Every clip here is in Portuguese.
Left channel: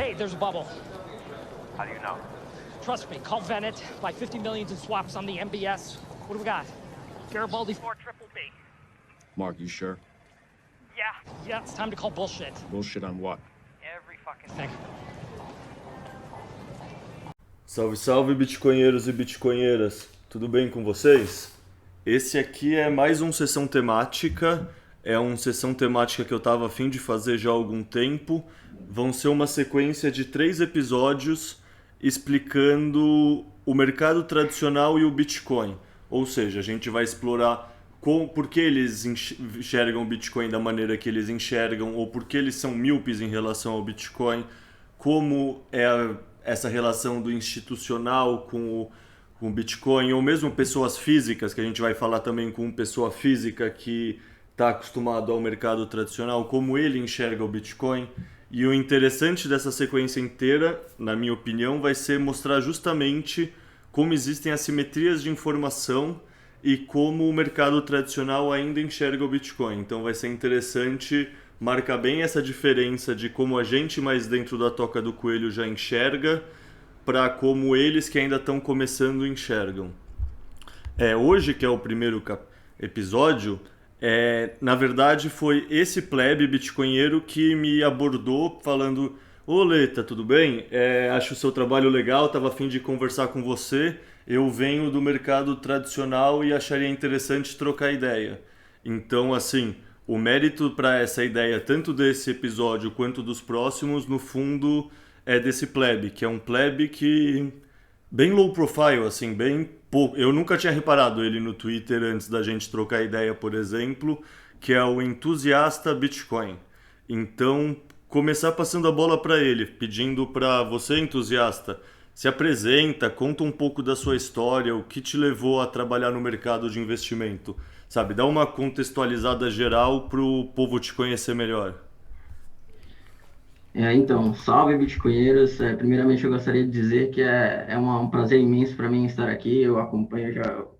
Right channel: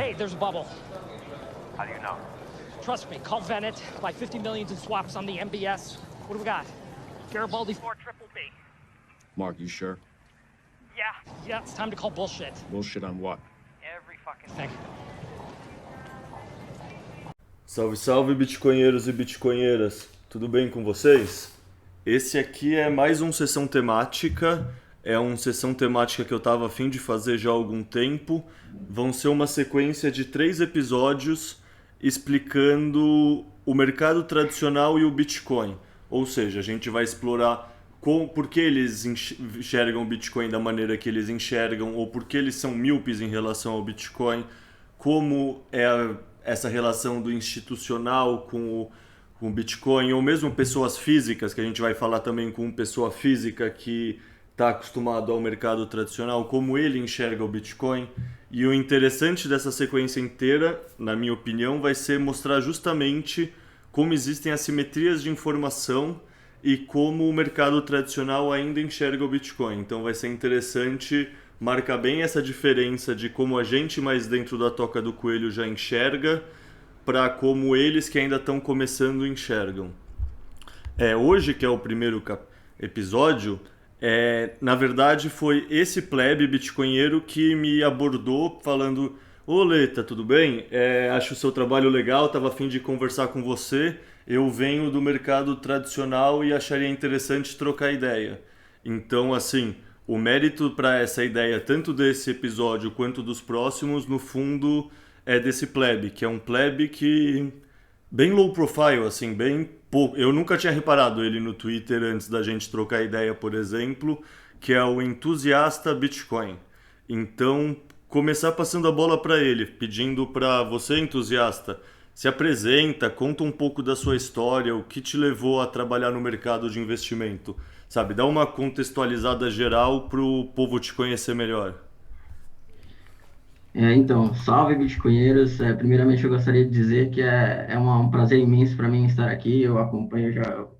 Hey, there's a bubble. How do you know? Trust me, call Venet. Buy 50 million in swaps on the MBS. What do we got? Garibaldi 4 triple B. Mark, you sure? Yeah, it's time to call bullshit. Bullshit on what? Every fucking thing. Salve, salve, bitcoinheiros e bitcoinheiras. Tudo bem com vocês? Esse aqui é mais um Sessão Temática. É uma sessão temática que eu estava a fim de fazer já há algum tempo. Vão ser uma sequência de 3 episódios explicando o mercado tradicional e o Bitcoin. Ou seja, a gente vai explorar por que eles enxergam o Bitcoin da maneira que eles enxergam, ou por que eles são míopes em relação ao Bitcoin, como é essa relação do institucional com o Bitcoin, ou mesmo pessoas físicas, que a gente vai falar também com pessoa física que está acostumado ao mercado tradicional, como ele enxerga o Bitcoin. E o interessante dessa sequência inteira, na minha opinião, vai ser mostrar justamente como existem assimetrias de informação e como o mercado tradicional ainda enxerga o Bitcoin. Então vai ser interessante marcar bem essa diferença de como a gente mais dentro da toca do coelho já enxerga para como eles que ainda estão começando enxergam. Hoje, que é o primeiro episódio, na verdade foi esse plebe bitcoinheiro que me abordou falando: "Ô Leta, tudo bem? Acho o seu trabalho legal, estava a fim de conversar com você. Eu venho do mercado tradicional e acharia interessante trocar ideia." Então, assim, o mérito para essa ideia, tanto desse episódio quanto dos próximos, no fundo, é desse plebe, que é um plebe que bem low profile, assim, bem pouco. Eu nunca tinha reparado ele no Twitter antes da gente trocar ideia, por exemplo, que é o entusiasta Bitcoin. Então, começar passando a bola para ele, pedindo para você, entusiasta, se apresenta, conta um pouco da sua história, o que te levou a trabalhar no mercado de investimento, sabe? Dá uma contextualizada geral para o povo te conhecer melhor. Então, salve bitcoinheiros. Primeiramente, eu gostaria de dizer que é um prazer imenso para mim estar aqui. Eu acompanho já o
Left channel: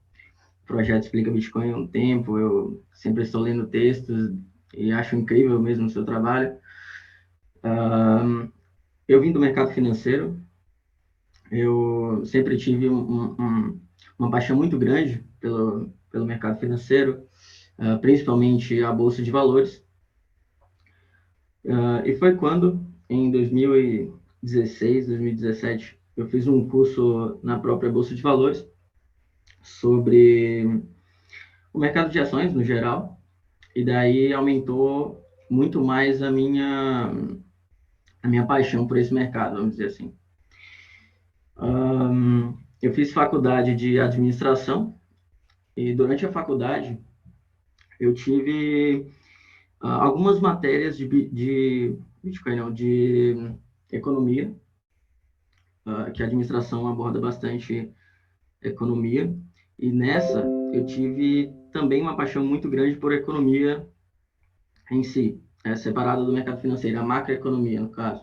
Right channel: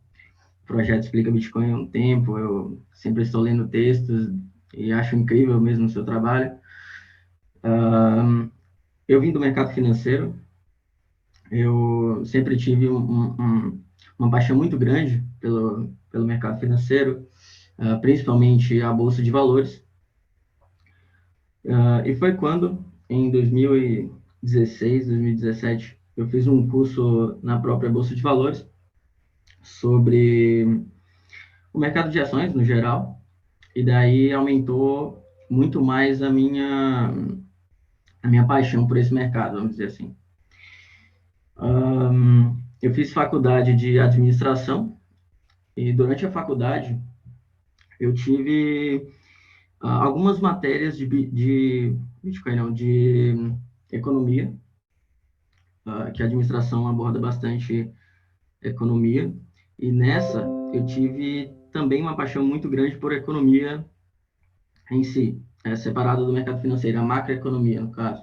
projeto Explica Bitcoin há um tempo. Eu sempre estou lendo textos e acho incrível mesmo o seu trabalho. Eu vim do mercado financeiro. Eu sempre tive uma paixão muito grande pelo mercado financeiro, principalmente a Bolsa de Valores. E foi quando, em 2016, 2017, eu fiz um curso na própria Bolsa de Valores sobre o mercado de ações no geral, e daí aumentou muito mais a minha paixão por esse mercado, vamos dizer assim. Eu fiz faculdade de administração, e durante a faculdade eu tive algumas matérias de Bitcoin, não, de economia, que a administração aborda bastante economia, e nessa eu tive também uma paixão muito grande por economia em si, separada do mercado financeiro, a macroeconomia, no caso.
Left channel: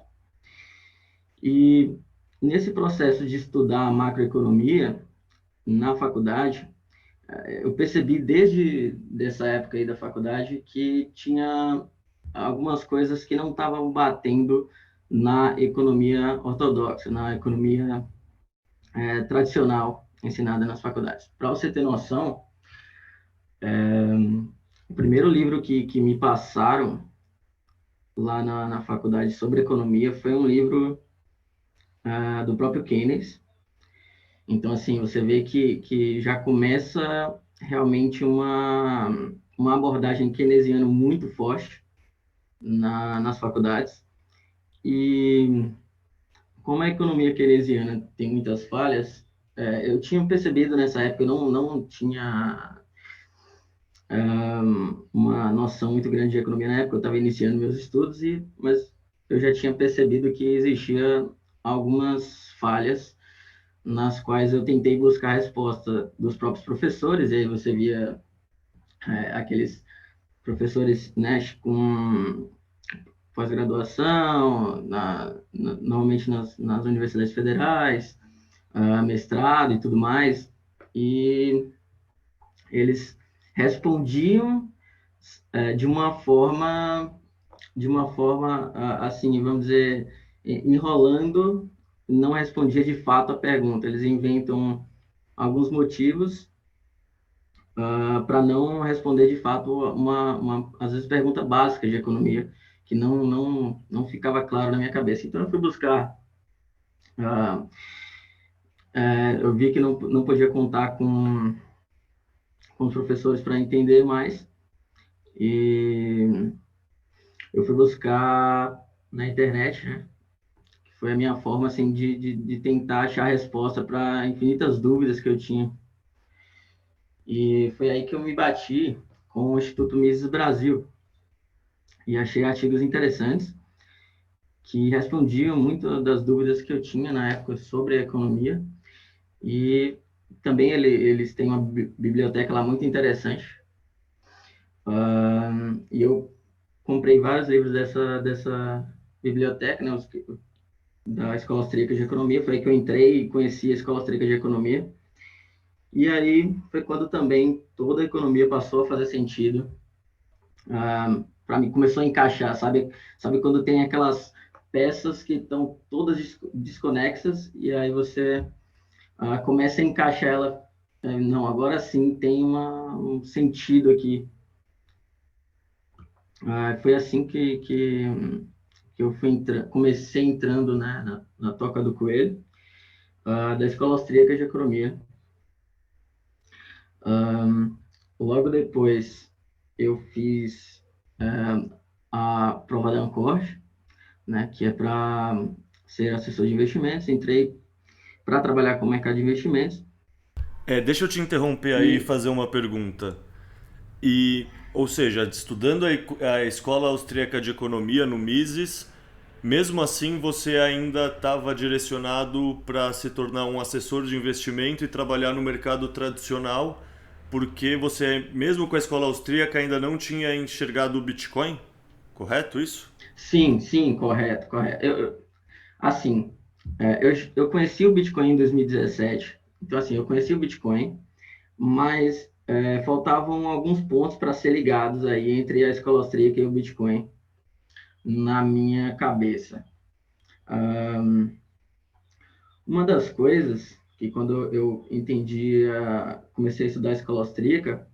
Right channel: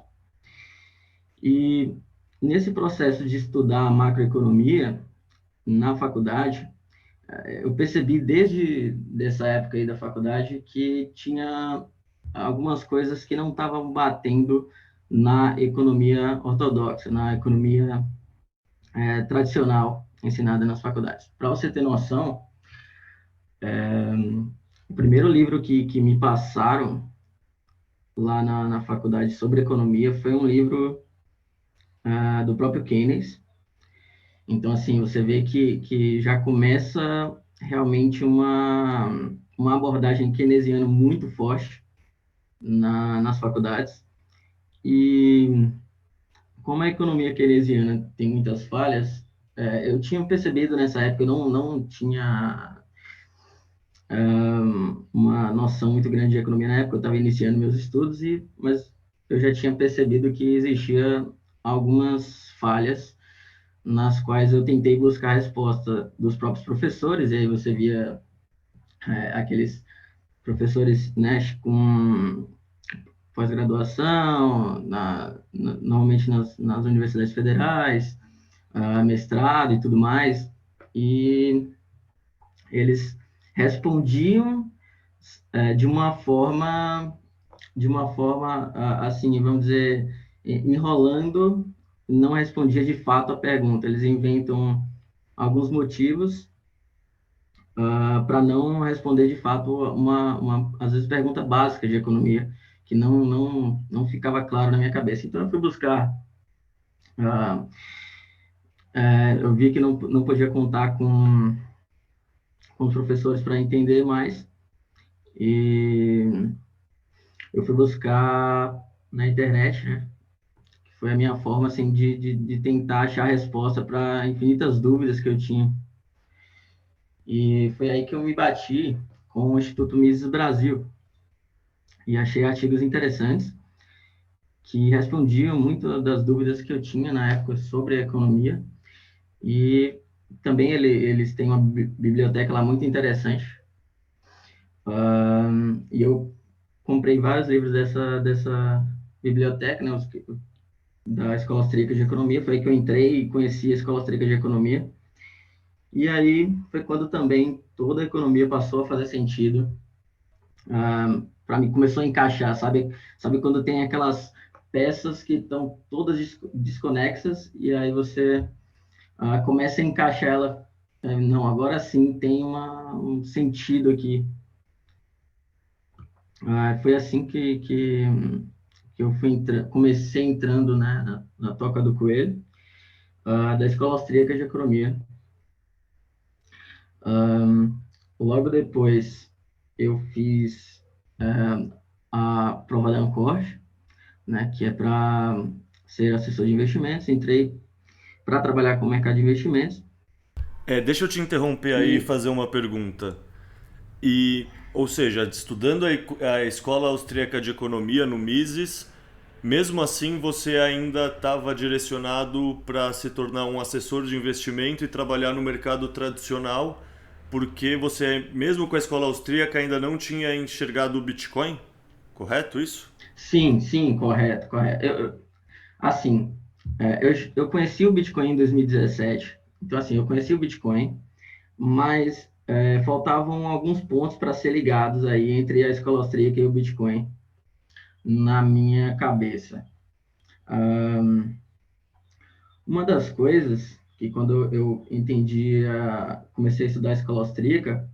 E nesse processo de estudar a macroeconomia na faculdade, eu percebi desde essa época aí da faculdade que tinha algumas coisas que não estavam batendo na economia ortodoxa, na economia tradicional ensinada nas faculdades. Para você ter noção, o primeiro livro que me passaram lá na faculdade sobre economia foi um livro do próprio Keynes. Então, assim, você vê que já começa realmente uma abordagem keynesiana muito forte nas faculdades. E como a economia keynesiana tem muitas falhas, eu tinha percebido nessa época, eu não tinha uma noção muito grande de economia na época, eu estava iniciando meus estudos, mas eu já tinha percebido que existia algumas falhas nas quais eu tentei buscar a resposta dos próprios professores, e aí você via aqueles professores, né, com pós-graduação, normalmente nas universidades federais, mestrado e tudo mais, e eles respondiam de uma forma assim, vamos dizer, enrolando, não respondia de fato a pergunta. Eles inventam alguns motivos para não responder de fato às vezes, pergunta básica de economia, que não ficava claro na minha cabeça. Então, eu fui buscar. Eu vi que não podia contar com os professores para entender mais, e eu fui buscar na internet, né? Foi a minha forma, assim, de tentar achar resposta para infinitas dúvidas que eu tinha. E foi aí que eu me bati com o Instituto Mises Brasil e achei artigos interessantes que respondiam muito das dúvidas que eu tinha na época sobre a economia. E também eles têm uma biblioteca lá muito interessante. E eu comprei vários livros dessa biblioteca, né, da Escola Austríaca de Economia. Foi aí que eu entrei e conheci a Escola Austríaca de Economia. E aí foi quando também toda a economia passou a fazer sentido. Para mim, começou a encaixar, sabe quando tem aquelas peças que estão todas desconexas e aí você começa a encaixar ela. Não, agora sim tem um sentido aqui. Foi assim que eu comecei entrando, né, na Toca do Coelho, da Escola Austríaca de Economia. Logo depois, eu fiz a prova da Ancorge, né, que é para ser assessor de investimentos. Entrei para trabalhar com o mercado de investimentos. Deixa eu te interromper aí e fazer uma pergunta. Ou seja, estudando a Escola Austríaca de Economia no Mises, mesmo assim você ainda estava direcionado para se tornar um assessor de investimento e trabalhar no mercado tradicional, porque você, mesmo com a escola austríaca, ainda não tinha enxergado o Bitcoin? Correto isso? Sim, correto. Assim, eu conheci o Bitcoin em 2017. Então, assim, eu conheci o Bitcoin, mas faltavam alguns pontos para ser ligados aí entre a escola austríaca e o Bitcoin na minha cabeça. Uma das coisas que quando eu comecei a estudar a escola austríaca,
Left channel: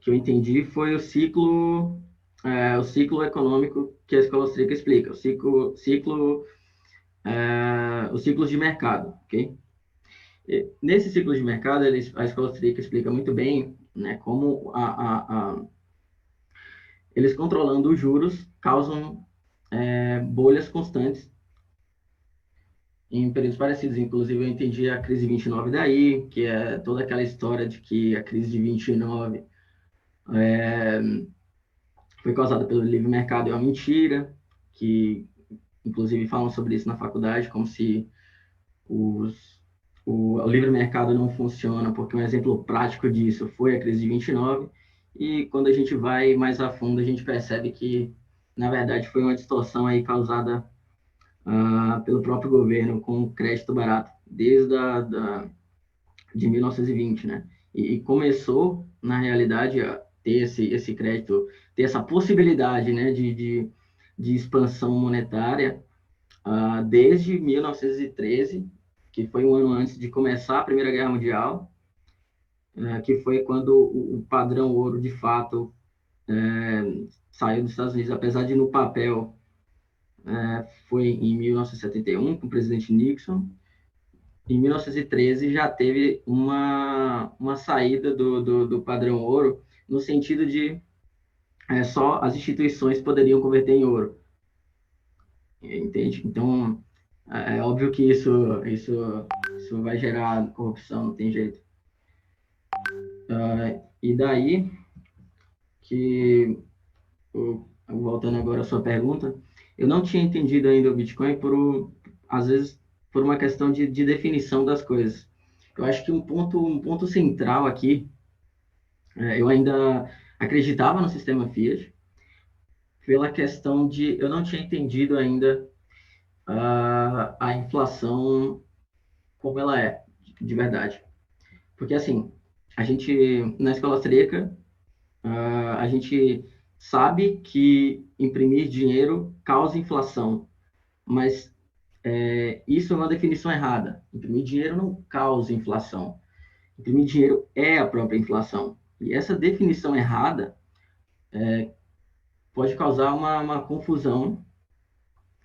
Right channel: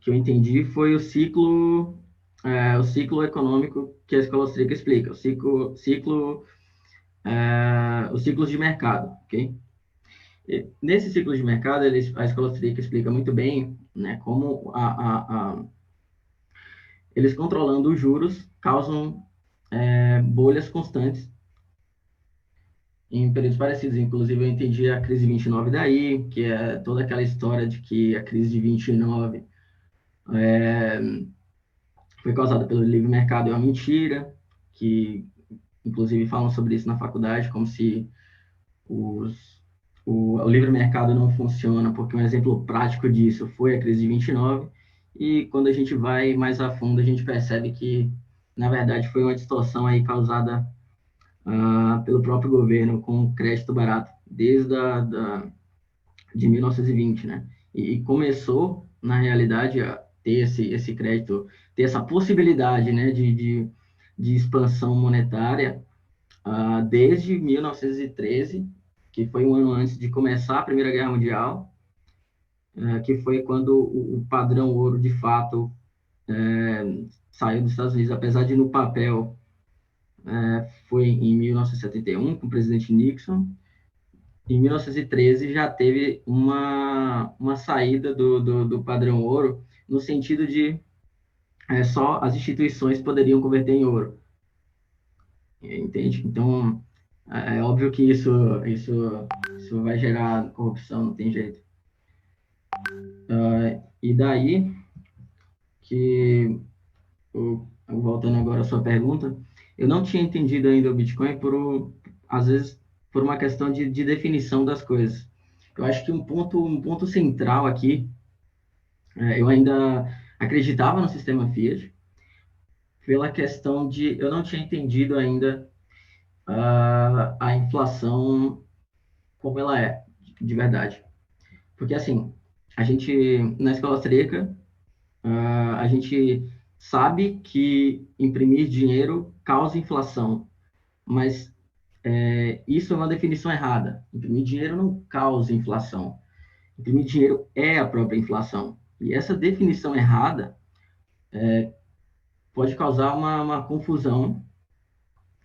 que eu entendi foi o ciclo econômico que a escola austríaca explica, os ciclos de mercado, ok? Nesse ciclo de mercado, a escola austríaca explica muito bem, né, como eles controlando os juros causam bolhas constantes em períodos parecidos. Inclusive, eu entendi a crise de 29 daí, que é toda aquela história de que a crise de 29 foi causada pelo livre mercado. É uma mentira, que inclusive falam sobre isso na faculdade, como se o livre mercado não funciona, porque um exemplo prático disso foi a crise de 29, e quando a gente vai mais a fundo, a gente percebe que, na verdade, foi uma distorção aí causada pelo próprio governo com crédito barato, desde de 1920, né? E começou, na realidade, a ter esse crédito, ter essa possibilidade, né, de expansão monetária desde 1913, que foi um ano antes de começar a Primeira Guerra Mundial, que foi quando o padrão ouro, de fato, saiu dos Estados Unidos, apesar de no papel foi em 1971, com o presidente Nixon. Em 1913 já teve uma saída do padrão ouro, no sentido de só as instituições poderiam converter em ouro. Entende? Então, é óbvio que isso vai gerar corrupção, não tem jeito. E daí que, voltando agora à sua pergunta, eu não tinha entendido ainda o Bitcoin às vezes, por uma questão de definição das coisas. Eu acho que um ponto central aqui, eu ainda acreditava no sistema Fiat, pela questão de eu não tinha entendido ainda a inflação como ela é, de verdade. Porque, assim, a gente, na escola austríaca, a gente sabe que imprimir dinheiro causa inflação, mas Isso é uma definição errada. Imprimir dinheiro não causa inflação. Imprimir dinheiro é a própria inflação. E essa definição errada pode causar uma confusão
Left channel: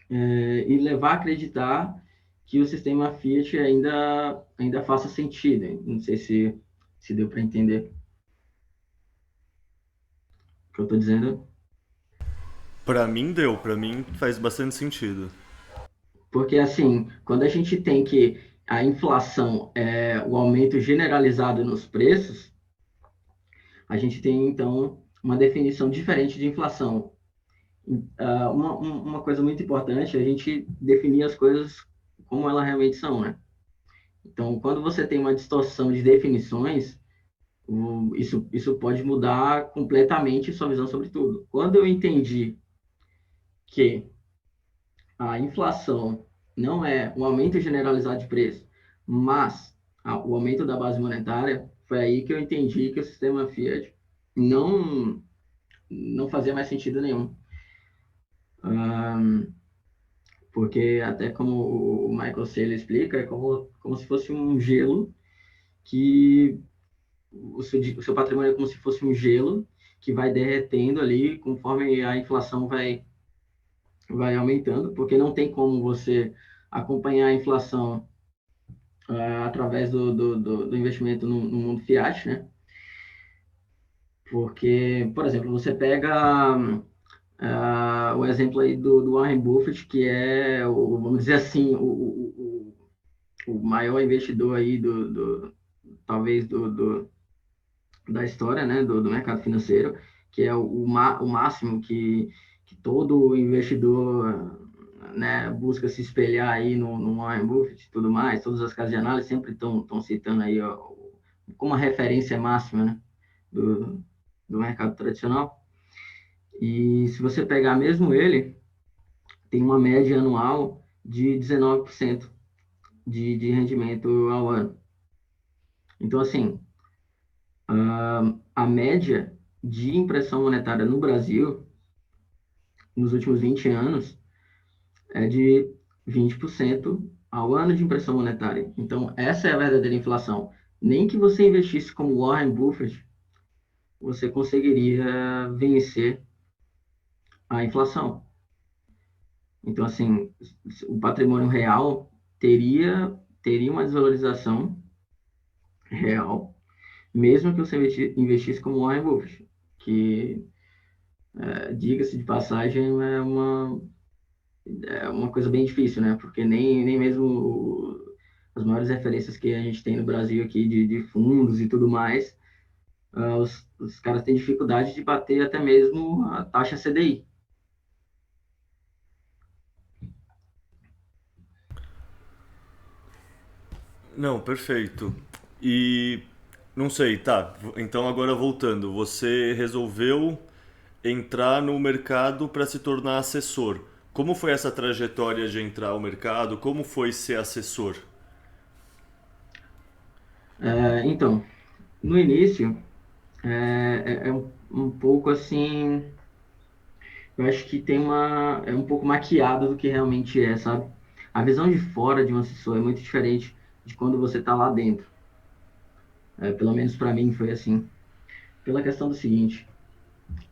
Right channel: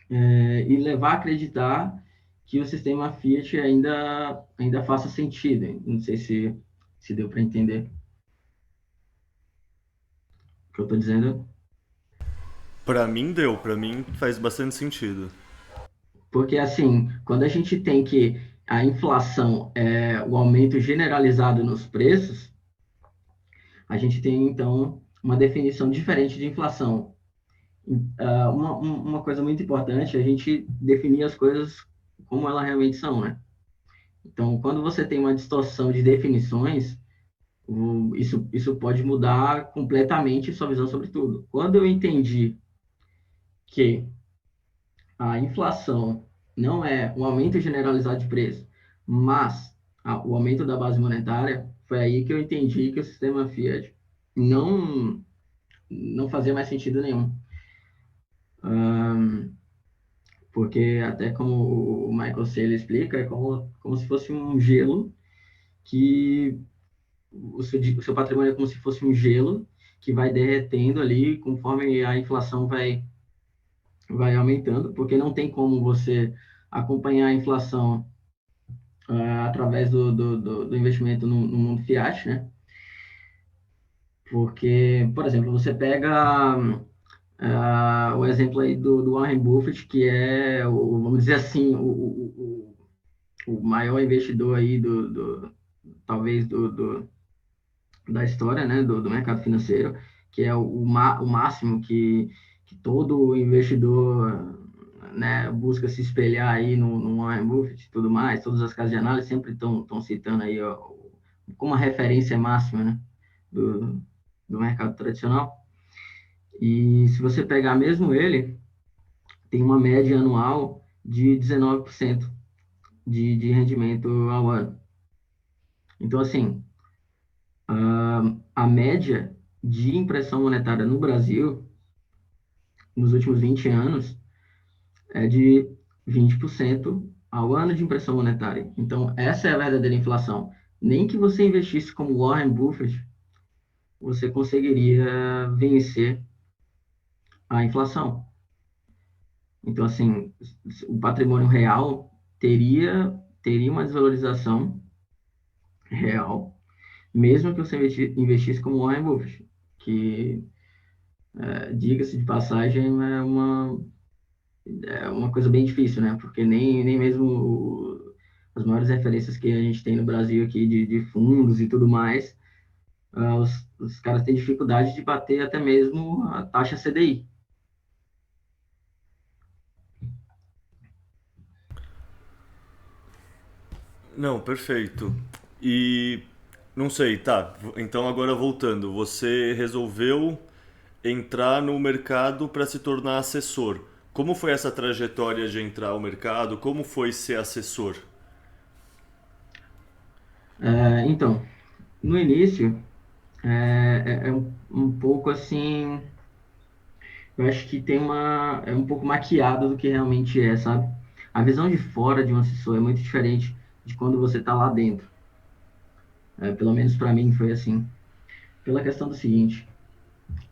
e levar a acreditar que o sistema Fiat ainda faça sentido. Não sei se deu para entender o que eu estou dizendo. Pra mim deu, pra mim faz bastante sentido. Porque, assim, quando a gente tem que a inflação é o aumento generalizado nos preços, a gente tem, então, uma definição diferente de inflação. Uma coisa muito importante é a gente definir as coisas como elas realmente são, né? Então, quando você tem uma distorção de definições, isso pode mudar completamente sua visão sobre tudo. Quando eu entendi que a inflação não é um aumento generalizado de preço, mas o aumento da base monetária, foi aí que eu entendi que o sistema Fiat não, não fazia mais sentido nenhum. Porque até como o Michael Saylor explica, é como se fosse um gelo que o seu patrimônio é como se fosse um gelo que vai derretendo ali conforme a inflação vai aumentando, porque não tem como você acompanhar a inflação através do investimento no mundo fiat, né? Porque, por exemplo, você pega o exemplo aí do Warren Buffett, que é, vamos dizer assim, o maior investidor aí talvez da história, né, do mercado financeiro, que é o máximo que todo investidor, né, busca se espelhar aí no Warren Buffett e tudo mais. Todas as casas de análise sempre estão citando aí ó, como a referência máxima, né, do mercado tradicional. E se você pegar mesmo ele, tem uma média anual de 19% de rendimento ao ano. Então, assim, a média de impressão monetária no Brasil, nos últimos 20 anos, é de 20% ao ano de impressão monetária. Então, essa é a verdadeira inflação. Nem que você investisse como Warren Buffett, você conseguiria vencer a inflação. Então, assim, o patrimônio real teria uma desvalorização real, mesmo que você investisse como Warren Buffett, que, diga-se de passagem, é uma coisa bem difícil, né? Porque nem mesmo as maiores referências que a gente tem no Brasil aqui de fundos e tudo mais, os caras têm dificuldade de bater até mesmo a taxa CDI. Não, perfeito. E não sei, tá. Então agora voltando, você resolveu entrar no mercado para se tornar assessor. Como foi essa trajetória de entrar ao mercado? Como foi ser assessor? Então, no início, é um pouco assim, eu acho que é um pouco maquiado do que realmente é, sabe? A visão de fora de um assessor é muito diferente de quando você está lá dentro. Pelo menos para mim foi assim. Pela questão do seguinte,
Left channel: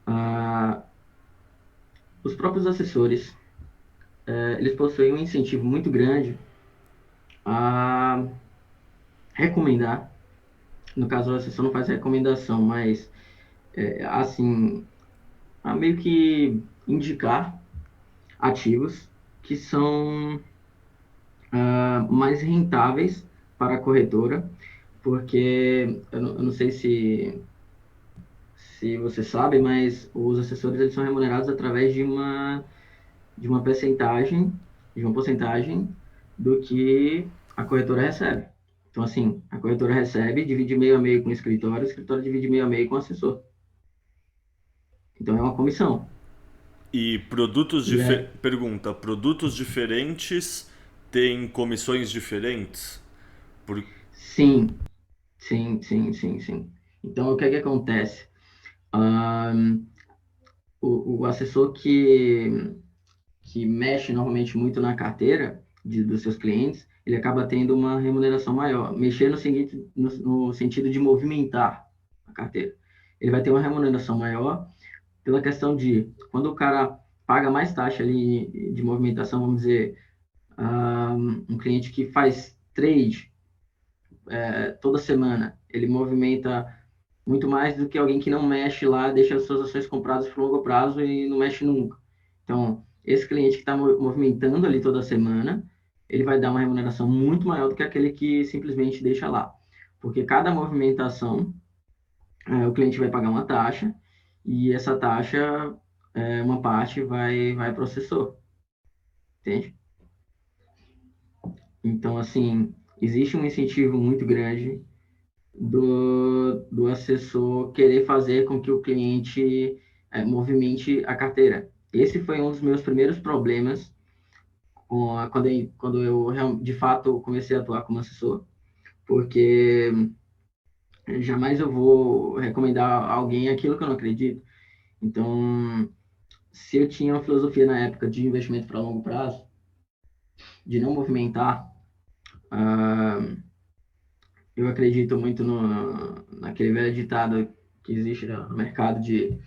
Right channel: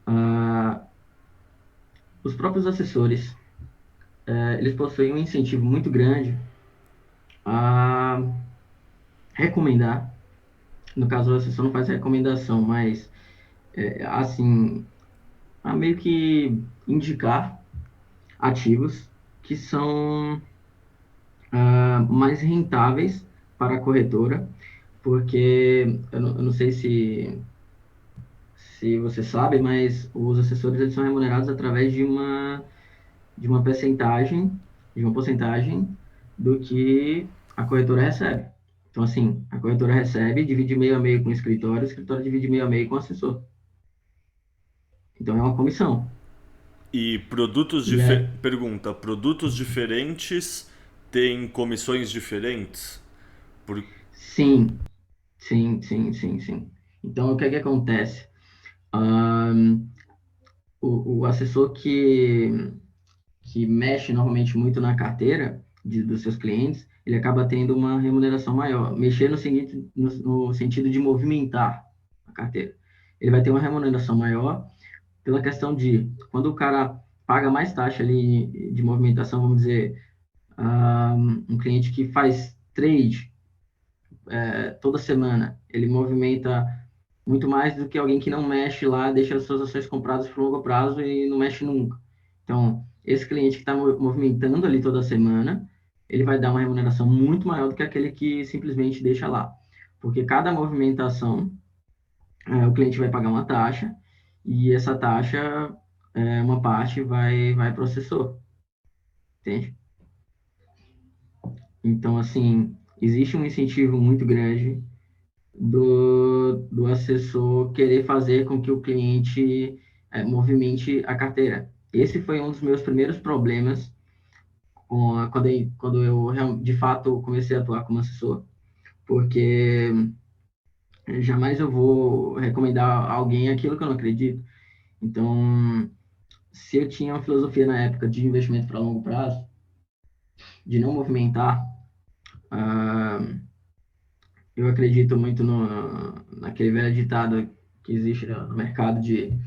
ah, os próprios assessores, eles possuem um incentivo muito grande a recomendar. No caso, o assessor não faz recomendação, mas assim, a meio que indicar ativos que são mais rentáveis para a corretora, porque eu não sei se você sabe, mas os assessores eles são remunerados através de uma porcentagem do que a corretora recebe. Então, assim, a corretora recebe, divide meio a meio com o escritório divide meio a meio com o assessor. Então, é uma comissão. E produtos E é, pergunta, produtos diferentes têm comissões diferentes? Por... sim, sim, sim, sim, sim. Então, o que é que acontece? Ahn, o assessor que mexe normalmente muito na carteira, dos seus clientes, ele acaba tendo uma remuneração maior. Mexer no sentido de movimentar a carteira. Ele vai ter uma remuneração maior pela questão de, quando o cara paga mais taxa ali de movimentação, vamos dizer, um cliente que faz trade toda semana, ele movimenta muito mais do que alguém que não mexe lá, deixa as suas ações compradas por longo prazo e não mexe nunca. Então, esse cliente que está movimentando ali toda semana, ele vai dar uma remuneração muito maior do que aquele que simplesmente deixa lá. Porque cada movimentação, o cliente vai pagar uma taxa, e essa taxa, uma parte vai para o assessor, entende? Então, assim, existe um incentivo muito grande do assessor querer fazer com que o cliente movimente a carteira. Esse foi um dos meus primeiros problemas quando eu de fato comecei a atuar como assessor, porque jamais eu vou recomendar a alguém aquilo que eu não acredito. Então, se eu tinha uma filosofia na época de investimento para longo prazo, de não movimentar, eu acredito muito naquele velho ditado que existe no mercado de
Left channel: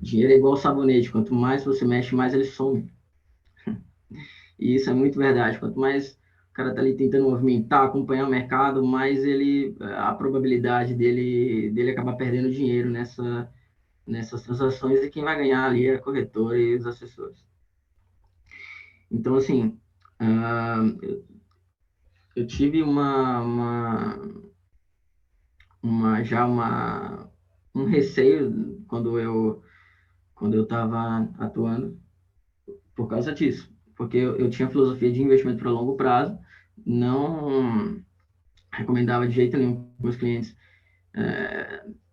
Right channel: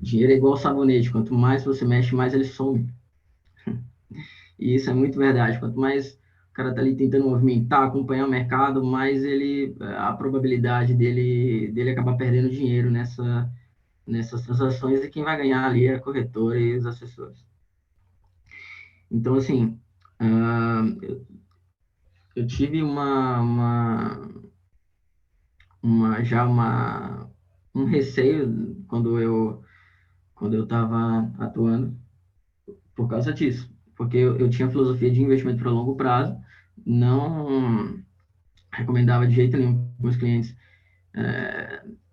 dinheiro é igual sabonete, quanto mais você mexe, mais ele some. E isso é muito verdade. Quanto mais o cara tá ali tentando movimentar, acompanhar o mercado, mais a probabilidade dele acabar perdendo dinheiro nessas transações, e quem vai ganhar ali é a corretora e os assessores. Então, assim, eu tive um receio quando eu estava atuando por causa disso, porque eu tinha filosofia de investimento para longo prazo, não recomendava de jeito nenhum que meus clientes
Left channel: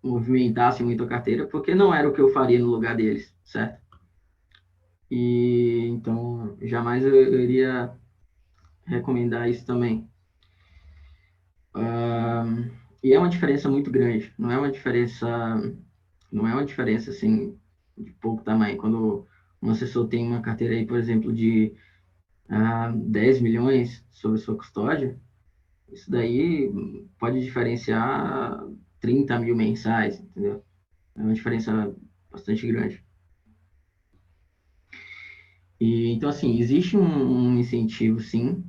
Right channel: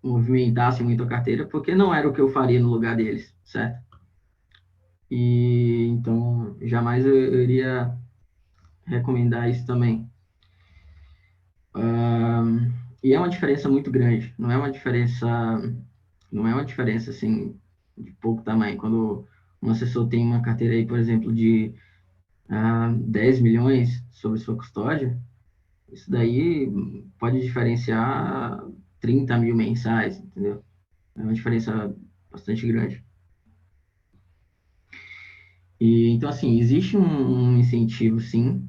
movimentassem muito a carteira, porque não era o que eu faria no lugar deles, certo? E então jamais eu iria recomendar isso também. E é uma diferença muito grande, não é uma diferença assim de pouco tamanho. Quando um assessor tem uma carteira aí, por exemplo, de 10 milhões sobre sua custódia, isso daí pode diferenciar 30 mil mensais, entendeu? É uma diferença bastante grande. E, então, assim, existe um incentivo, sim,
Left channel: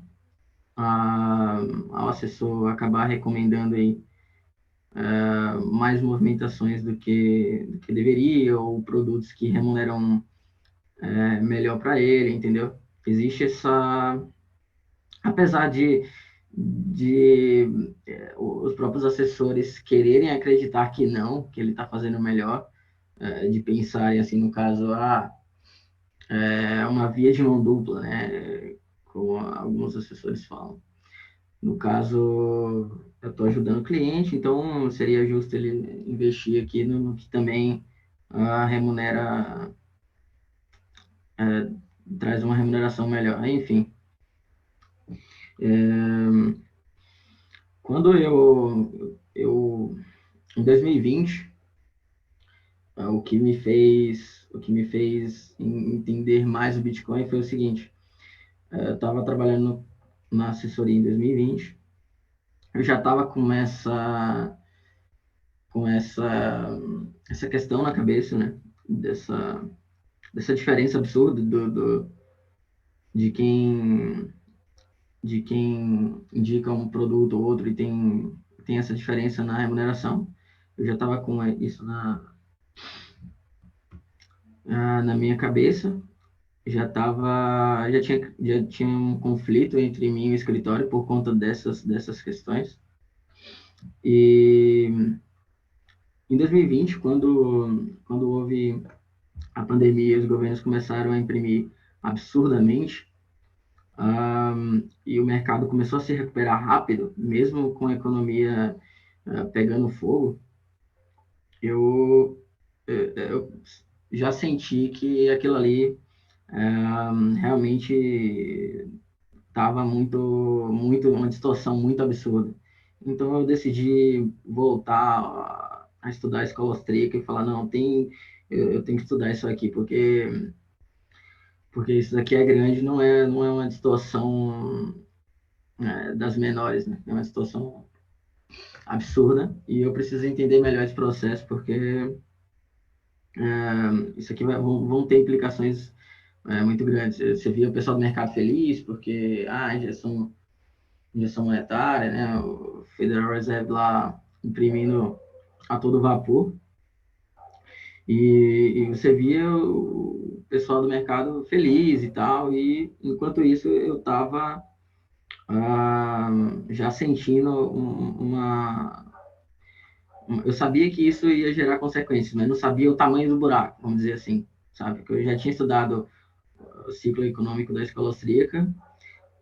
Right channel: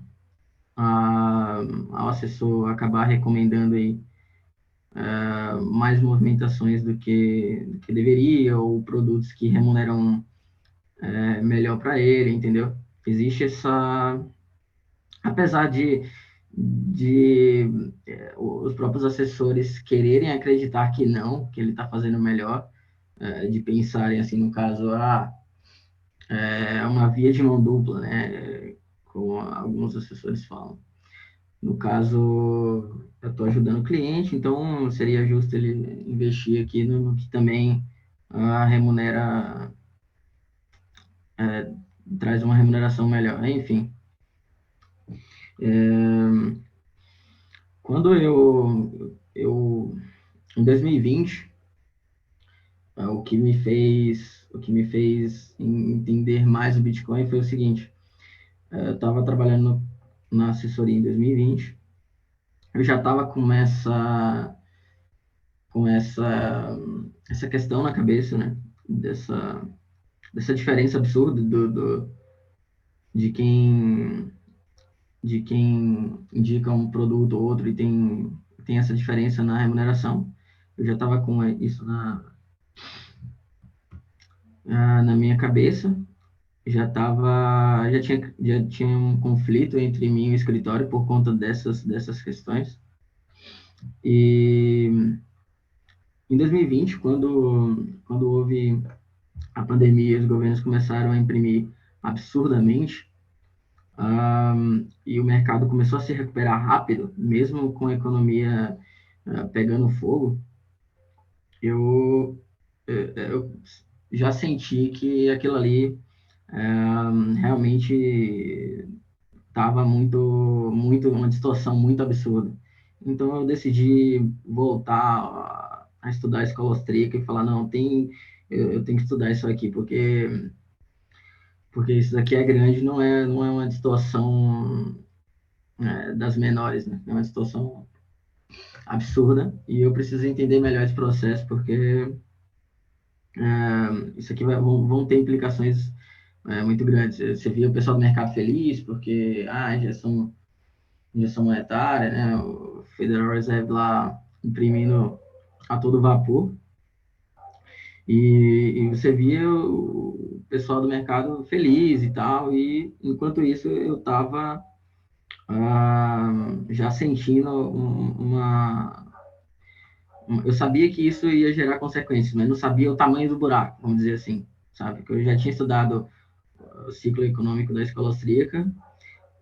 ao assessor acabar recomendando aí mais movimentações do que deveria, ou produtos que remuneram melhor para ele, entendeu? Existe essa... Apesar de os próprios assessores quererem acreditar que não, que ele está fazendo melhor, de pensarem assim, no caso, é uma via de mão dupla, né? Como alguns assessores falam. No caso, eu estou ajudando o cliente, então seria justo ele investir aqui no que também remunera, traz uma remuneração melhor. Enfim, quando em 2020, o que me fez entender mais o Bitcoin foi o seguinte: eu estava trabalhando na assessoria em 2020, eu já estava com essa questão na cabeça, né? Dessa diferença absurda de quem de quem indica um produto ou outro, e tem essa diferença na remuneração. Eu já estava com isso na minha cabeça, já tinha um conflito entre mim e o escritório por conta dessas questões. E em 2020, quando houve a pandemia, os governos começaram a imprimir absurdamente, e o mercado começou a se recuperar rápido, mesmo com a economia pegando fogo, eu já senti que aquilo ali realmente estava uma distorção muito absurda. Então eu decidi voltar a estudar a escola austríaca e falar, não, eu tenho que estudar isso aqui, porque isso daqui é grande, não é uma distorção das menores, né? É uma distorção absurda, e eu preciso entender melhor esse processo, porque isso aqui vão ter implicações muito grandes. Você via o pessoal do mercado feliz, porque injeção monetária, né? O Federal Reserve lá imprimindo a todo vapor, e você via o pessoal do mercado feliz e tal, e enquanto isso eu estava já sentindo eu sabia que isso ia gerar consequências, mas não sabia o tamanho do buraco, vamos dizer assim, sabe? Que eu já tinha estudado o ciclo econômico da escola austríaca,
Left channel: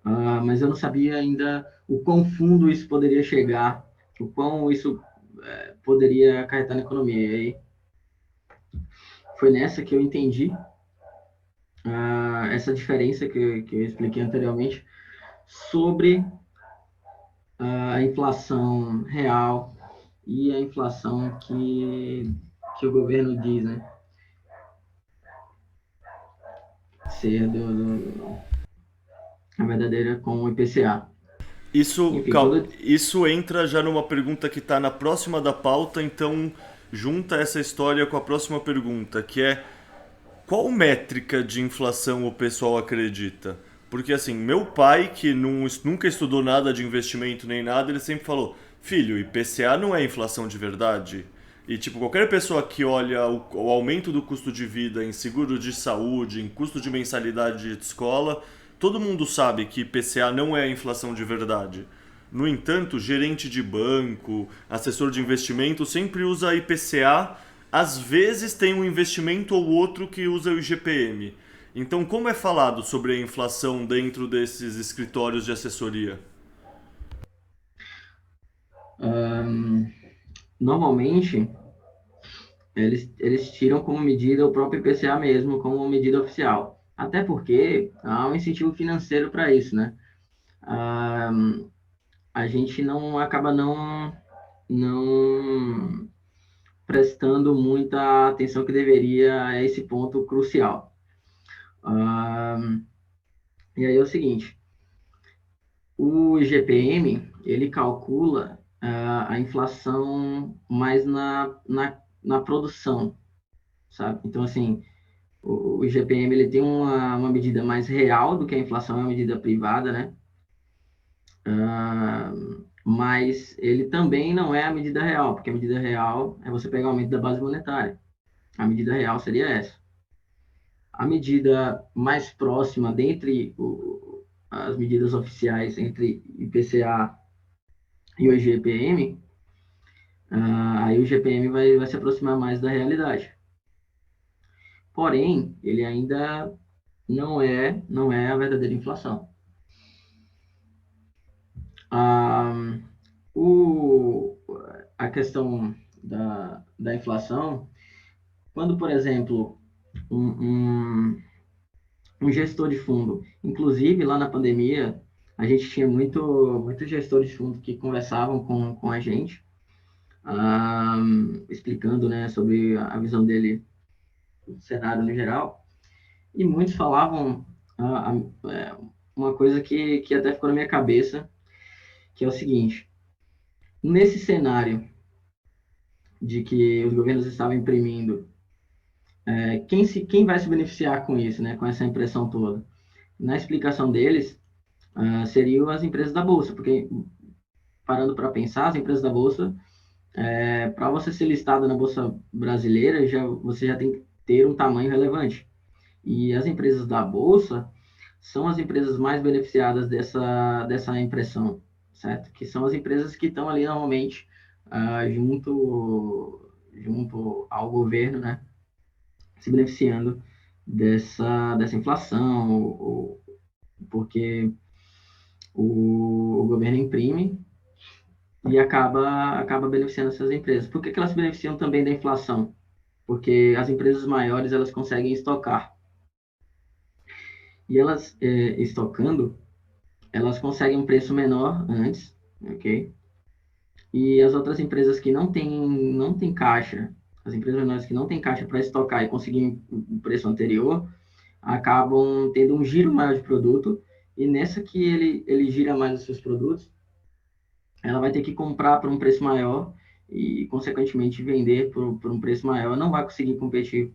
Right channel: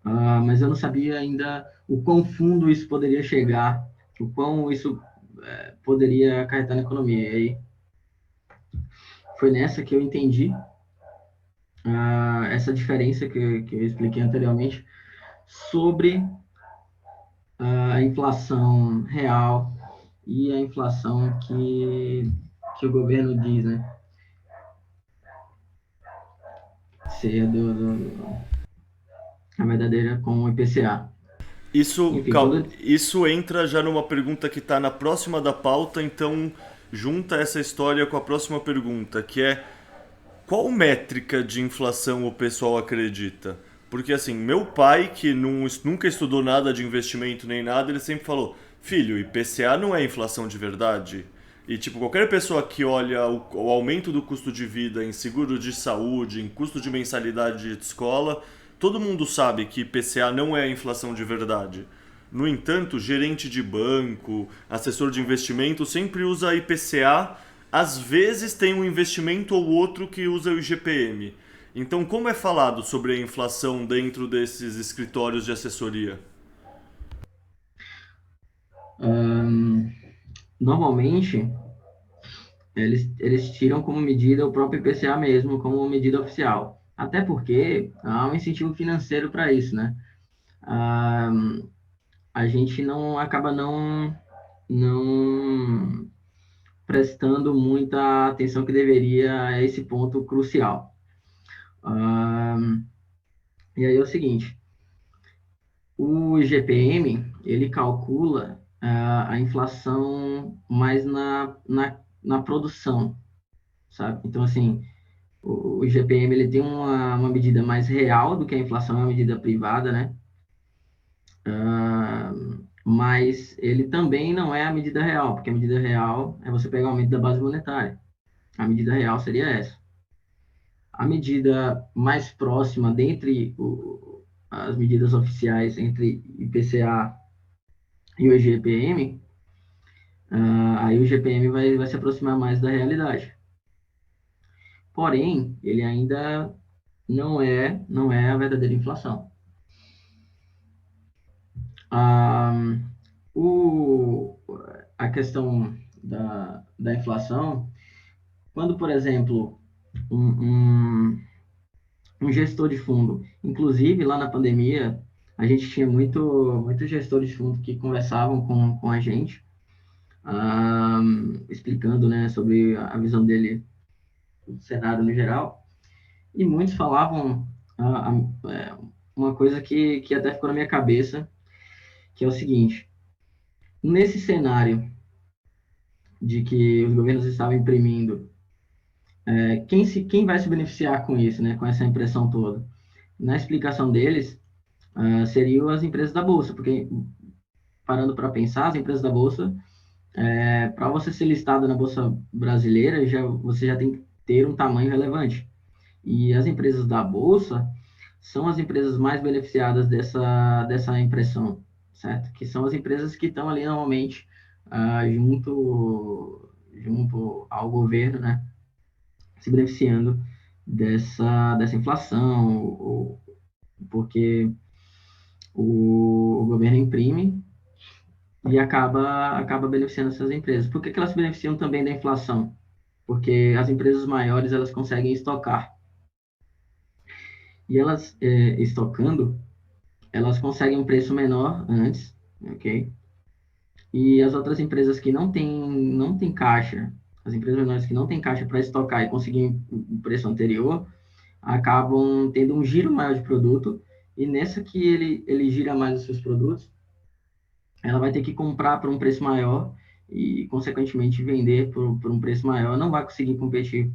mas eu não sabia ainda o quão fundo isso poderia chegar, o quão isso poderia acarretar na economia. E aí foi nessa que eu entendi essa diferença que eu expliquei anteriormente sobre a inflação real e a inflação que o governo diz, né? Ser a verdadeira com o IPCA. Isso, Enfim, isso entra já numa pergunta que está na próxima da pauta, então junta essa história com a próxima pergunta, que é qual métrica de inflação o pessoal acredita? Porque assim, meu pai, que nunca estudou nada de investimento nem nada, ele sempre falou, filho, IPCA não é inflação de verdade. E tipo, qualquer pessoa que olha o aumento do custo de vida em seguro de saúde, em custo de mensalidade de escola, todo mundo sabe que IPCA não é inflação de verdade. No entanto, gerente de banco, assessor de investimento sempre usa IPCA, às vezes tem um investimento ou outro que usa o IGPM. Então, como é falado sobre a inflação dentro desses escritórios de assessoria? normalmente, eles tiram como medida o próprio IPCA mesmo, como medida oficial. Até porque há um incentivo financeiro para isso, né? Ah, a gente não acaba não prestando muita atenção que deveria a esse ponto crucial. E aí é o seguinte, o IGPM, ele calcula a inflação mais na produção, sabe? Então, assim, o IGPM, ele tem uma medida mais real do que a inflação, é uma medida privada, né? Mas ele também não é a medida real, porque a medida real é você pegar o aumento da base monetária. A medida real seria essa. A medida mais próxima dentre as medidas oficiais entre IPCA e o IGPM, aí o IGPM vai se aproximar mais da realidade. Porém, ele ainda não é a verdadeira inflação. O, a questão da inflação, quando, por exemplo, um gestor de fundo, inclusive lá na pandemia, a gente tinha muito gestor de fundo que conversavam com a gente, explicando, né, sobre a visão dele do cenário no geral, e muitos falavam uma coisa que até ficou na minha cabeça, que é o seguinte: nesse cenário de que os governos estavam imprimindo, quem vai se beneficiar com isso, né, com essa impressão toda? Na explicação deles, seriam as empresas da Bolsa, porque, parando para pensar, as empresas da Bolsa, para você ser listado na Bolsa Brasileira, você já tem que ter um tamanho relevante. E as empresas da Bolsa são as empresas mais beneficiadas dessa impressão, certo? Que são as empresas que estão ali normalmente junto ao governo, né? Se beneficiando dessa inflação, porque o governo imprime e acaba beneficiando essas empresas. Por que elas se beneficiam também da inflação? Porque as empresas maiores, elas conseguem estocar. E elas, estocando, elas conseguem um preço menor antes, ok? E as outras empresas que não têm caixa, as empresas menores que não têm caixa para estocar e conseguir um preço anterior, acabam tendo um giro maior de produto, e nessa que ele gira mais os seus produtos, ela vai ter que comprar por um preço maior e, consequentemente, vender por um preço maior. Não vai conseguir competir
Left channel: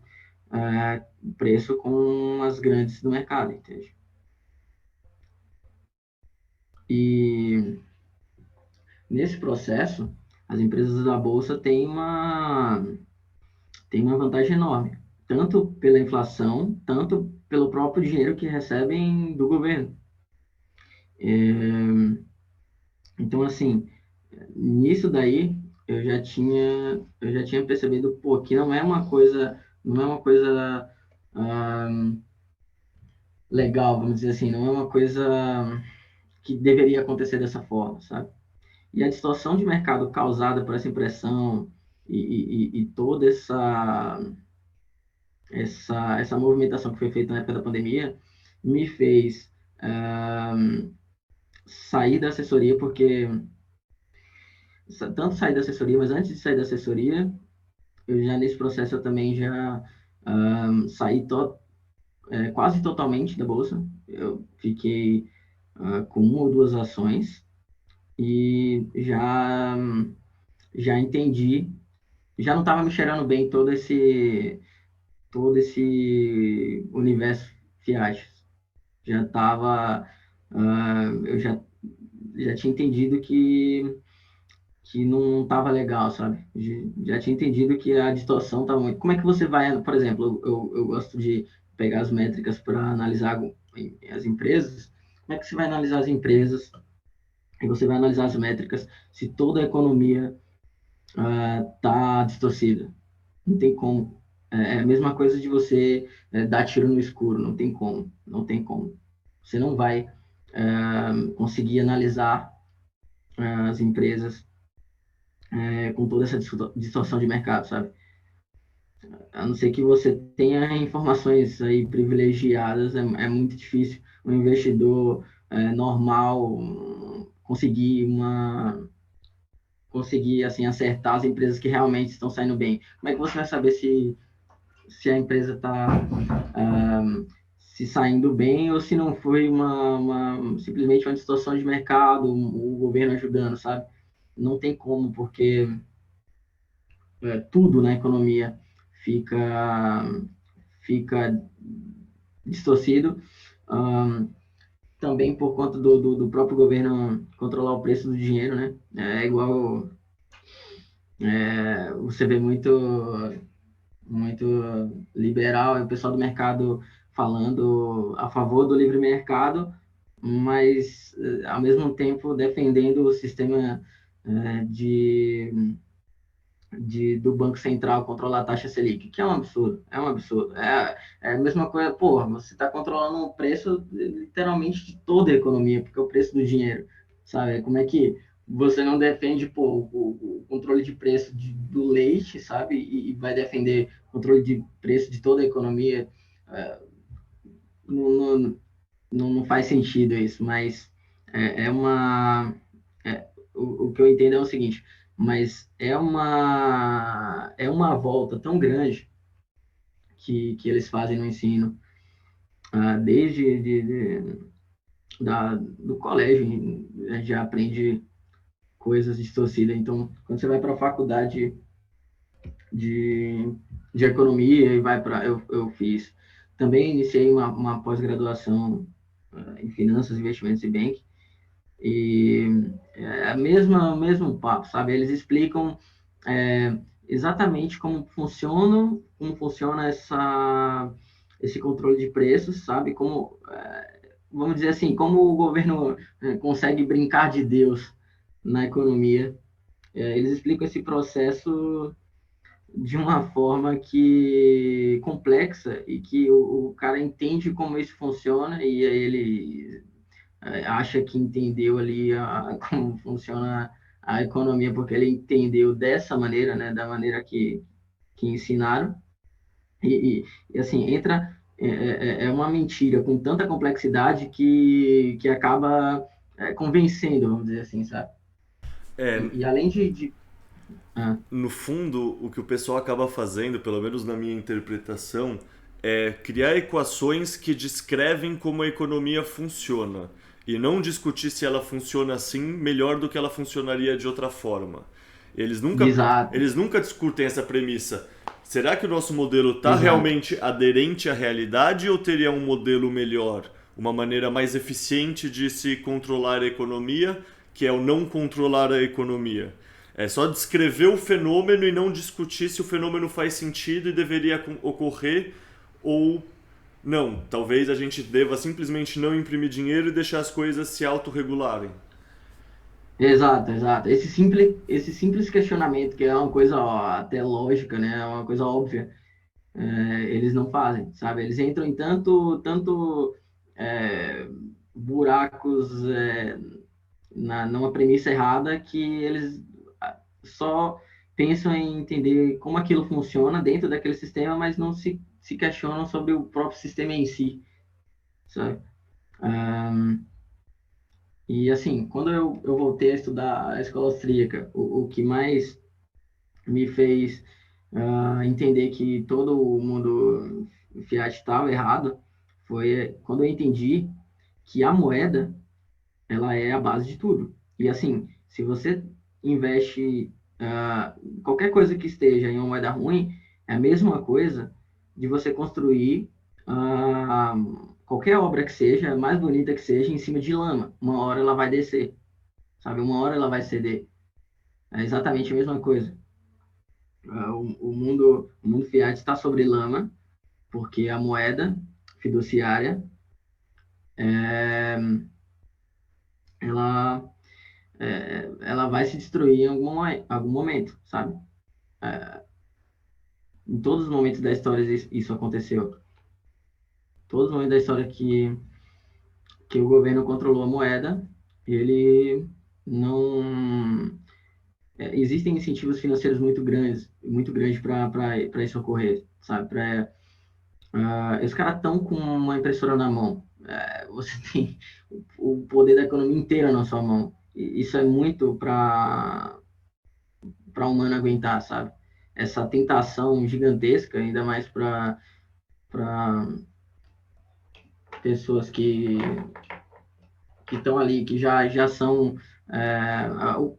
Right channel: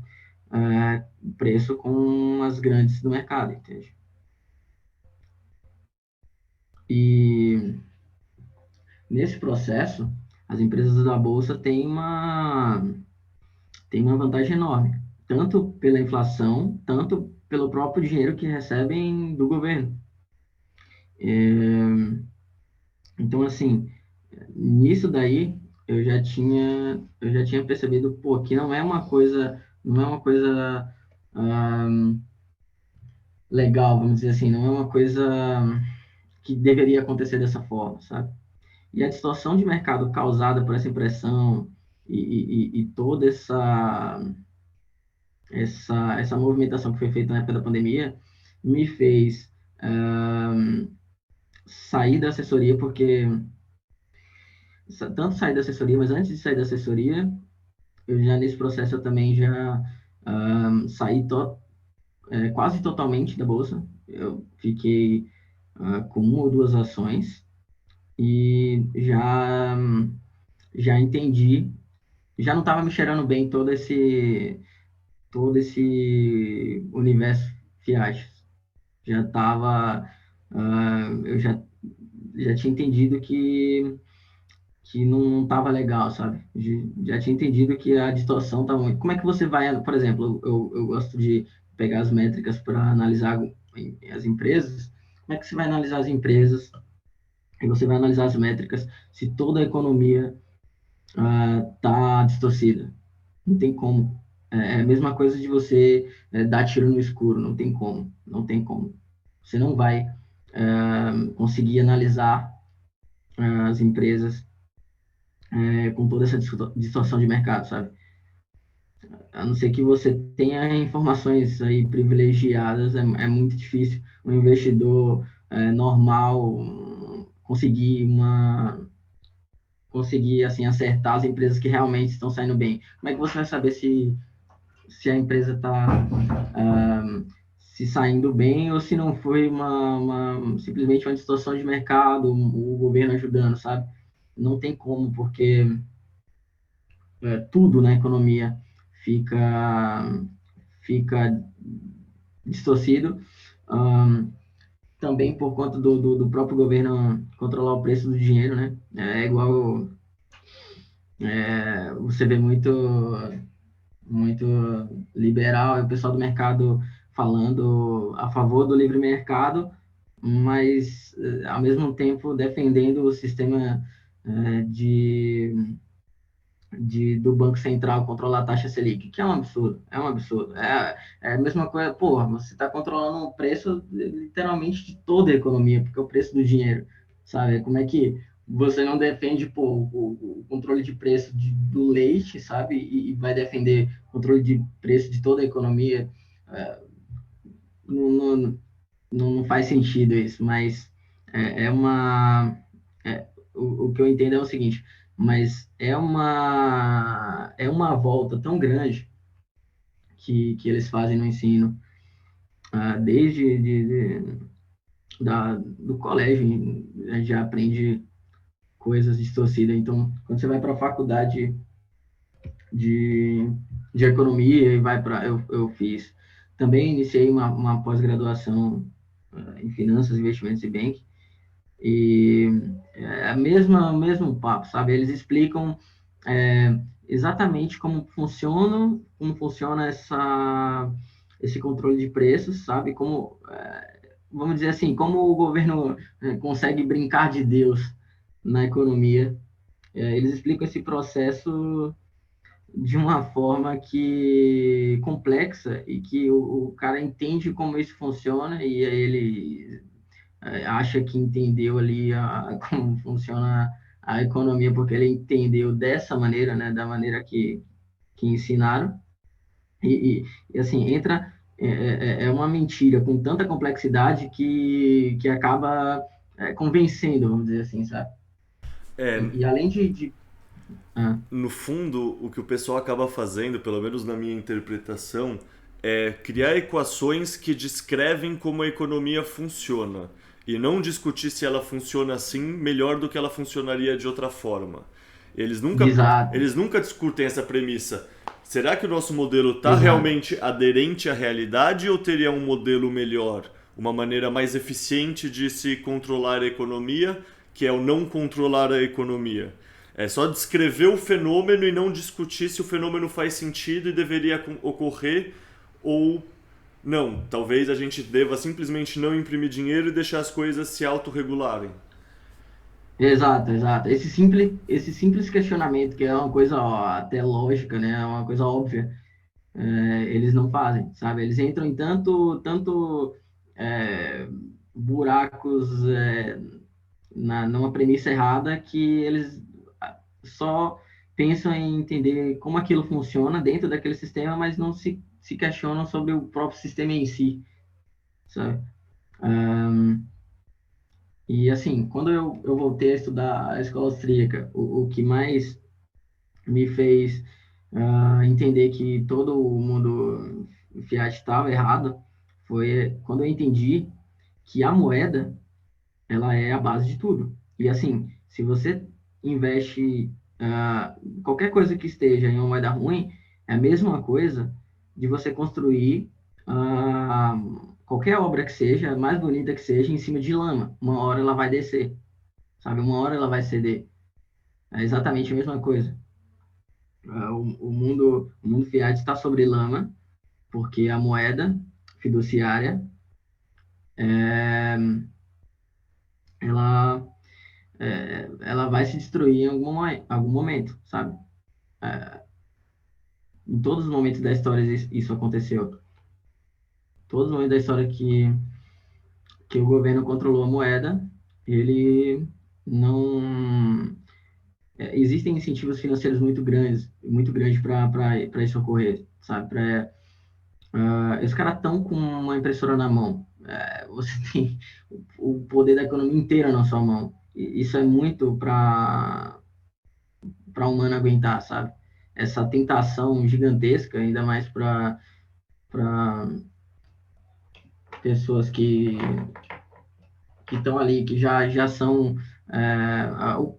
o preço com as grandes do mercado, entende? E nesse processo, as empresas da Bolsa têm uma vantagem enorme, tanto pela inflação, tanto pelo próprio dinheiro que recebem do governo. Então, assim, nisso daí eu já tinha percebido, pô, que não é uma coisa legal, vamos dizer assim, não é uma coisa que deveria acontecer dessa forma, sabe? E a distorção de mercado causada por essa impressão e toda essa movimentação que foi feita na época da pandemia me fez sair da assessoria, porque tanto sair da assessoria, mas antes de sair da assessoria, eu já nesse processo eu também já saí quase totalmente da bolsa. Eu fiquei com uma ou duas ações e já entendi, já não estava me cheirando bem todo esse universo fiat. Já estava, eu já tinha entendido que não estava legal, sabe? Já tinha entendido que a distorção estava muito. Como é que você vai, por exemplo, eu gosto de pegar as métricas para analisar as empresas. Como é que você vai analisar as empresas e você vai analisar as métricas se toda a economia está distorcida? Não tem como. É a mesma coisa de você dar tiro no escuro, não tem como, não tem como. Você não vai conseguir analisar as empresas com toda essa distorção de mercado, sabe? A não ser que você tenha informações aí privilegiadas, é muito difícil um investidor normal conseguir assim acertar as empresas que realmente estão saindo bem. Como é que você vai saber se a empresa está se saindo bem ou se não foi simplesmente uma distorção de mercado, o governo ajudando, sabe? Não tem como, porque tudo na economia fica distorcido, também por conta do próprio governo controlar o preço do dinheiro, né? É igual você vê muito liberal, o pessoal do mercado falando a favor do livre mercado, mas ao mesmo tempo defendendo o sistema do Banco Central controlar a taxa Selic, que é um absurdo, é um absurdo. É a mesma coisa, porra, você está controlando o preço literalmente de toda a economia, porque é o preço do dinheiro, sabe? Como é que você não defende, pô, o controle de preço do leite, sabe? E vai defender o controle de preço de toda a economia? Não, não faz sentido isso, mas é uma... o que eu entendo é o seguinte, mas é uma volta tão grande que eles fazem no ensino, desde do colégio, a gente já aprende coisas distorcidas. Então, quando você vai para a faculdade de, de economia e vai para... Eu fiz... Também iniciei uma pós-graduação em finanças, investimentos e banking, e é o mesmo papo, sabe? Eles explicam exatamente como funciona esse controle de preços, sabe? Vamos dizer assim, como o governo consegue brincar de Deus na economia. Eles explicam esse processo de uma forma que complexa e que o cara entende como isso funciona e aí ele acha que entendeu ali como funciona a economia, porque ele entendeu dessa maneira, né, da maneira que ensinaram, e assim, é uma mentira com tanta complexidade que acaba convencendo, vamos dizer assim, sabe? E além No fundo, o que o pessoal acaba fazendo, pelo menos na minha interpretação, é criar equações que descrevem como a economia funciona e não discutir se ela funciona assim melhor do que ela funcionaria de outra forma. Eles nunca, Exato, eles nunca discutem essa premissa. Será que o nosso modelo está exato. realmente aderente à realidade ou teria um modelo melhor? Uma maneira mais eficiente de se controlar a economia, que é o não controlar a economia. É só descrever o fenômeno e não discutir se o fenômeno faz sentido e deveria ocorrer ou não. Talvez a gente deva simplesmente não imprimir dinheiro e deixar as coisas se autorregularem. Exato, exato. Esse simples questionamento, que é uma coisa ó, até lógica, né? É uma coisa óbvia, eles não fazem, sabe? Eles entram em tanto é, buracos numa premissa errada que eles só pensam em entender como aquilo funciona dentro daquele sistema, mas não se questionam sobre o próprio sistema em si, sabe? E assim, quando eu voltei a estudar a escola austríaca, o que mais me fez entender que todo o mundo Fiat estava errado foi quando eu entendi que a moeda ela é a base de tudo. E assim, se você investe qualquer coisa que esteja em uma moeda ruim, é a mesma coisa de você construir ah, qualquer obra que seja, mais bonita que seja, em cima de lama. Uma hora ela vai descer, sabe? Uma hora ela vai ceder. É exatamente a mesma coisa. O mundo fiat está sobre lama, porque a moeda fiduciária, ela, ela vai se destruir em algum momento, sabe? Em todos os momentos da história isso aconteceu. Todos os momentos da história que o governo controlou a moeda, ele não... existem incentivos financeiros muito grandes para isso ocorrer, sabe? Os caras estão com uma impressora na mão. Você tem o poder da economia inteira na sua mão. E isso é muito para o humano aguentar, sabe? Essa tentação gigantesca, ainda mais para pessoas que estão ali, que já são.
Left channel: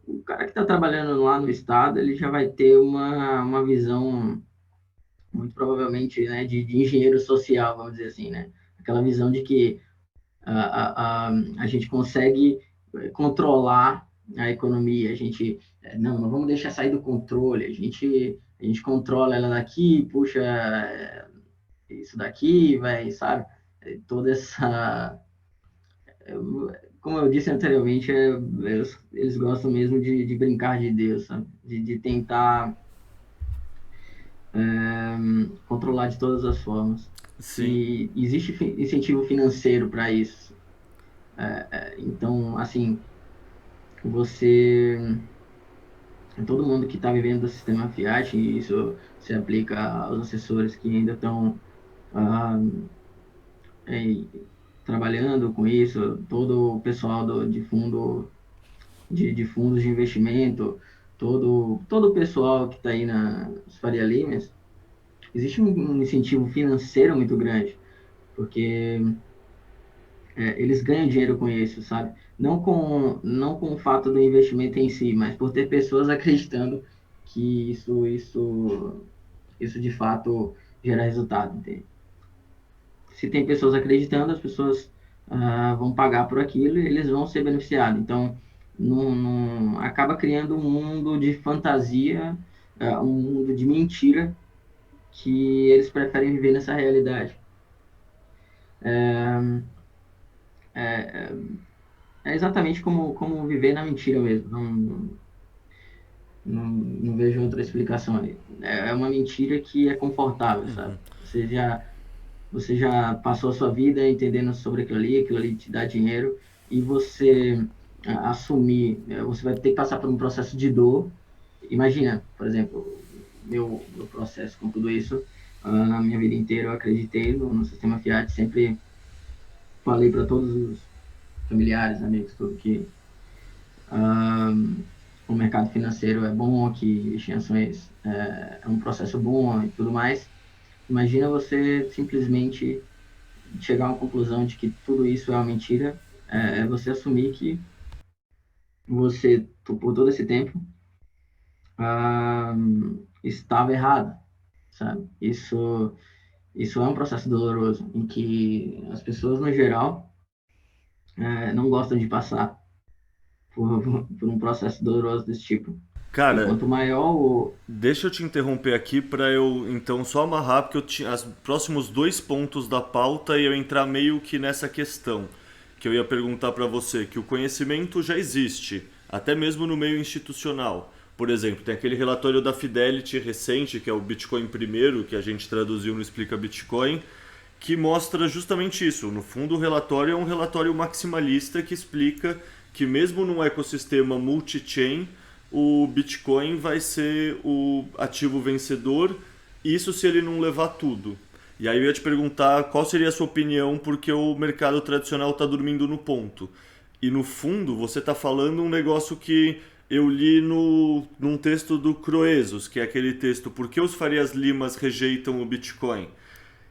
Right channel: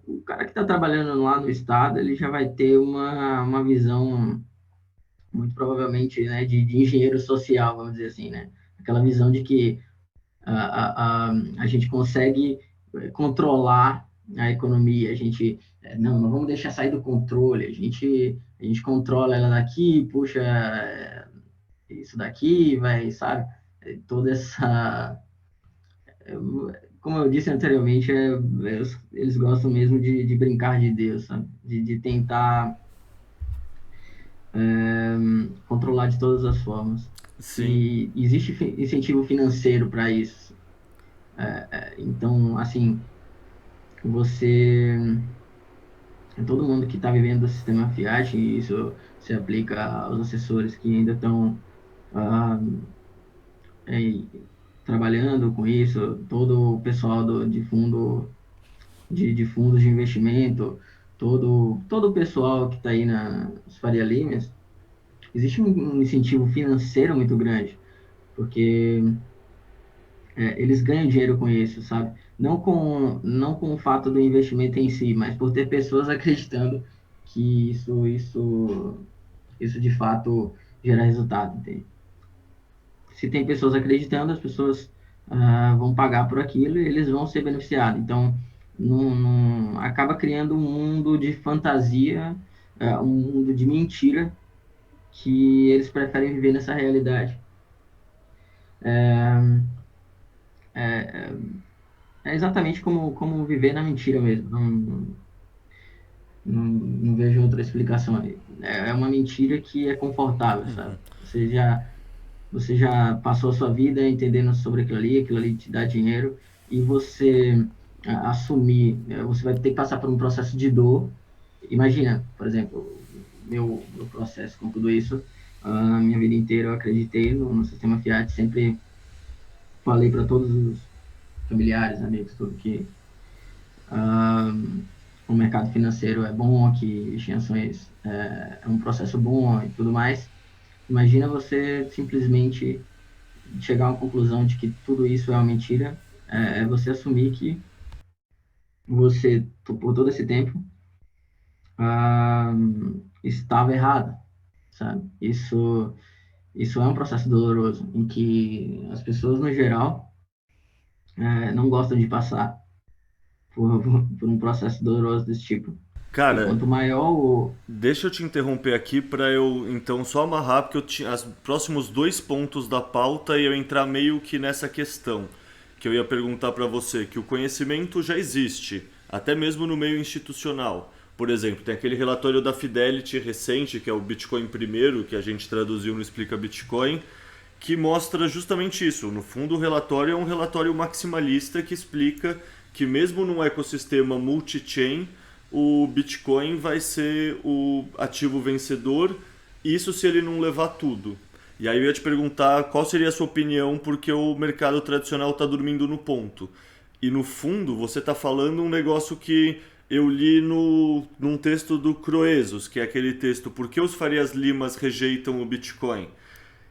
O cara que está trabalhando lá no Estado, ele já vai ter uma visão, muito provavelmente, né, de engenheiro social, vamos dizer assim, né? Aquela visão de que a gente consegue controlar a economia, a gente não vamos deixar sair do controle, a gente controla ela daqui, puxa isso daqui, vai, sabe? Toda essa, como eu disse anteriormente, eles gostam mesmo de brincar de Deus, sabe? De tentar controlar de todas as formas. Sim. E existe incentivo financeiro para isso. Então, assim, você, todo mundo que está vivendo do sistema Fiat, e isso se aplica aos assessores que ainda estão ah, é, trabalhando com isso, todo o pessoal de fundos de investimento, todo o pessoal que está aí nas Faria Limers, existe um incentivo financeiro muito grande, porque eles ganham dinheiro com isso, sabe? Não com o fato do investimento em si, mas por ter pessoas acreditando que isso de fato gera resultado, entende? Se tem pessoas acreditando, as pessoas vão pagar por aquilo e eles vão ser beneficiados. Então, acaba criando um mundo de fantasia, um mundo de mentira, que eles preferem viver nessa realidade. É exatamente como viver na mentira mesmo. Não vejo outra explicação ali. É uma mentira que é confortável, sabe? Você já passou a sua vida entendendo sobre aquilo ali te dá dinheiro, e você assumir, você vai ter que passar por um processo de dor. Imagina, por exemplo, meu processo com tudo isso, na minha vida inteira eu acreditei no sistema Fiat, sempre falei para todos os familiares, amigos, tudo que o mercado financeiro é bom, que investir em ações é um processo bom e tudo mais. imagina você simplesmente chegar a uma conclusão de que tudo isso é uma mentira, é você assumir que você, por todo esse tempo, ah, estava errado, sabe? Isso é um processo doloroso, em que as pessoas, no geral, não gostam de passar por um processo doloroso desse tipo. E Cara, quanto maior o... deixa eu te interromper aqui para eu então só amarrar, porque eu tinha os próximos dois pontos da pauta e eu entrar meio que nessa questão que eu ia perguntar para você, que o conhecimento já existe, até mesmo no meio institucional. Por exemplo, tem aquele relatório da Fidelity recente, que é o Bitcoin primeiro, que a gente traduziu no Explica Bitcoin, que mostra justamente isso. No fundo, o relatório é um relatório maximalista que explica que mesmo num ecossistema multi-chain, o Bitcoin vai ser o ativo vencedor, isso se ele não levar tudo. E aí eu ia te perguntar qual seria a sua opinião, porque o mercado tradicional está dormindo no ponto. E no fundo, você está falando um negócio que eu li num texto do Croesus, que é aquele texto Por que os Farias Limas rejeitam o Bitcoin?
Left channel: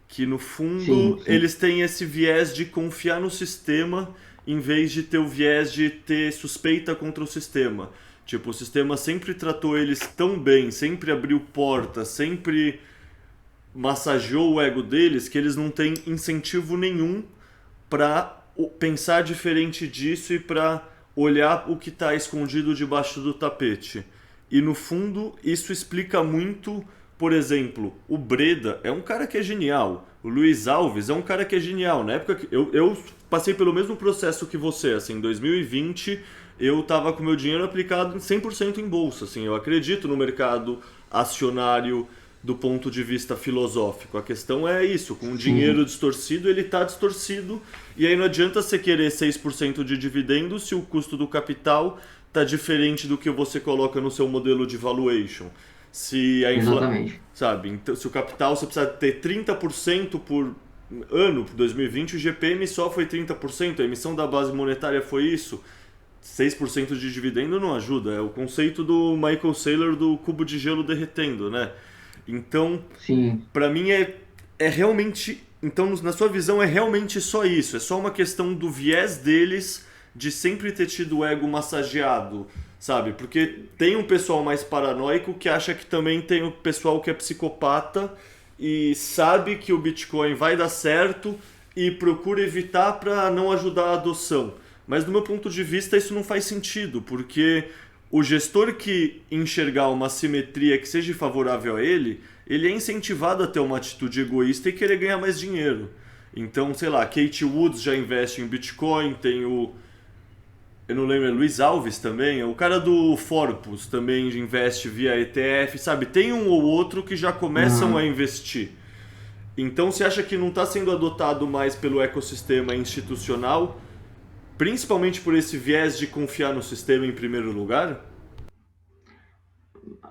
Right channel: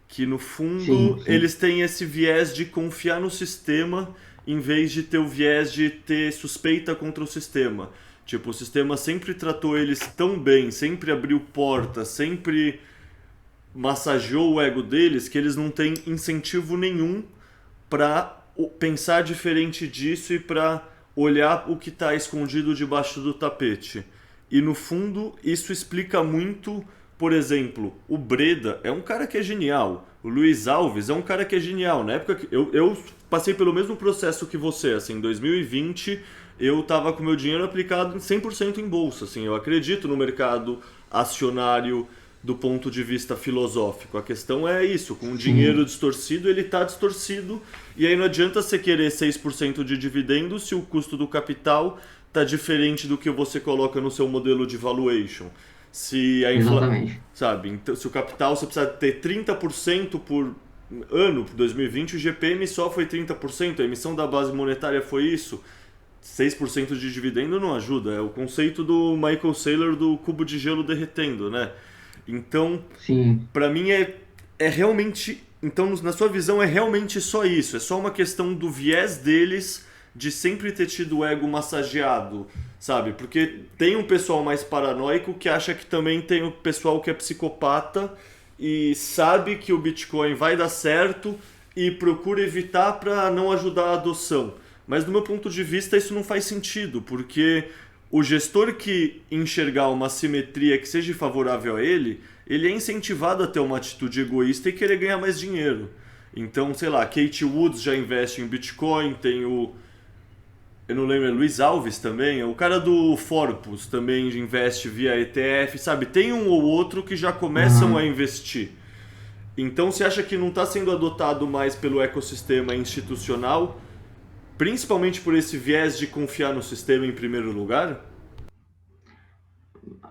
Que no Sim, fundo sim, eles têm esse viés de confiar no sistema em vez de ter o viés de ter suspeita contra o sistema. Tipo, o sistema sempre tratou eles tão bem, sempre abriu portas, sempre massageou o ego deles que eles não têm incentivo nenhum para pensar diferente disso e para olhar o que está escondido debaixo do tapete. E no fundo, isso explica muito, por exemplo, o Breda é um cara que é genial, o Luiz Alves é um cara que é genial. Na época que eu passei pelo mesmo processo que você, assim, em 2020 eu estava com meu dinheiro aplicado 100% em bolsa, assim, eu acredito no mercado acionário do ponto de vista filosófico. A questão é isso, com o dinheiro sim, distorcido, ele está distorcido, e aí não adianta você querer 6% de dividendo se o custo do capital está diferente do que você coloca no seu modelo de valuation. Se a exatamente. sabe, então, se o capital você precisa ter 30% por ano, por 2020 o GPM só foi 30%, a emissão da base monetária foi isso. 6% de dividendo não ajuda, é o conceito do Michael Saylor do cubo de gelo derretendo, né? Então, Sim, pra mim é realmente, então na sua visão é realmente só isso, é só uma questão do viés deles de sempre ter tido o ego massageado, sabe? Porque tem um pessoal mais paranoico que acha que também tem o pessoal que é psicopata e sabe que o Bitcoin vai dar certo e procura evitar para não ajudar a adoção. Mas do meu ponto de vista isso não faz sentido, porque o gestor que enxergar uma simetria que seja favorável a ele, ele é incentivado a ter uma atitude egoísta e querer ganhar mais dinheiro. Então, sei lá, Kate Woods já investe em Bitcoin, tem o... Eu não lembro, é Luiz Alves também, o cara do Forpus também investe via ETF, sabe? Tem um ou outro que já começam a aham. investir. Então, você acha que não está sendo adotado mais pelo ecossistema institucional, principalmente por esse viés de confiar no sistema em primeiro lugar?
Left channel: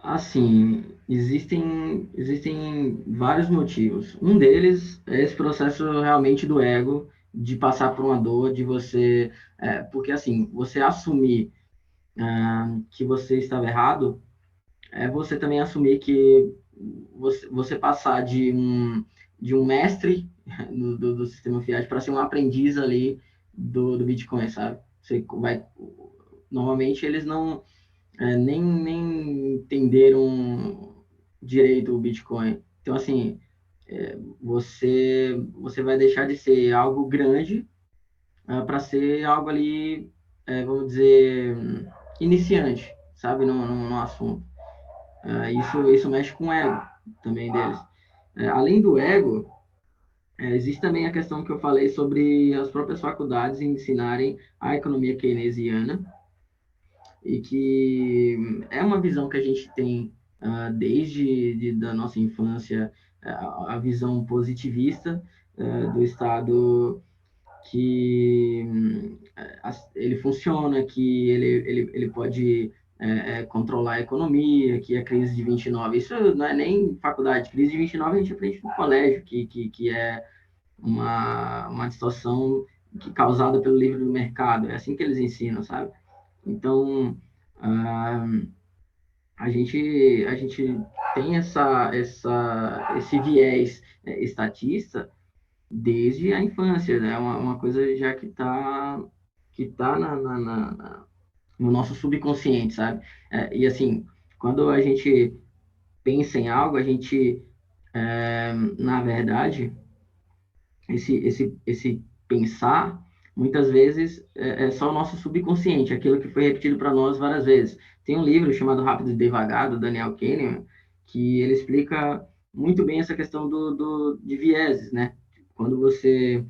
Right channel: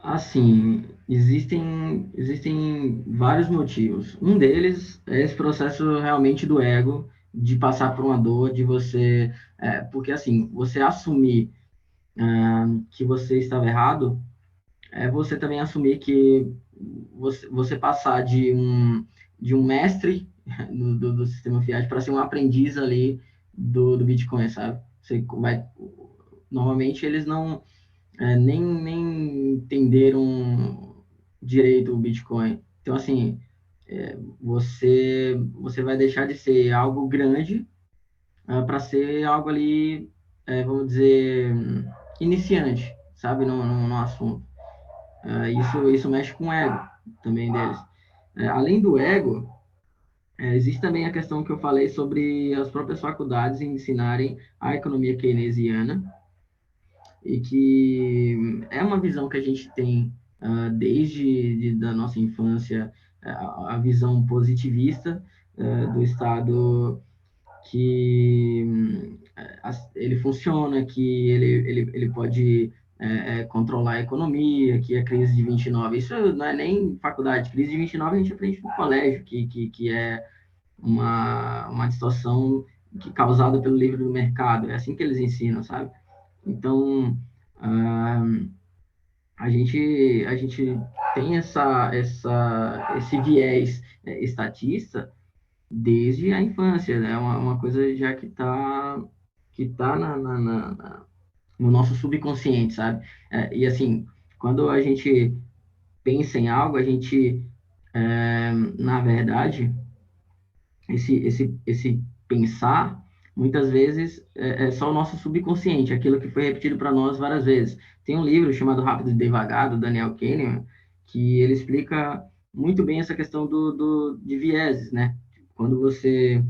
Assim, existem vários motivos. Um deles é esse processo realmente do ego, de passar por uma dor, de você... porque, assim, você assumir que você estava errado, é você também assumir que você passar de um mestre do sistema fiat para ser um aprendiz ali do Bitcoin, sabe? Você vai... Normalmente, eles não nem entenderam direito o Bitcoin. Então, assim, você vai deixar de ser algo grande para ser algo ali, vamos dizer, iniciante, sabe, no assunto. Isso mexe com o ego também deles. Além do ego, existe também a questão que eu falei sobre as próprias faculdades ensinarem a economia keynesiana, e que é uma visão que a gente tem desde da nossa infância, a visão positivista do Estado, que ele funciona, que ele pode controlar a economia, que a crise de 29, isso não é nem faculdade, crise de 29 a gente aprende no colégio, que é uma distorção causada pelo livre do mercado, é assim que eles ensinam, sabe? Então, ah, a gente tem esse viés estatista desde a infância, né? Uma coisa já que tá no nosso subconsciente, sabe? E assim, quando a gente pensa em algo, a gente, na verdade, esse pensar, muitas vezes, é só o nosso subconsciente, aquilo que foi repetido para nós várias vezes. Tem um livro chamado Rápido e Devagar, do Daniel Kahneman, que ele explica muito bem essa questão de vieses, né? Quando você...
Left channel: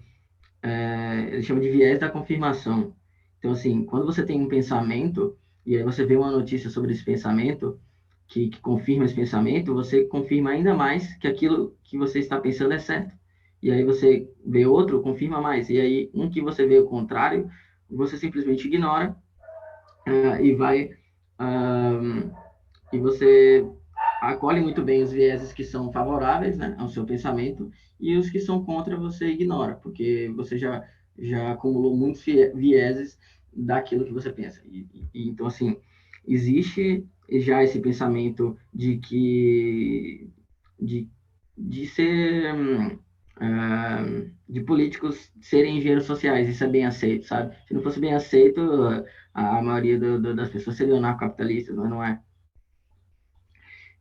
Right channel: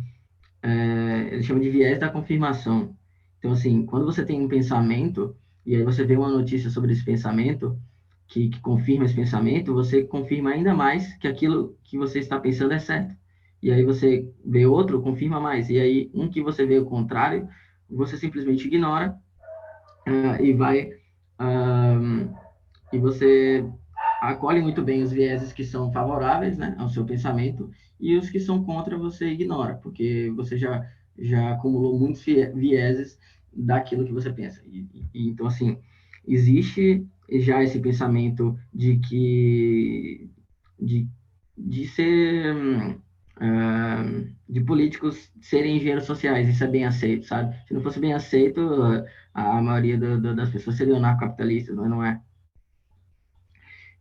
ele chama de viés da confirmação. Então, assim, quando você tem um pensamento, e aí você vê uma notícia sobre esse pensamento, que confirma esse pensamento, você confirma ainda mais que aquilo que você está pensando é certo. E aí você vê outro, confirma mais. E aí um que você vê o contrário, você simplesmente ignora e vai e você acolhe muito bem os vieses que são favoráveis, né, ao seu pensamento e os que são contra você ignora, porque você já acumulou muitos vieses daquilo que você pensa. Então assim, existe já esse pensamento de que de ser de políticos serem engenheiros sociais, isso é bem aceito, sabe? Se não fosse bem aceito, a maioria das pessoas seriam anarcocapitalistas, mas não é.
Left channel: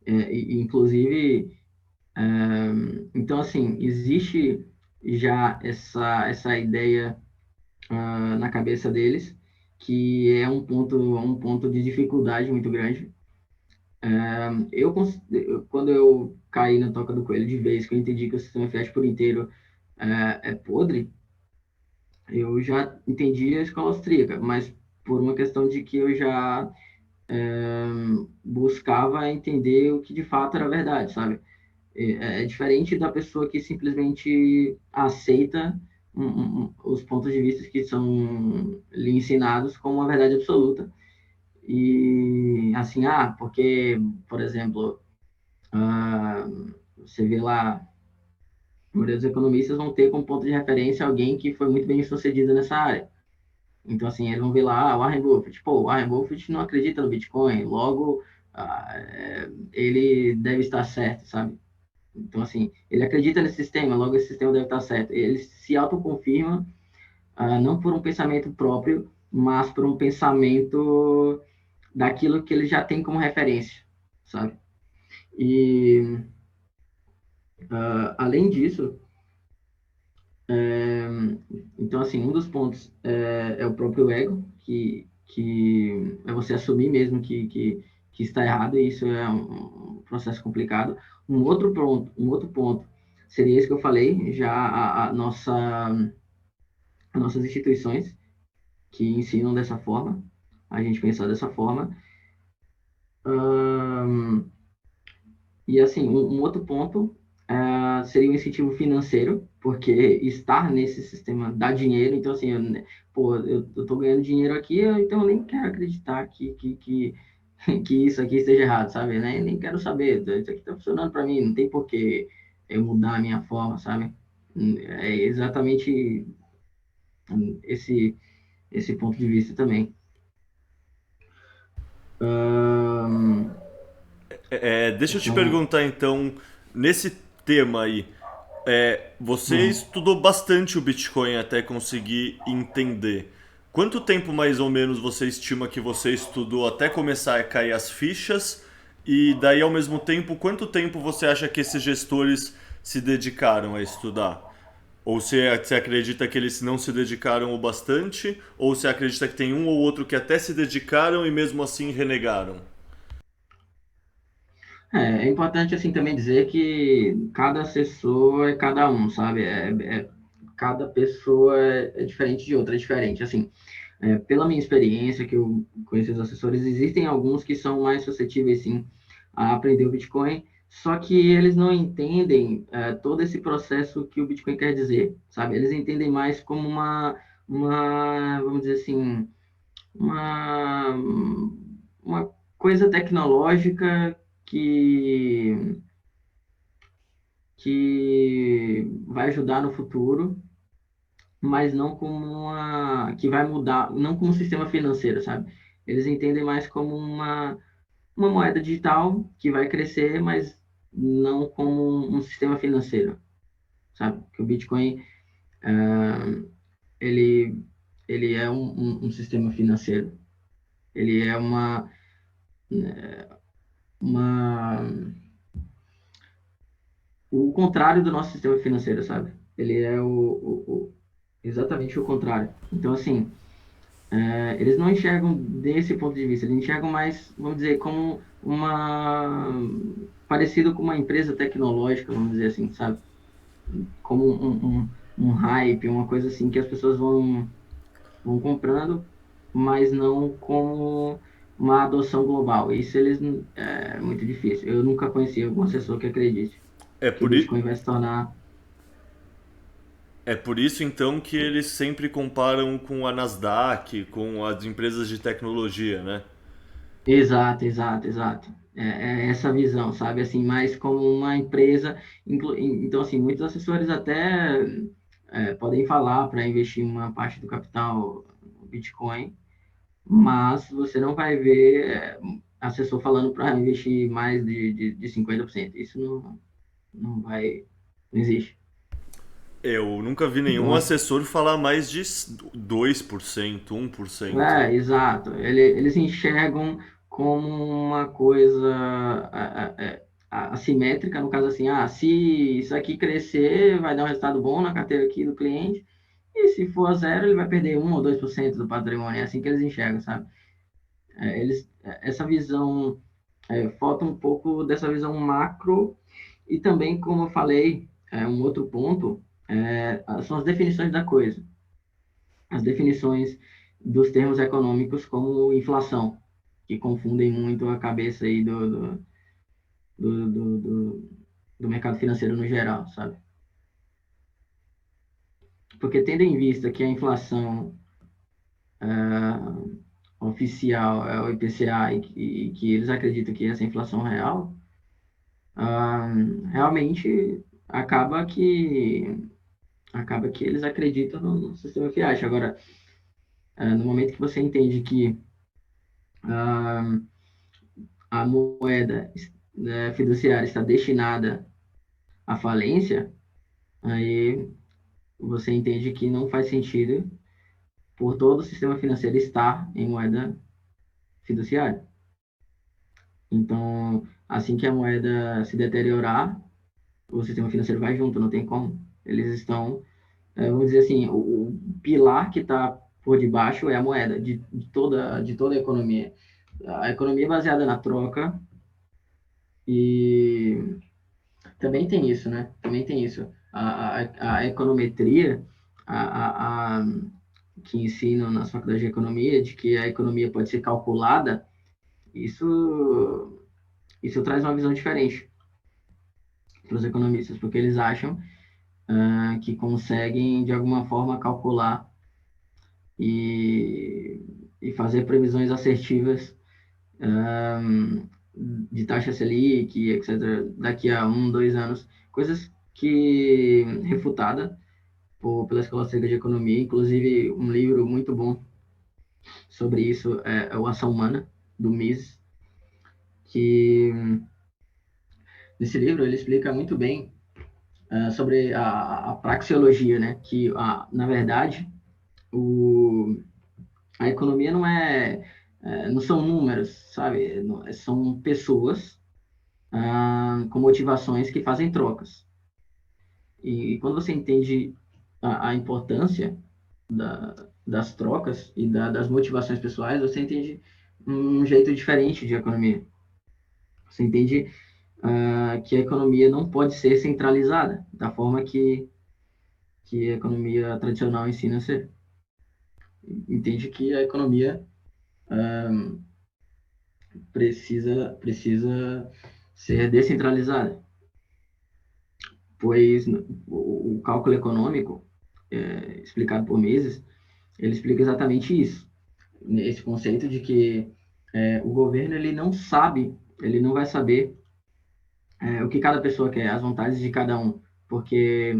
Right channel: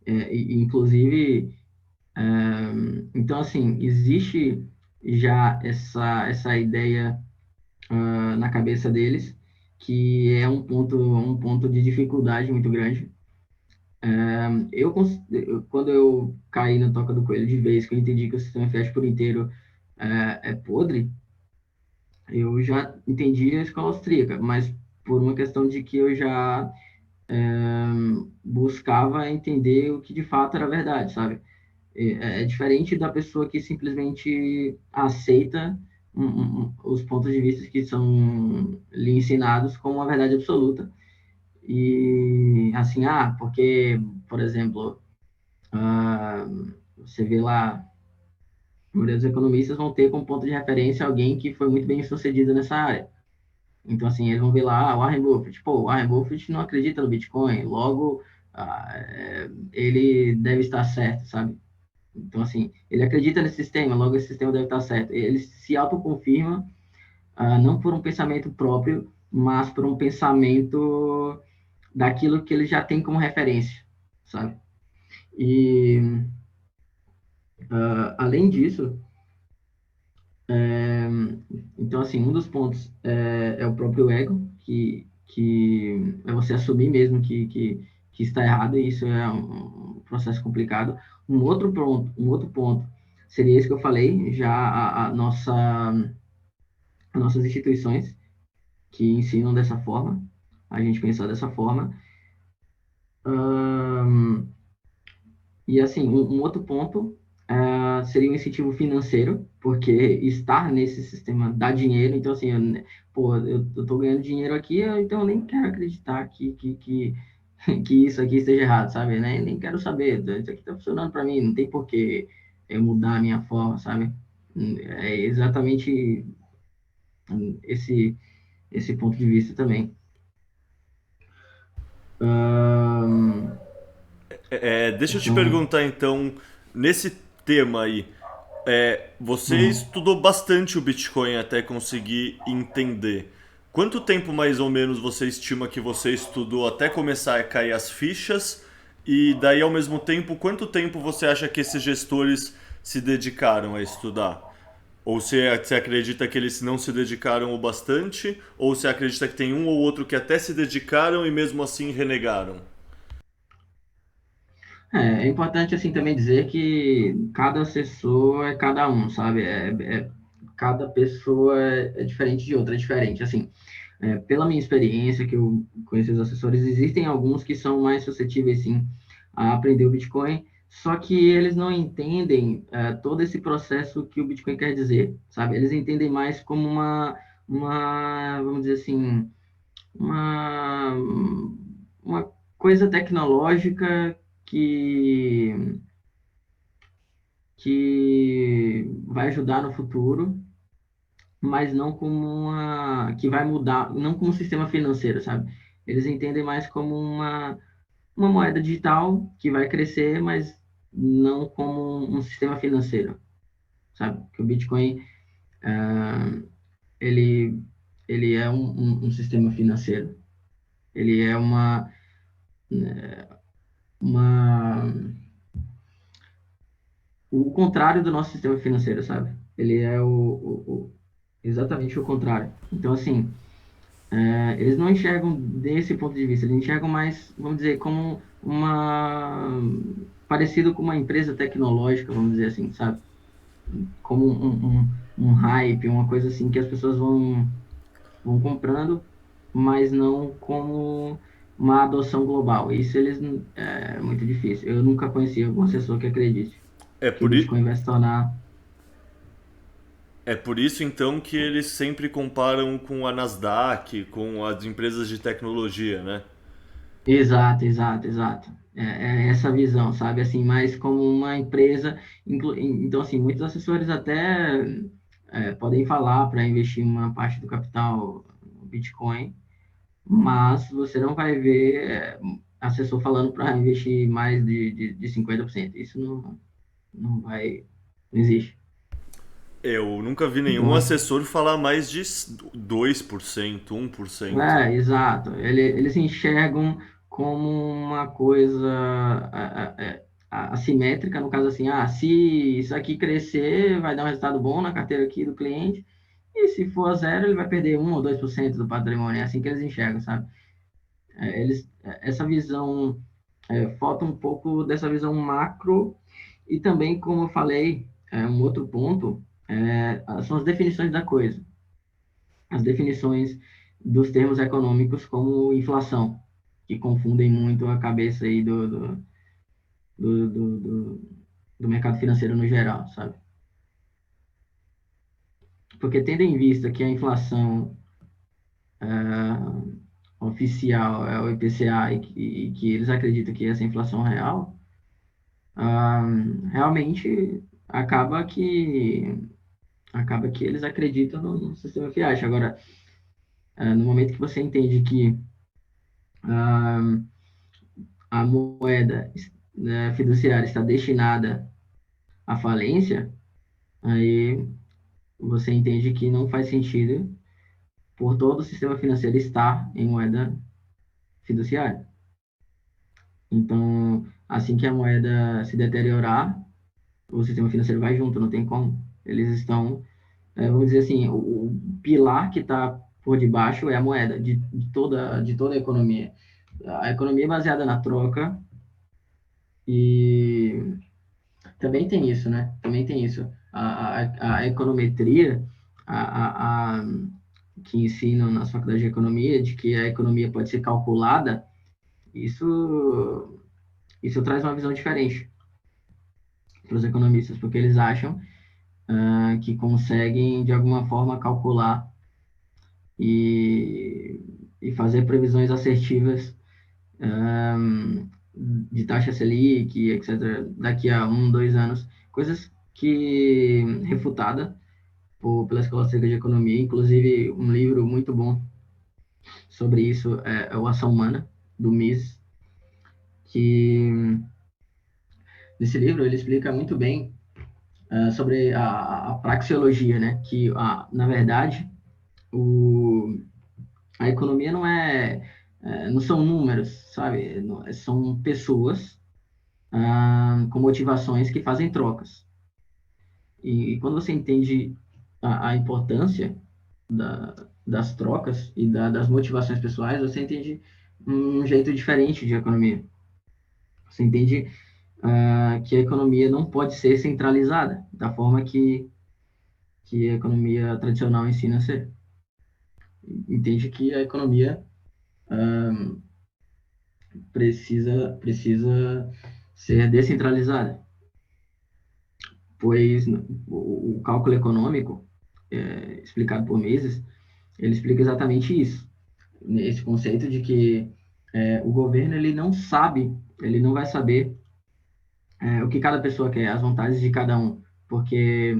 Inclusive, então assim, existe já essa ideia na cabeça deles, que é um ponto de dificuldade muito grande. Quando eu caí na toca do coelho de vez, que eu entendi que o sistema FIES por inteiro é podre, eu já entendi a escola austríaca, mas por uma questão de que eu já buscava entender o que de fato era verdade, sabe? É diferente da pessoa que simplesmente aceita os pontos de vista que são lhe ensinados como uma verdade absoluta. E assim, porque, por exemplo, você vê lá, a maioria dos economistas vão ter como ponto de referência alguém que foi muito bem sucedido nessa área. Então, assim, eles vão ver lá, o Warren Buffett. Pô, o Warren Buffett não acredita no Bitcoin, logo, ele deve estar certo, sabe? Então, assim, ele acredita nesse sistema, logo esse sistema deve estar certo. Ele se autoconfirma, não por um pensamento próprio, mas por um pensamento daquilo que ele já tem como referência, sabe? E, além disso, então, assim, um dos pontos é o próprio ego, que é você assumir mesmo que está errado, e isso é um processo complicado. Um outro ponto seria esse que eu falei, já as nossas instituições que ensinam dessa forma, a gente pensar dessa forma. E assim, um outro ponto seria o incentivo financeiro, porque estar nesse sistema dá dinheiro, então assim, eu tô ganhando dinheiro aqui, então eu nem quero acreditar que isso aqui esteja errado, sabe? Né? Nem quero saber, isso aqui tá funcionando para mim, não tem por que eu mudar a minha forma, sabe? É exatamente esse ponto de vista também. Deixa eu te Então, perguntar então, nesse tema aí, você hum, estudou bastante o Bitcoin até conseguir entender. Quanto tempo mais ou menos você estima que você estudou até começar a cair as fichas? E daí ao mesmo tempo, quanto tempo você acha que esses gestores se dedicaram a estudar? Ou você acredita que eles não se dedicaram o bastante? Ou você acredita que tem um ou outro que até se dedicaram e mesmo assim renegaram? é importante assim também dizer que cada assessor é cada um, sabe? Cada pessoa é diferente de outra, é diferente. Assim, pela minha experiência, que eu conheço os assessores, existem alguns que são mais suscetíveis, sim, a aprender o Bitcoin, só que eles não entendem todo esse processo que o Bitcoin quer dizer, sabe? Eles entendem mais como vamos dizer assim, uma, uma coisa tecnológica que, que vai ajudar no futuro, mas não como que vai mudar, não como um sistema financeiro, sabe? Eles entendem mais como uma moeda digital que vai crescer, mas não como um sistema financeiro, sabe? Que o Bitcoin, ele, ele é um sistema financeiro. Ele é uma o contrário do nosso sistema financeiro, sabe? Ele é exatamente o contrário. Então, assim, eles não enxergam desse ponto de vista, eles enxergam mais, vamos dizer, como parecido com uma empresa tecnológica, vamos dizer assim, sabe? Como um hype, uma coisa assim que as pessoas vão comprando, mas não como uma adoção global. Isso é muito difícil. Eu nunca conheci algum assessor que acredite É que o por, i- Bitcoin vai se tornar. é por isso então que eles sempre comparam com a Nasdaq, com as empresas de tecnologia, né? Exato, exato, exato. É essa visão, sabe? Assim, mais como uma empresa. Então, assim, muitos assessores até podem falar para investir uma parte do capital no Bitcoin, mas você não vai ver assessor falando para investir mais de 50%. Isso não vai, não existe. Eu nunca vi nenhum Então, assessor falar mais de 2%, 1%. exato. Eles enxergam como uma coisa assimétrica, no caso assim, se isso aqui crescer, vai dar um resultado bom na carteira aqui do cliente, e se for zero, ele vai perder 1 ou 2% do patrimônio. É assim que eles enxergam, sabe? Essa visão, falta um pouco dessa visão macro, e também, como eu falei, um outro ponto, são as definições da coisa. As definições dos termos econômicos como inflação, que confundem muito a cabeça aí do mercado financeiro no geral, sabe? Porque tendo em vista que a inflação oficial é o IPCA e que eles acreditam que essa inflação real, realmente acaba que eles acreditam no sistema fiat. Agora, no momento que você entende que ah, a moeda fiduciária está destinada à falência, aí você entende que não faz sentido por todo o sistema financeiro estar em moeda fiduciária. Então, assim que a moeda se deteriorar, o sistema financeiro vai junto, não tem como. Eles estão, vamos dizer assim, o pilar que está por debaixo é a moeda de toda a economia. A economia é baseada na troca e também tem isso, né? Também tem isso. A econometria, a, a, que ensinam nas faculdades de economia, de que a economia pode ser calculada, isso traz uma visão diferente para os economistas, porque eles acham que conseguem, de alguma forma, calcular e, e fazer previsões assertivas de taxa Selic, etc., daqui a 1, 2 anos, coisas que refutada pela Escola Austríaca de Economia, inclusive um livro muito bom sobre isso é o Ação Humana, do Mises, que nesse livro ele explica muito bem sobre a praxeologia, né? Que, na verdade, a economia não são números, sabe? São pessoas com motivações que fazem trocas. E quando você entende a importância das trocas e das motivações pessoais, você entende um jeito diferente de economia. Você entende que a economia não pode ser centralizada da forma que a economia tradicional ensina a ser. Entende que a economia precisa ser descentralizada, pois o cálculo econômico, explicado por Mises, ele explica exatamente isso, esse conceito de que o governo ele não sabe, ele não vai saber o que cada pessoa quer, as vontades de cada um, porque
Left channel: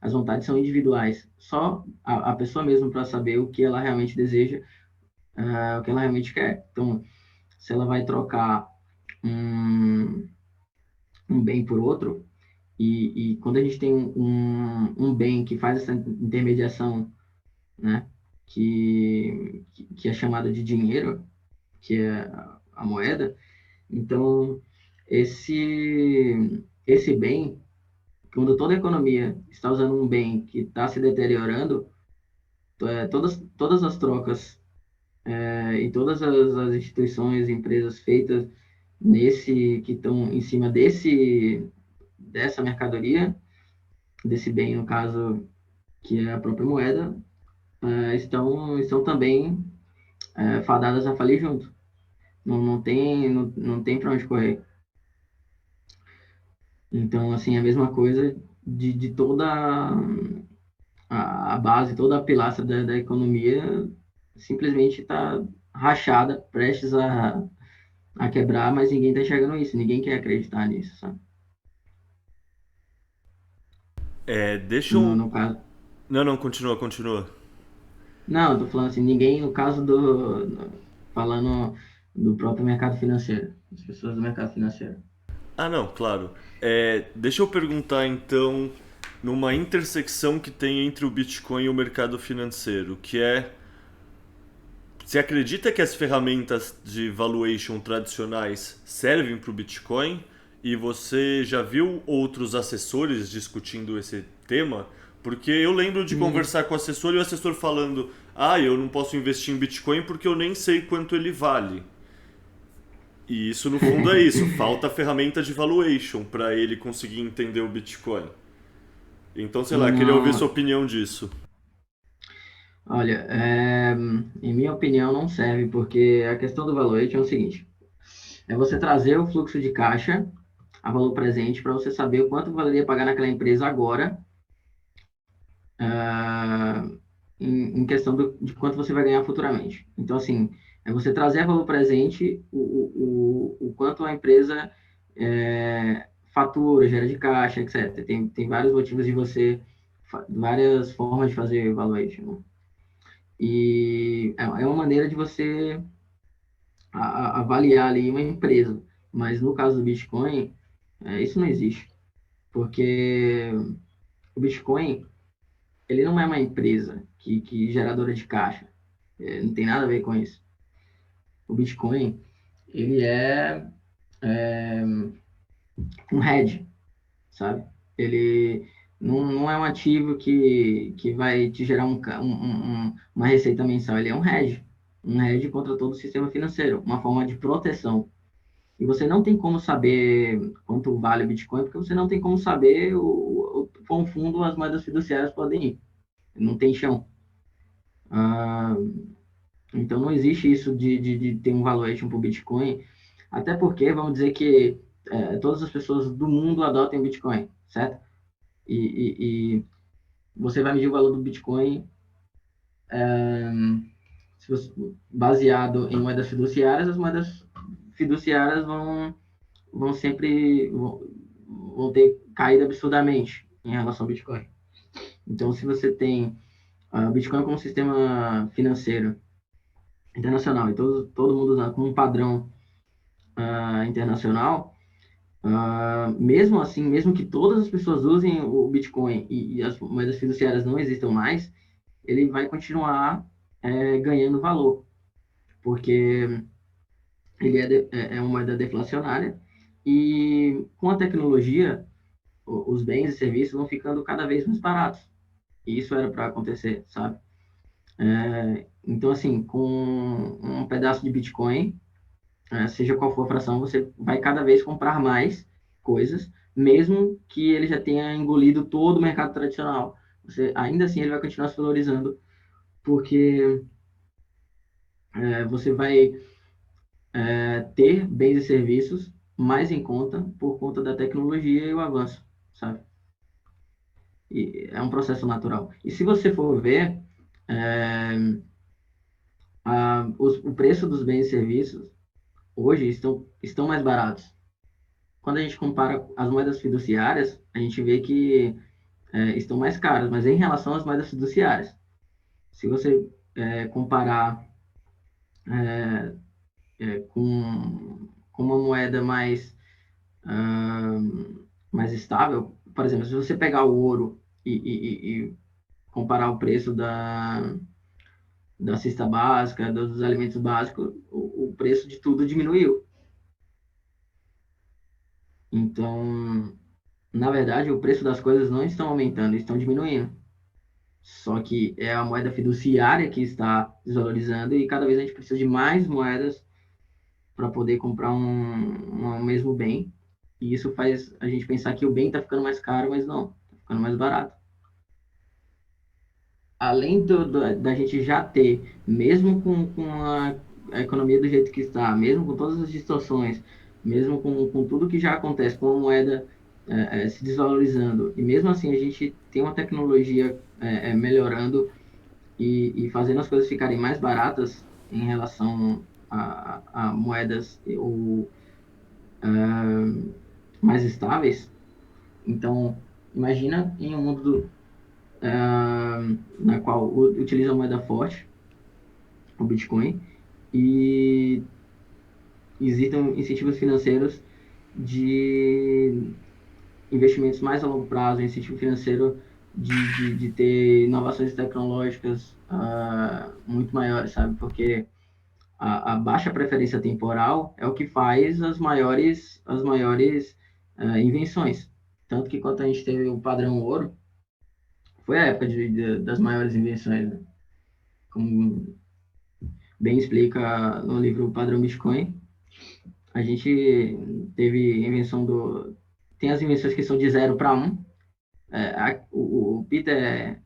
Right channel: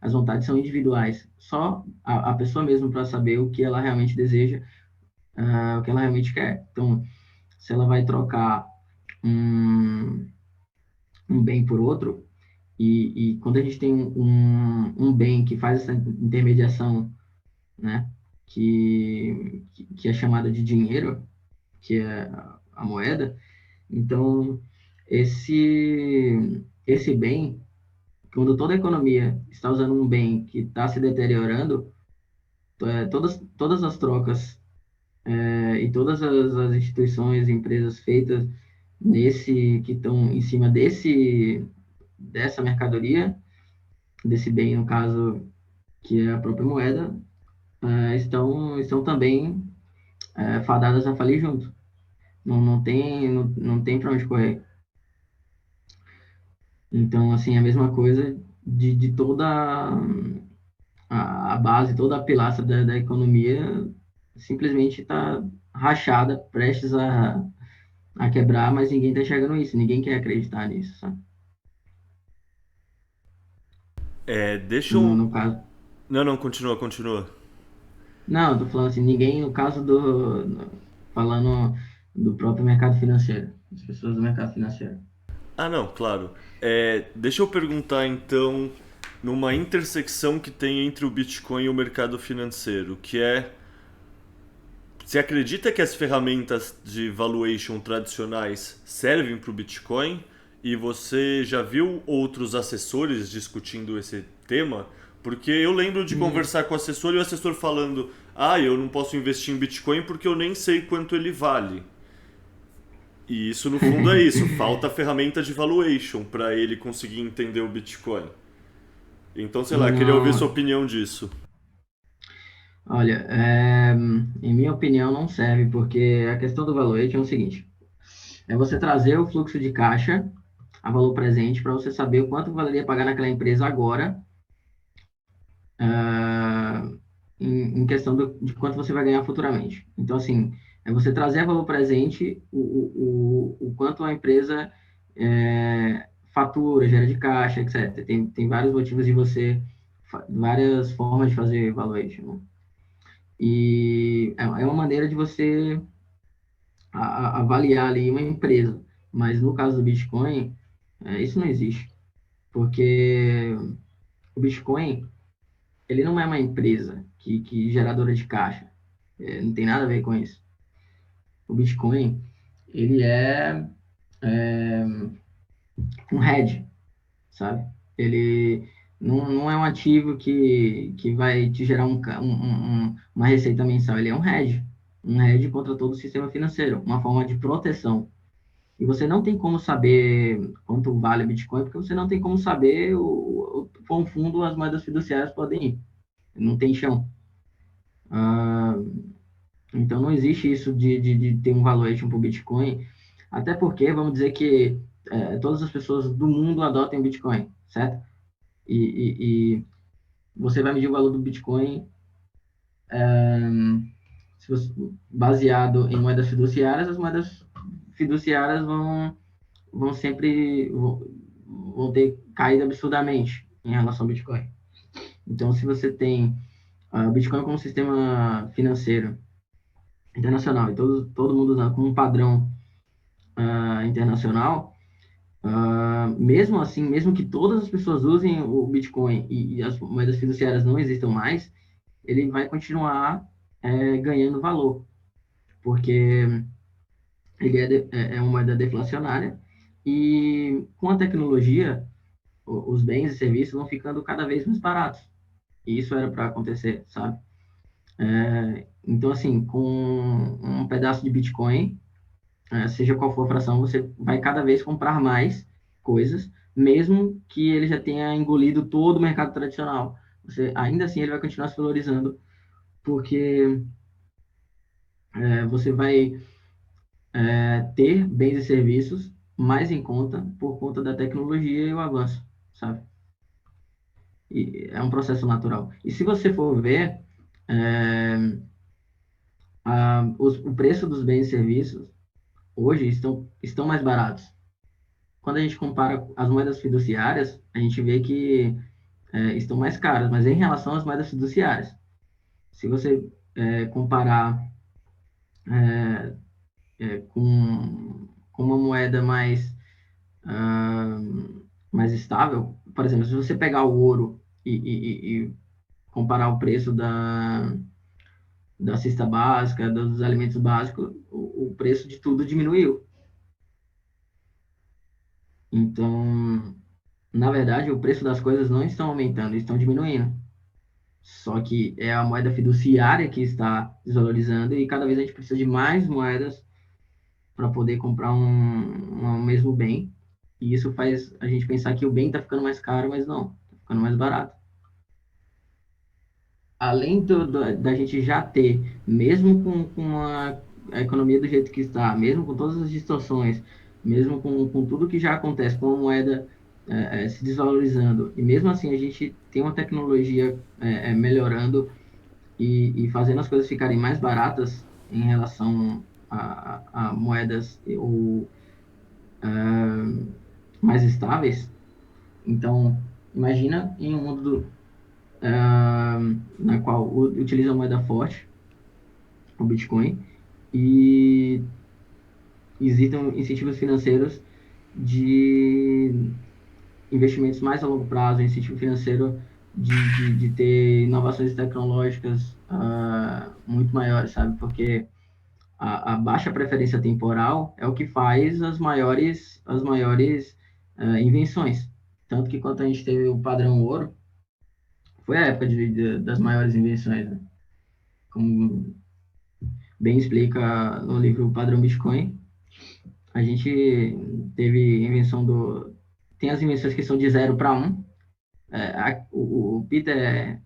as vontades são individuais. Só a pessoa mesmo para saber o que ela realmente deseja, o que ela realmente quer. Então, se ela vai trocar um, um bem por outro, e quando a gente tem um bem que faz essa intermediação, né, que é chamada de dinheiro, que é a moeda, então esse bem, quando toda a economia está usando um bem que está se deteriorando, todas as trocas e todas as instituições, empresas feitas que estão em cima dessa mercadoria, desse bem, no caso, que é a própria moeda, estão também fadadas a falir junto. Não tem para onde correr. Então, assim, a mesma coisa de toda a base, toda a pilastra da economia simplesmente está rachada, prestes a quebrar, mas ninguém está enxergando isso, ninguém quer acreditar nisso, sabe? Deixa No, eu. no caso. Não, não, continua, continua. Não, eu tô falando assim, ninguém, no caso falando do próprio mercado financeiro, as pessoas do mercado financeiro. Ah, não, claro. Deixa eu perguntar então, numa intersecção que tem entre o Bitcoin e o mercado financeiro, que é. Você acredita que as ferramentas de valuation tradicionais servem para o Bitcoin? E você já viu outros assessores discutindo esse tema? Porque eu lembro de conversar com o assessor e o assessor falando: ah, eu não posso investir em Bitcoin porque eu nem sei quanto ele vale. E isso no fundo é isso, falta a ferramenta de valuation para ele conseguir entender o Bitcoin. Então, sei lá, queria ouvir sua Não, opinião disso. olha, em minha opinião não serve, porque a questão do valuation é o seguinte, é você trazer o fluxo de caixa a valor presente para você saber o quanto valeria pagar naquela empresa agora, ah, em questão de quanto você vai ganhar futuramente. Então, assim, é você trazer a valor presente o quanto a empresa fatura, gera de caixa, etc. Tem vários motivos de várias formas de fazer valuation, né? E é uma maneira de você avaliar ali uma empresa. Mas no caso do Bitcoin, isso não existe. Porque o Bitcoin, ele não é uma empresa que geradora de caixa. Não tem nada a ver com isso. O Bitcoin, ele é um hedge, sabe? Ele não é um ativo que vai te gerar uma receita mensal, ele é um hedge contra todo o sistema financeiro, uma forma de proteção. E você não tem como saber quanto vale o Bitcoin, porque você não tem como saber o quão fundo as moedas fiduciárias podem ir. Não tem chão. Ah, então, não existe isso de ter um valuation para o Bitcoin, até porque, vamos dizer que todas as pessoas do mundo adotem o Bitcoin, certo? E você vai medir o valor do Bitcoin baseado em moedas fiduciárias, as moedas fiduciárias vão sempre vão ter caído absurdamente em relação ao Bitcoin. Então, se você tem o Bitcoin como um sistema financeiro internacional e todo mundo usando como um padrão internacional, mesmo assim, mesmo que todas as pessoas usem o Bitcoin e as moedas fiduciárias não existam mais, ele vai continuar ganhando valor, porque ele é uma moeda deflacionária e com a tecnologia, os bens e serviços vão ficando cada vez mais baratos. E isso era para acontecer, sabe? Então, assim, com um pedaço de Bitcoin, seja qual for a fração, você vai cada vez comprar mais coisas, mesmo que ele já tenha engolido todo o mercado tradicional. Ainda assim, ele vai continuar se valorizando, porque você vai ter bens e serviços mais em conta por conta da tecnologia e o avanço, sabe? E é um processo natural. E se você for ver, o preço dos bens e serviços hoje estão mais baratos. Quando a gente compara as moedas fiduciárias, a gente vê que estão mais caras, mas em relação às moedas fiduciárias. Se você comparar com uma moeda ah, mais estável, por exemplo, se você pegar o ouro e comparar o preço da cesta básica, dos alimentos básicos, o preço de tudo diminuiu. Então, na verdade, o preço das coisas não estão aumentando, estão diminuindo. Só que é a moeda fiduciária que está desvalorizando e cada vez a gente precisa de mais moedas para poder comprar um mesmo bem. E isso faz a gente pensar que o bem está ficando mais caro, mas não, está ficando mais barato. Além da gente já ter, mesmo com a economia do jeito que está, mesmo com todas as distorções, mesmo com tudo que já acontece, com a moeda se desvalorizando, e mesmo assim a gente tem uma tecnologia melhorando e fazendo as coisas ficarem mais baratas em relação a moedas ou mais estáveis. Então, imagina em um mundo na qual utiliza a moeda forte, o Bitcoin, e existem incentivos financeiros de investimentos mais a longo prazo, incentivo financeiro de ter inovações tecnológicas muito maiores, sabe? Porque a baixa preferência temporal é o que faz as maiores invenções. Tanto que quando a gente teve o padrão ouro, foi a época das maiores invenções, né? Como bem explica no livro O Padrão Bitcoin, a gente teve invenção tem as invenções que são de 0 para 1. O Peter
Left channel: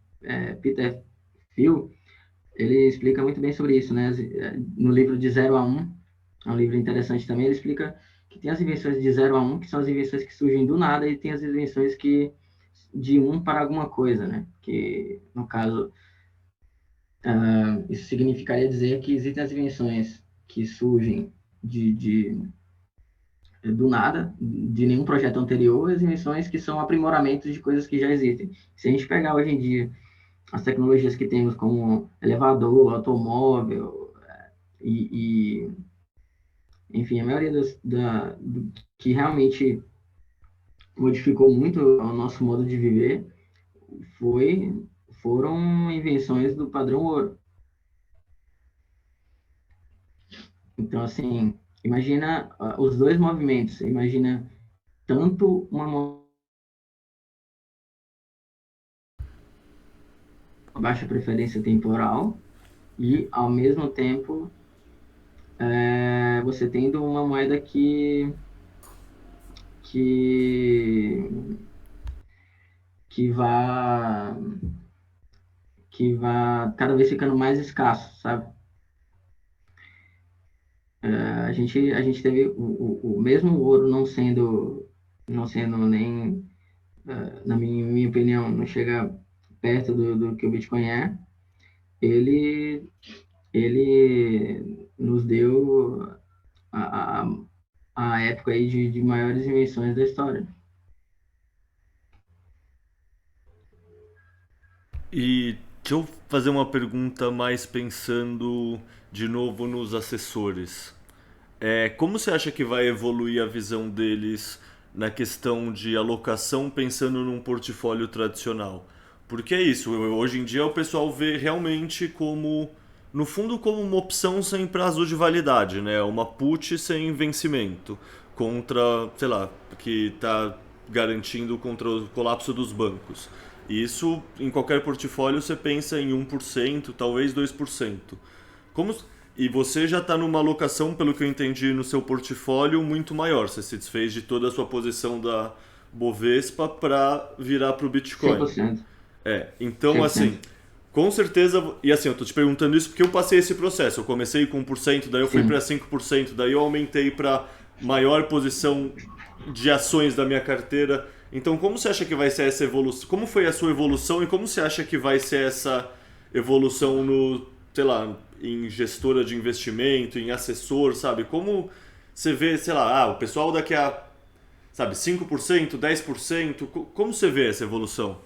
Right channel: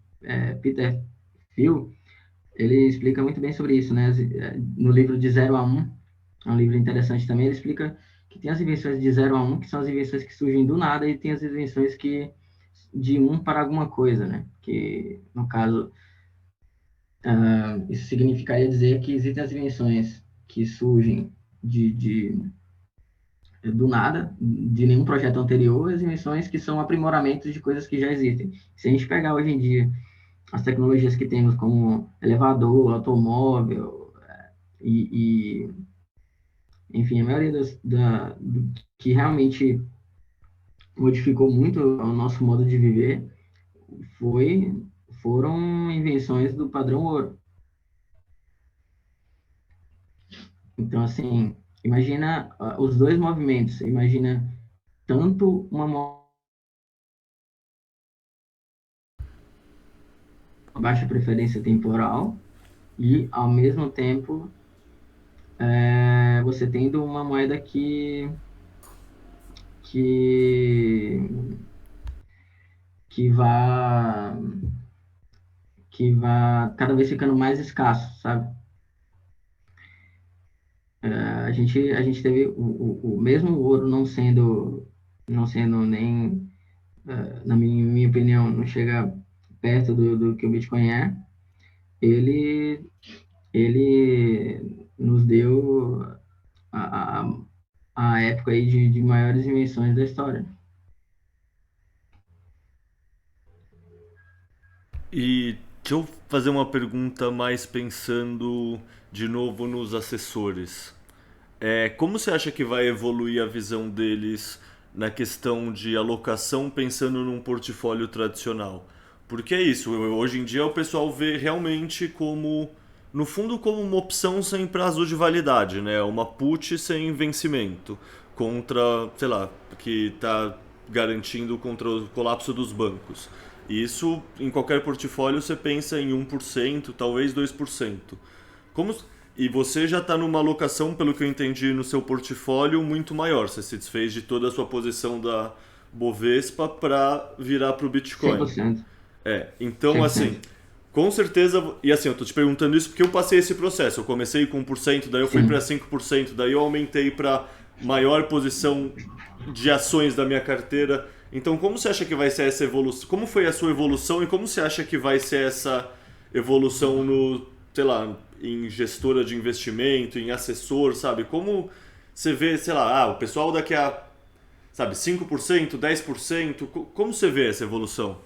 Thiel, ele explica muito bem sobre isso, né? No livro de 0 a 1, é um livro interessante também, ele explica que tem as invenções de 0 a 1, que são as invenções que surgem do nada, e tem as invenções que de 1 para alguma coisa, né? Que, no caso, isso significaria dizer que existem as invenções que surgem do nada, de nenhum projeto anterior, e as invenções que são aprimoramentos de coisas que já existem. Se a gente pegar hoje em dia as tecnologias que temos como elevador, automóvel enfim, a maioria que realmente modificou muito o nosso modo de viver foram invenções do padrão ouro. Então, assim, imagina os dois movimentos. Imagina tanto uma baixa preferência temporal e, ao mesmo tempo, você tendo uma moeda que vá cada vez ficando mais escasso, sabe? A gente teve o mesmo ouro não sendo nem, na minha opinião, não chega perto do que o Bitcoin é. Ele nos deu a época aí de maiores invenções da história. E deixa eu fazer uma pergunta mais pensando de novo nos assessores. Como você acha que vai evoluir a visão deles na questão de alocação pensando num portfólio tradicional? Porque é isso, hoje em dia o pessoal vê realmente como, no fundo, como uma opção sem prazo de validade, né? Uma put sem vencimento, contra, sei lá, que está garantindo contra o colapso dos bancos. E isso, em qualquer portfólio, você pensa em 1%, talvez 2%. Como, e você já está numa alocação, pelo que eu entendi, no seu portfólio muito maior. Você se desfez de toda a sua posição da Bovespa para virar para o Bitcoin. 100%. Então 100%. assim, com certeza, e assim, eu tô te perguntando isso porque eu passei esse processo. Eu comecei com 1%, daí eu fui para 5%, daí eu aumentei para maior posição de ações da minha carteira. Então, como você acha que vai ser essa evolução? Como foi a sua evolução e como você acha que vai ser essa evolução no, sei lá, em gestora de investimento, em assessor, sabe? Como você vê, sei lá, o pessoal daqui a, sabe, 5%, 10%, como você vê essa evolução?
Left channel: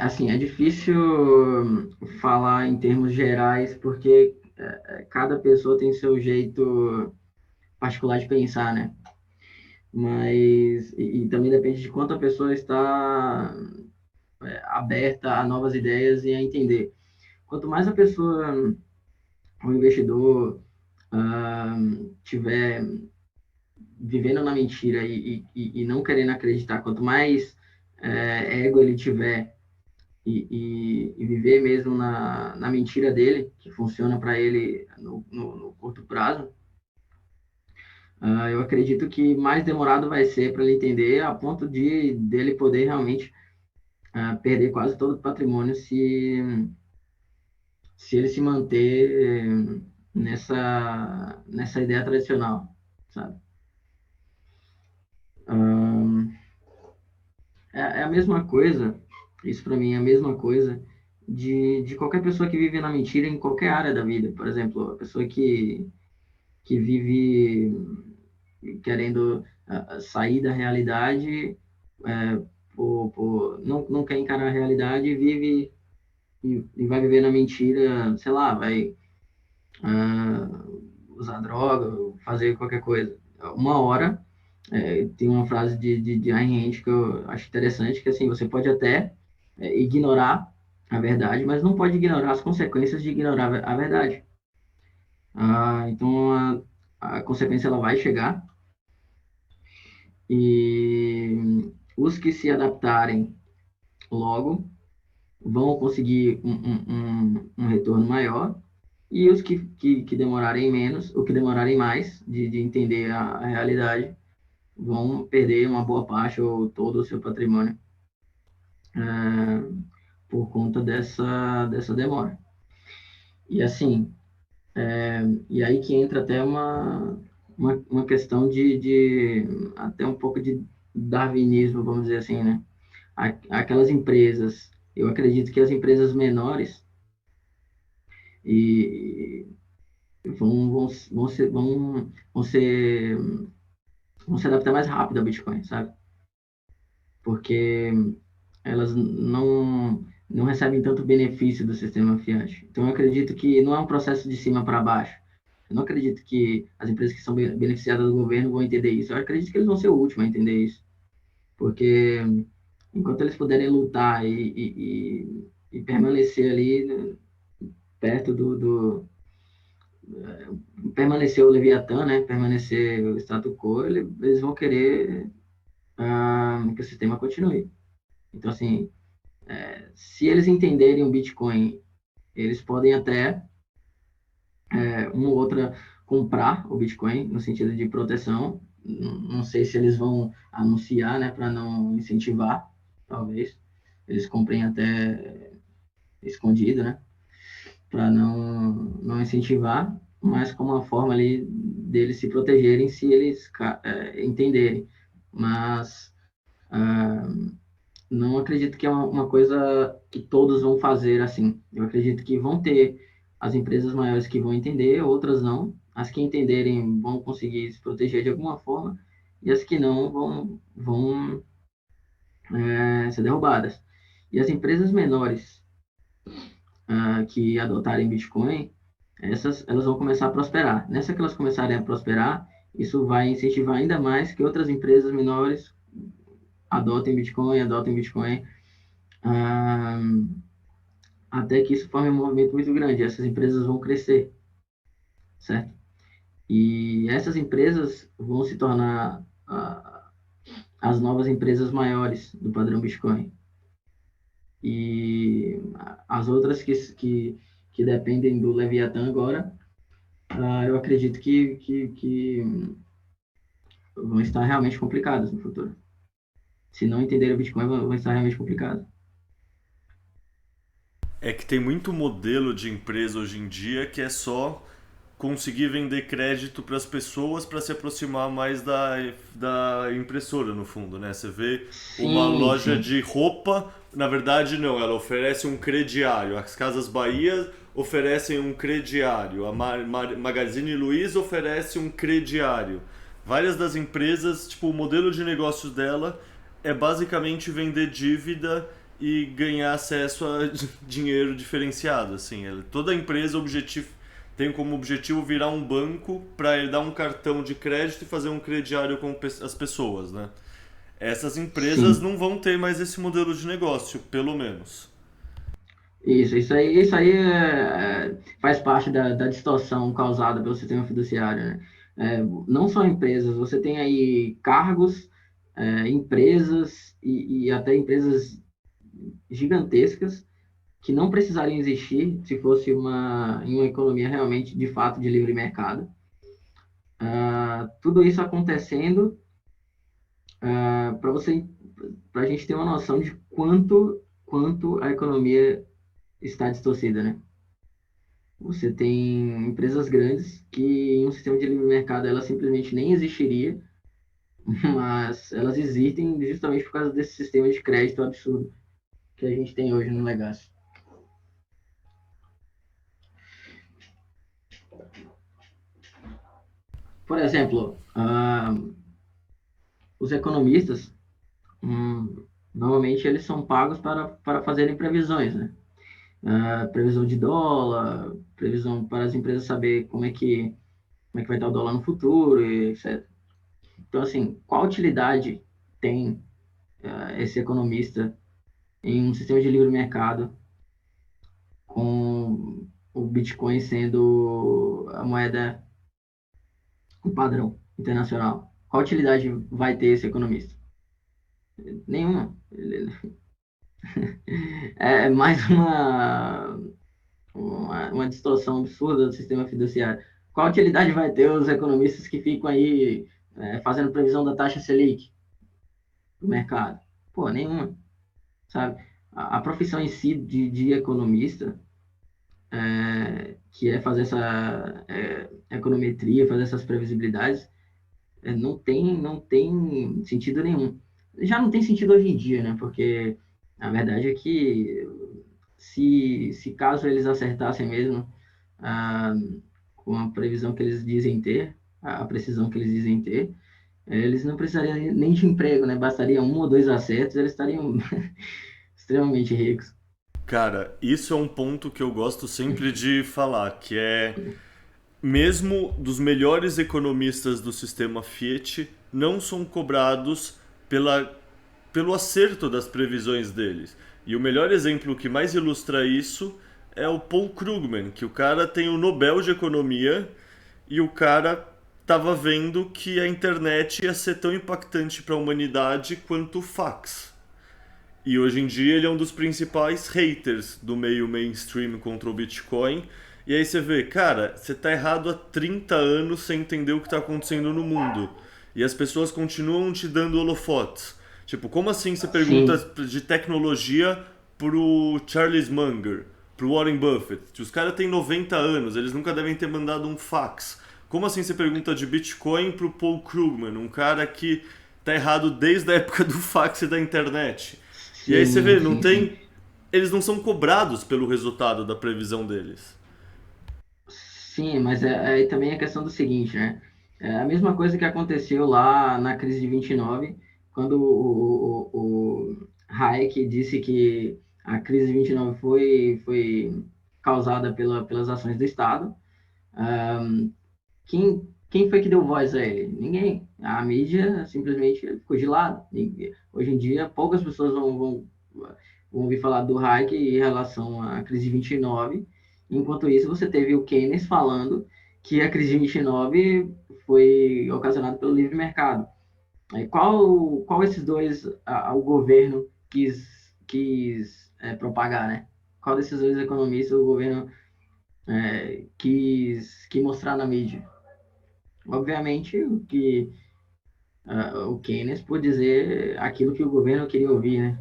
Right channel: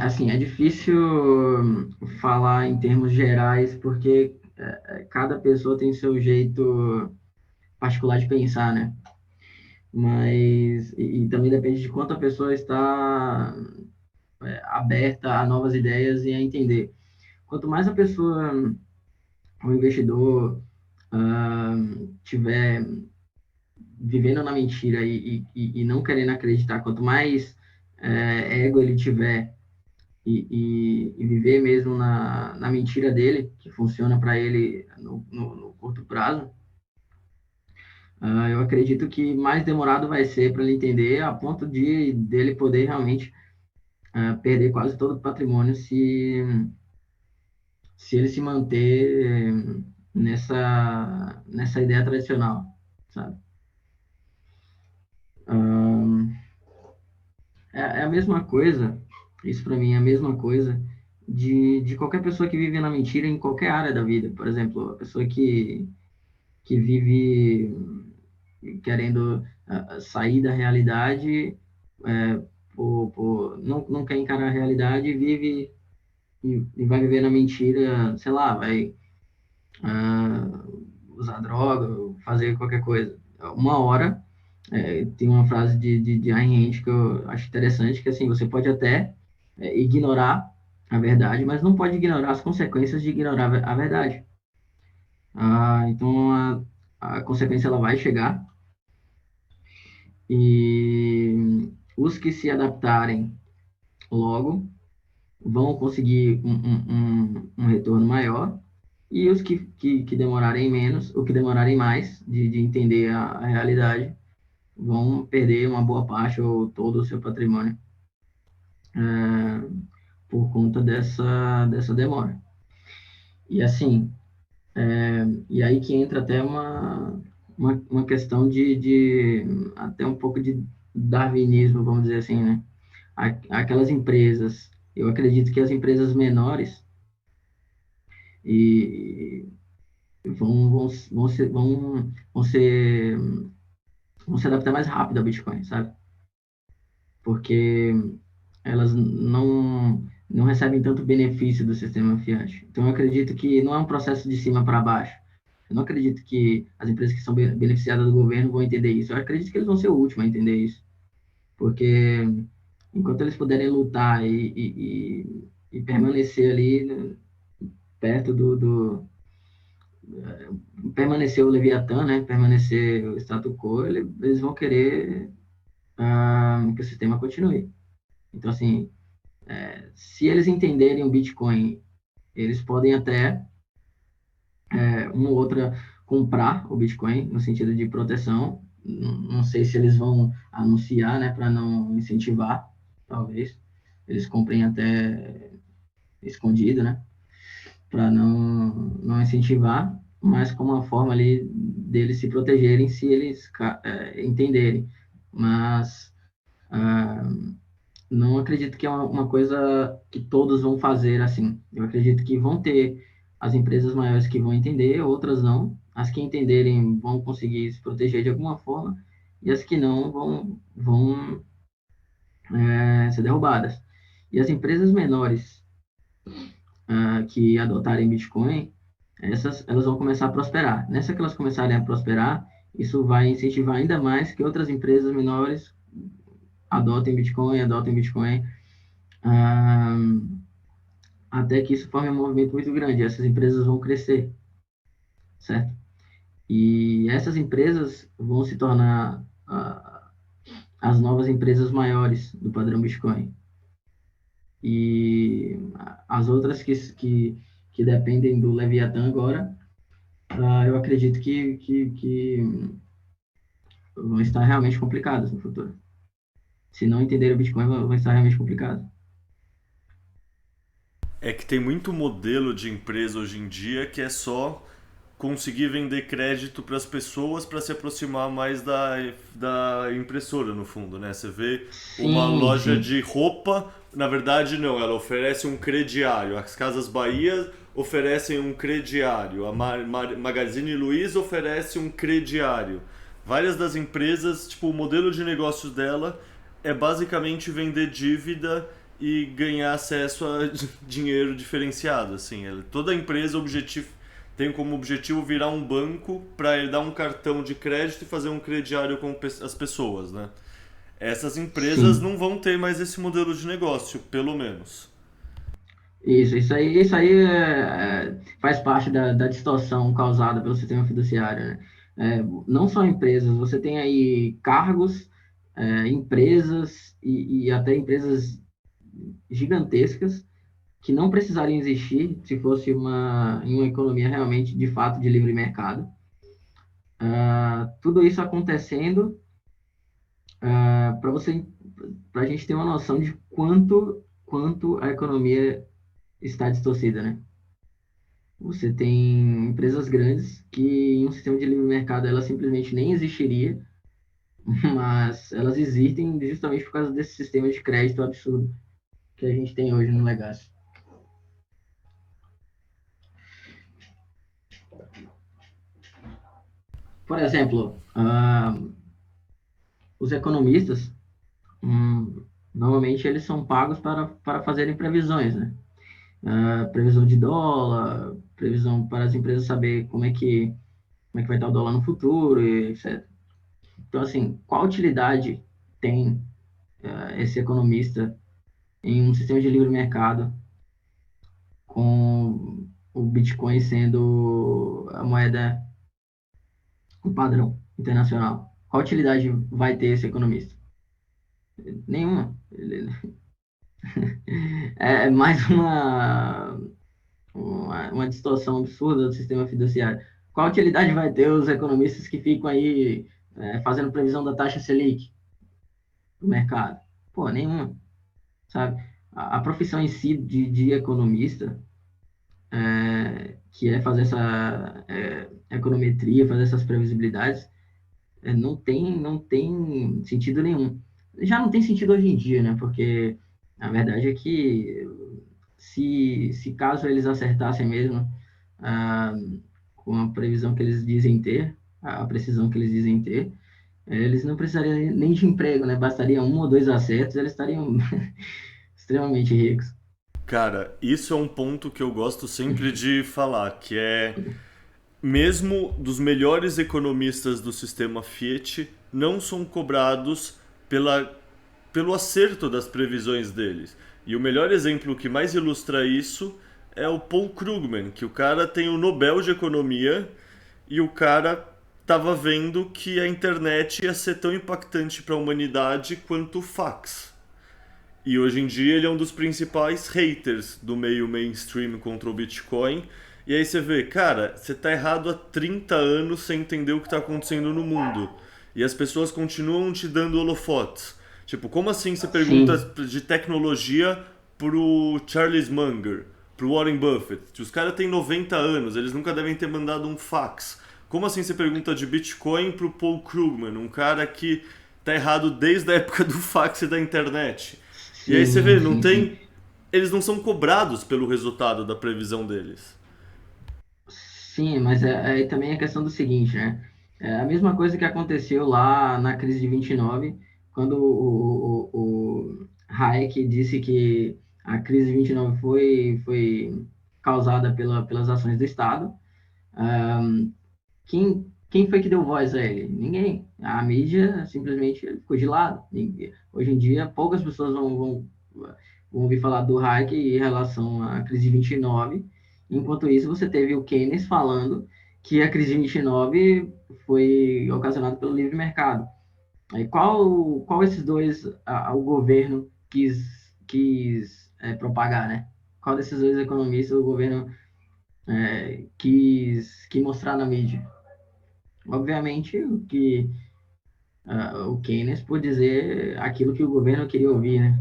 Assim, é difícil falar em termos gerais, porque cada pessoa tem seu jeito particular de pensar, né? Mas, e também depende de quanto a pessoa está aberta a novas ideias e a entender. Quanto mais a pessoa, o investidor, ah, tiver vivendo na mentira e não querendo acreditar, quanto mais ego ele tiver e viver mesmo na mentira dele, que funciona para ele no curto prazo, eu acredito que mais demorado vai ser para ele entender, a ponto de dele poder realmente perder quase todo o patrimônio se ele se manter nessa ideia tradicional, sabe? É a mesma coisa, isso para mim é a mesma coisa de qualquer pessoa que vive na mentira em qualquer área da vida. Por exemplo, a pessoa que vive querendo sair da realidade, não quer encarar a realidade e vive e vai viver na mentira, sei lá, vai usar droga, fazer qualquer coisa. Uma hora, tem uma frase de Ayn Rand que eu acho interessante, que assim, você pode até ignorar a verdade, mas não pode ignorar as consequências de ignorar a verdade. Então, a consequência ela vai chegar e os que se adaptarem logo vão conseguir um retorno maior e os que demorarem menos, ou que demorarem mais de entender a realidade, vão perder uma boa parte ou todo o seu patrimônio por conta dessa demora. E assim, e aí que entra até uma questão de até um pouco de darwinismo, vamos dizer assim, né? Aquelas empresas, eu acredito que as empresas menores e vão se adaptar mais rápido ao Bitcoin, sabe? Porque elas não recebem tanto benefício do sistema fiat. Então, eu acredito que não é um processo de cima para baixo. Eu não acredito que as empresas que são beneficiadas do governo vão entender isso. Eu acredito que eles vão ser o último a entender isso. Porque enquanto eles puderem lutar e permanecer ali, né, perto permanecer o Leviatã, né? Permanecer o status quo, eles vão querer que o sistema continue. Então, assim, se eles entenderem o Bitcoin, eles podem até, uma ou outra, comprar o Bitcoin no sentido de proteção. Não sei se eles vão anunciar, né, para não incentivar, talvez. Eles comprem até escondido, né, para não incentivar, mas como uma forma ali deles se protegerem se eles entenderem. Mas não acredito que é uma coisa que todos vão fazer assim. Eu acredito que vão ter as empresas maiores que vão entender, outras não. As que entenderem vão conseguir se proteger de alguma forma, e as que não vão ser derrubadas. E as empresas menores que adotarem Bitcoin, elas vão começar a prosperar. Nessa que elas começarem a prosperar, isso vai incentivar ainda mais que outras empresas menores adotem Bitcoin, até que isso forme um movimento muito grande. Essas empresas vão crescer, certo? E essas empresas vão se tornar as novas empresas maiores do padrão Bitcoin. E as outras que dependem do Leviatã agora, eu acredito que vão estar realmente complicadas no futuro. Se não entenderem o Bitcoin, vão estar realmente complicadas. É que tem muito modelo de empresa hoje em dia que é só conseguir vender crédito para as pessoas para se aproximar mais da impressora, no fundo, né? Você vê uma loja de roupa, na verdade não, ela oferece um crediário. As Casas Bahia oferecem um crediário, a Magazine Luiza oferece um crediário. Várias das empresas, tipo, o modelo de negócios dela é basicamente vender dívida e ganhar acesso a dinheiro diferenciado, assim. Toda empresa tem como objetivo virar um banco para ele dar um cartão de crédito e fazer um crediário com as pessoas, né? Essas empresas Sim. não vão ter mais esse modelo de negócio, pelo menos. Isso aí faz parte da distorção causada pelo sistema fiduciário, né? Não só empresas, você tem aí cargos, empresas e até empresas gigantescas que não precisariam existir se fosse em uma economia realmente, de fato, de livre mercado. Tudo isso acontecendo para a gente ter uma noção de quanto a economia está distorcida, né? Você tem empresas grandes que em um sistema de livre mercado ela simplesmente nem existiria, mas elas existem justamente por causa desse sistema de crédito absurdo que a gente tem hoje no legado. Por exemplo, os economistas, normalmente eles são pagos para fazerem previsões, né? Previsão de dólar, previsão para as empresas saber como é que vai estar o dólar no futuro, e etc. Então, assim, qual utilidade tem esse economista em um sistema de livre mercado com o Bitcoin sendo a moeda, o padrão internacional? Qual utilidade vai ter esse economista? Nenhuma. É mais uma distorção absurda do sistema fiduciário. Qual utilidade vai ter os economistas que ficam aí fazendo previsão da taxa Selic no mercado? Pô, nenhuma, sabe? A profissão em si de economista, que é fazer essa econometria, fazer essas previsibilidades, não tem sentido nenhum. Já não tem sentido hoje em dia, né? Porque a verdade é que se caso eles acertassem mesmo ah, com a previsão que eles dizem ter, a precisão que eles dizem ter, eles não precisariam nem de emprego, né? Bastaria um ou dois acertos, eles estariam extremamente ricos. Cara, isso é um ponto que eu gosto sempre de falar, que é mesmo dos melhores economistas do sistema Fiat não são cobrados pelo acerto das previsões deles. E o melhor exemplo que mais ilustra isso é o Paul Krugman, que o cara tem o Nobel de Economia e o cara estava vendo que a internet ia ser tão impactante para a humanidade quanto o fax. E hoje em dia ele é um dos principais haters do meio mainstream contra o Bitcoin. E aí você vê, cara, você tá errado há 30 anos sem entender o que tá acontecendo no mundo. E as pessoas continuam te dando holofotes. Tipo, como assim você pergunta Sim, de tecnologia pro Charles Munger, pro Warren Buffett? Os caras têm 90 anos, eles nunca devem ter mandado um fax. Como assim você pergunta de Bitcoin pro Paul Krugman, um cara que tá errado desde a época do fax e da internet? E aí você sim, vê, não sim, sim. tem. Eles não são cobrados pelo resultado da previsão deles. Sim, mas aí também a questão do seguinte, né? É a mesma coisa que aconteceu lá na crise de 29, quando o Hayek disse que a crise de 29 foi causada pelas ações do Estado. Quem foi que deu voz a ele? Ninguém. A mídia simplesmente ficou de lado. Hoje em dia, poucas pessoas vão ouvir falar do Hayek em relação à crise de 29. Enquanto isso, você teve o Keynes falando que a crise de 29 foi ocasionada pelo livre mercado. Aí, qual esses dois o governo quis propagar, né? Qual desses dois economistas o governo quis mostrar na mídia? Obviamente, o Keynes por dizer aquilo que o governo queria ouvir, né?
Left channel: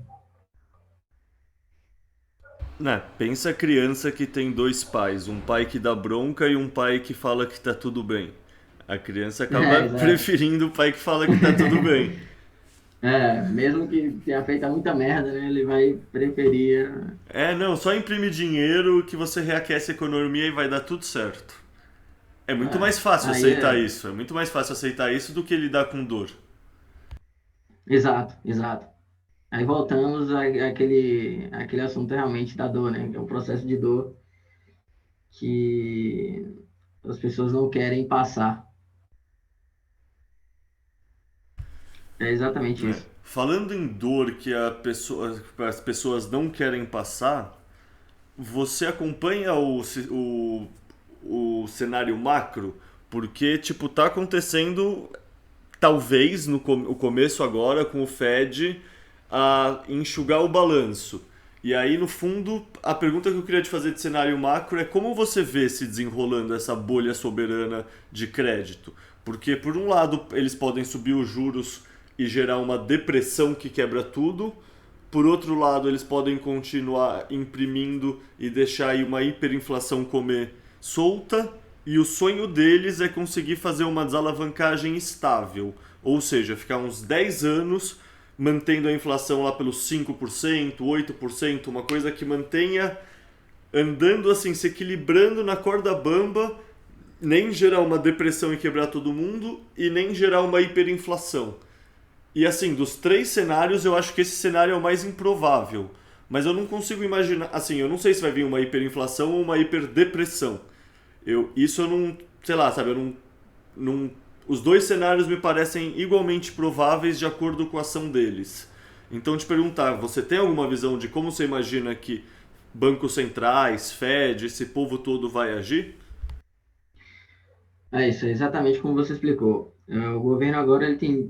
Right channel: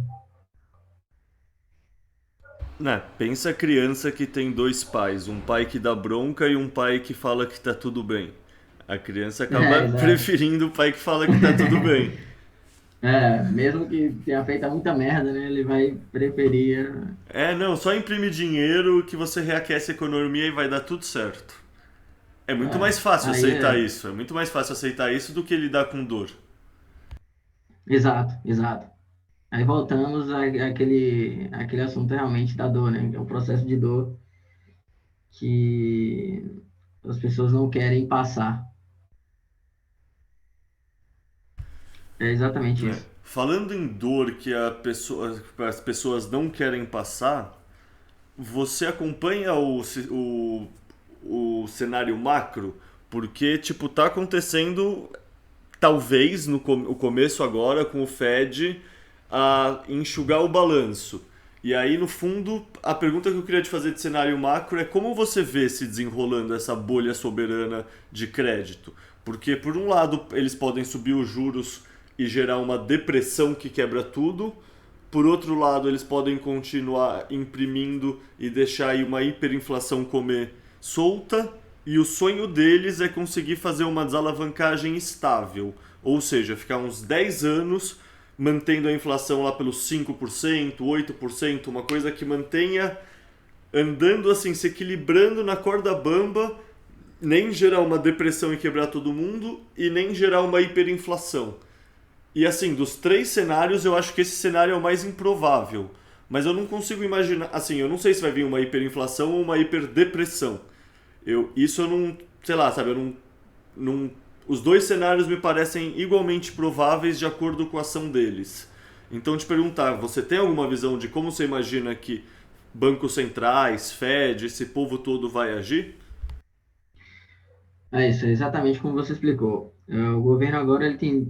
Né, pensa a criança que tem dois pais, um pai que dá bronca e um pai que fala que tá tudo bem. A criança acaba Exato. preferindo o pai que fala que tá tudo bem. Mesmo que tenha feito muita merda, né? Ele vai preferir. É, não, só imprime dinheiro que você reaquece a economia e vai dar tudo certo. É muito ah, mais fácil Aí aceitar é. isso. É muito mais fácil aceitar isso do que lidar com dor. Exato, exato. Aí voltamos àquele assunto realmente da dor, né? Que é um processo de dor que as pessoas não querem passar. É exatamente É. isso. Falando em dor que as pessoas não querem passar, você acompanha o cenário macro? Porque, tipo, tá acontecendo, talvez, o começo agora, com o Fed, a enxugar o balanço. E aí, no fundo, a pergunta que eu queria te fazer de cenário macro é como você vê se desenrolando essa bolha soberana de crédito? Porque, por um lado, eles podem subir os juros e gerar uma depressão que quebra tudo. Por outro lado, eles podem continuar imprimindo e deixar aí uma hiperinflação comer solta. E o sonho deles é conseguir fazer uma desalavancagem estável. Ou seja, ficar uns 10 anos mantendo a inflação lá pelos 5%, 8%, uma coisa que mantenha andando assim, se equilibrando na corda bamba, nem gerar uma depressão e quebrar todo mundo, e nem gerar uma hiperinflação. E assim, dos três cenários, eu acho que esse cenário é o mais improvável. Mas eu não consigo imaginar. Assim, eu não sei se vai vir uma hiperinflação ou uma hiperdepressão. Isso eu não. Sei lá, sabe? Eu não. Os dois cenários me parecem igualmente prováveis de acordo com a ação deles. Então, te perguntar, você tem alguma visão de como você imagina que bancos centrais, Fed, esse povo todo vai agir? É isso, é exatamente como você explicou. O governo agora ele tem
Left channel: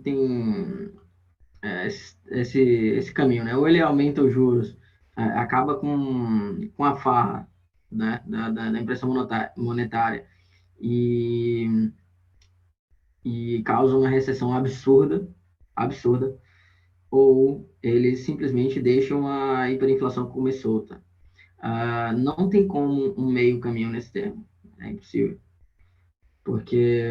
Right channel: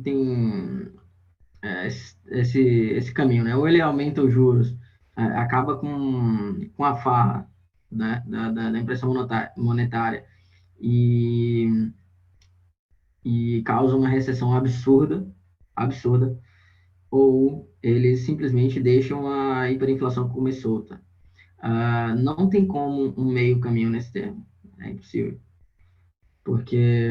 esse caminho, né? Ou ele aumenta os juros, acaba com a farra, né? Da impressão monetária e, e causa uma recessão absurda, absurda, ou eles simplesmente deixam a hiperinflação comer solta. Não tem como um meio caminho nesse termo, é impossível, porque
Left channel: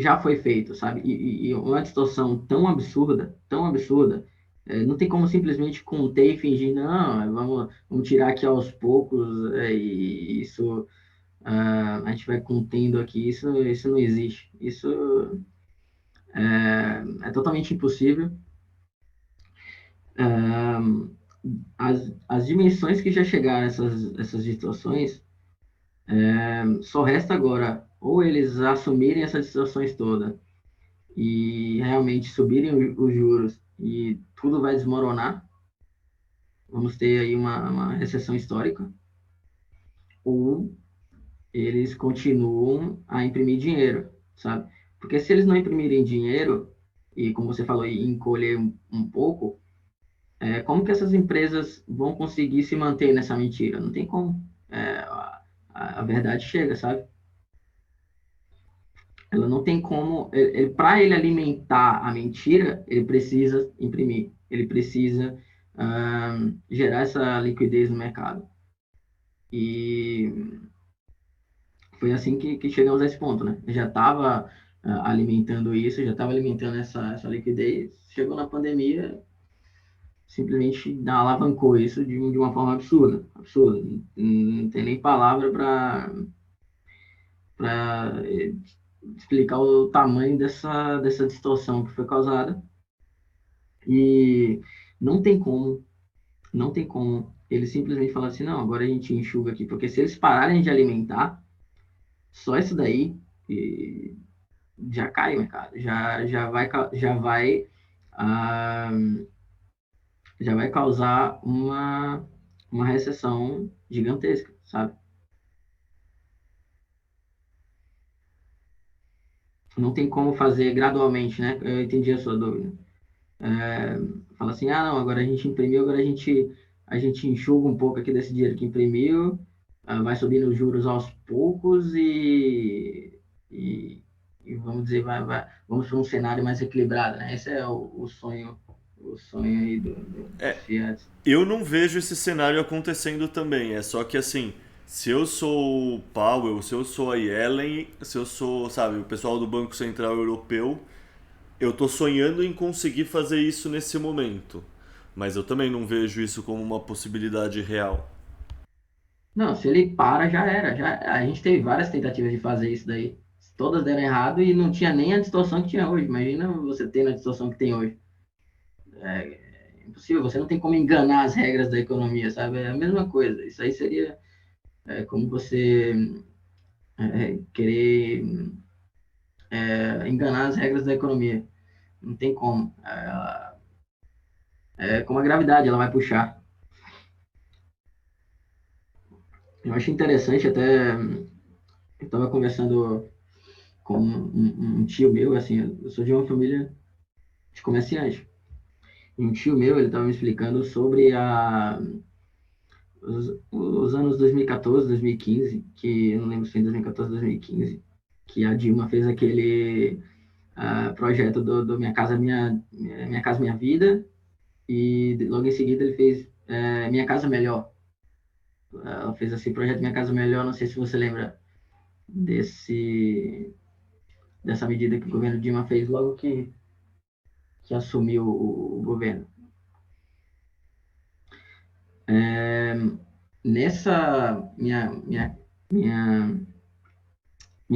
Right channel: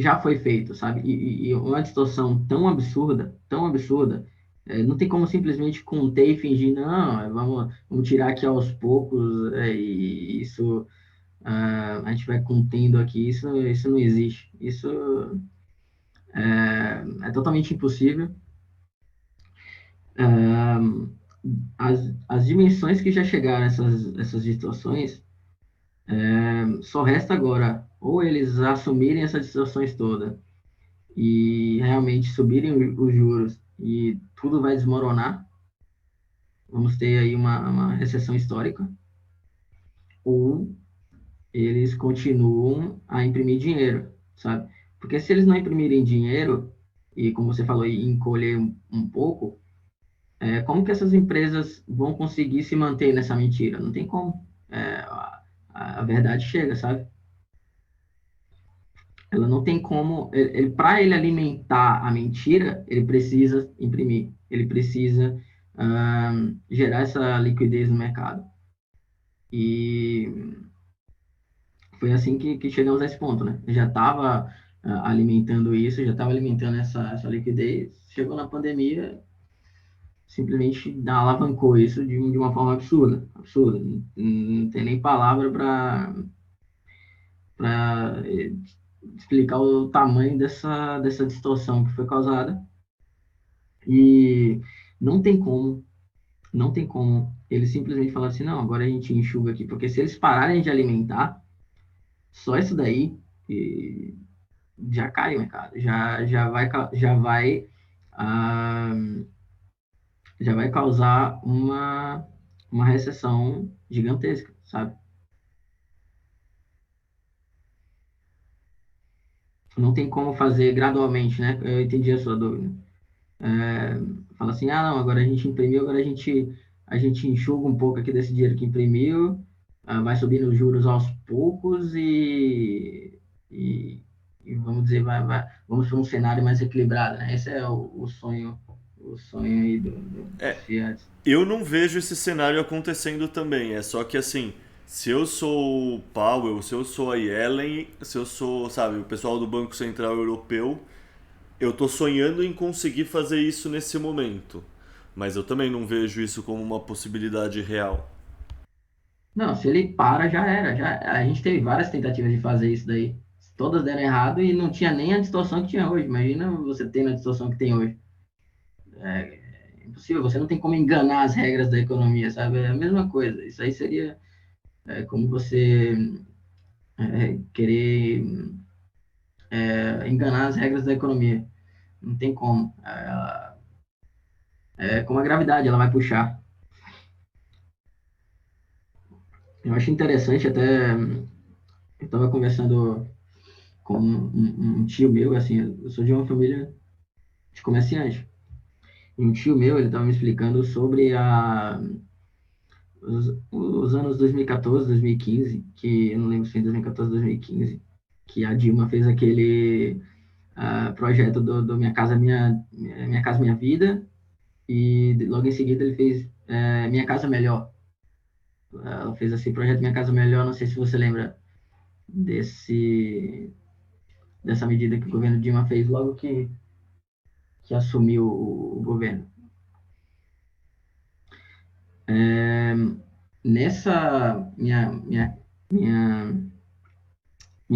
já foi feito, sabe? E uma distorção tão absurda, não tem como simplesmente conter e fingir, não, vamos tirar aqui aos poucos, e isso, a gente vai contendo aqui, isso não existe. Isso é totalmente impossível. As dimensões que já chegaram essas distorções, só resta agora ou eles assumirem essas distorções todas e realmente subirem os juros e tudo vai desmoronar, vamos ter aí uma recessão histórica, ou eles continuam a imprimir dinheiro, sabe? Porque se eles não imprimirem dinheiro, e como você falou, e encolher um pouco, como que essas empresas vão conseguir se manter nessa mentira? Não tem como. A verdade chega, sabe? Ela não tem como. Para ele alimentar a mentira, ele precisa imprimir, ele precisa gerar essa liquidez no mercado. E foi assim que chegamos a esse ponto, né? Já estava alimentando isso, já estava alimentando essa liquidez. Chegou na pandemia, simplesmente alavancou isso de uma forma absurda, absurda. Não tem nem palavra para explicar o tamanho dessa distorção que foi causada. E não tem como, não tem como eles simplesmente falar assim, não, agora a gente enxuga aqui, porque se eles pararem de alimentar, só isso daí já cai o mercado, ah, já vai causar uma recessão gigantesca, sabe? Não tem como fazer gradualmente, né? Eu entendi a sua dúvida. Fala assim, não, agora a gente imprimiu, agora a gente enxuga um pouco aqui desse dinheiro que imprimiu, vai subindo os juros aos poucos e vamos dizer, vamos para um cenário mais equilibrado, né? Esse é o sonho aí dos fiats. Eu não vejo esse cenário acontecendo também. É só que assim, se eu sou o Powell, se eu sou a Yellen, se eu sou, sabe, o pessoal do Banco Central Europeu, eu tô sonhando em conseguir fazer isso nesse momento. Mas eu também não vejo isso como uma possibilidade real. Não, se ele para, já era. A gente teve várias tentativas de fazer isso daí. Todas deram errado e não tinha nem a distorção que tinha hoje. Imagina você tendo a distorção que tem hoje. É impossível, você não tem como enganar as regras da economia, sabe? É a mesma coisa. Isso aí seria como você querer enganar as regras da economia. Não tem como. É como a gravidade, ela vai puxar. Eu acho interessante até, eu estava conversando com um tio meu, assim, eu sou de uma família de comerciante. E um tio meu, ele estava me explicando sobre os anos 2014, 2015, que eu não lembro se foi em 2014, 2015, que a Dilma fez aquele projeto do Minha Casa Minha Vida, e logo em seguida ele fez Minha Casa Melhor. Ela fez esse projeto Minha Casa Melhor, não sei se você lembra dessa medida que o governo Dilma fez logo que assumiu o governo. Nessa minha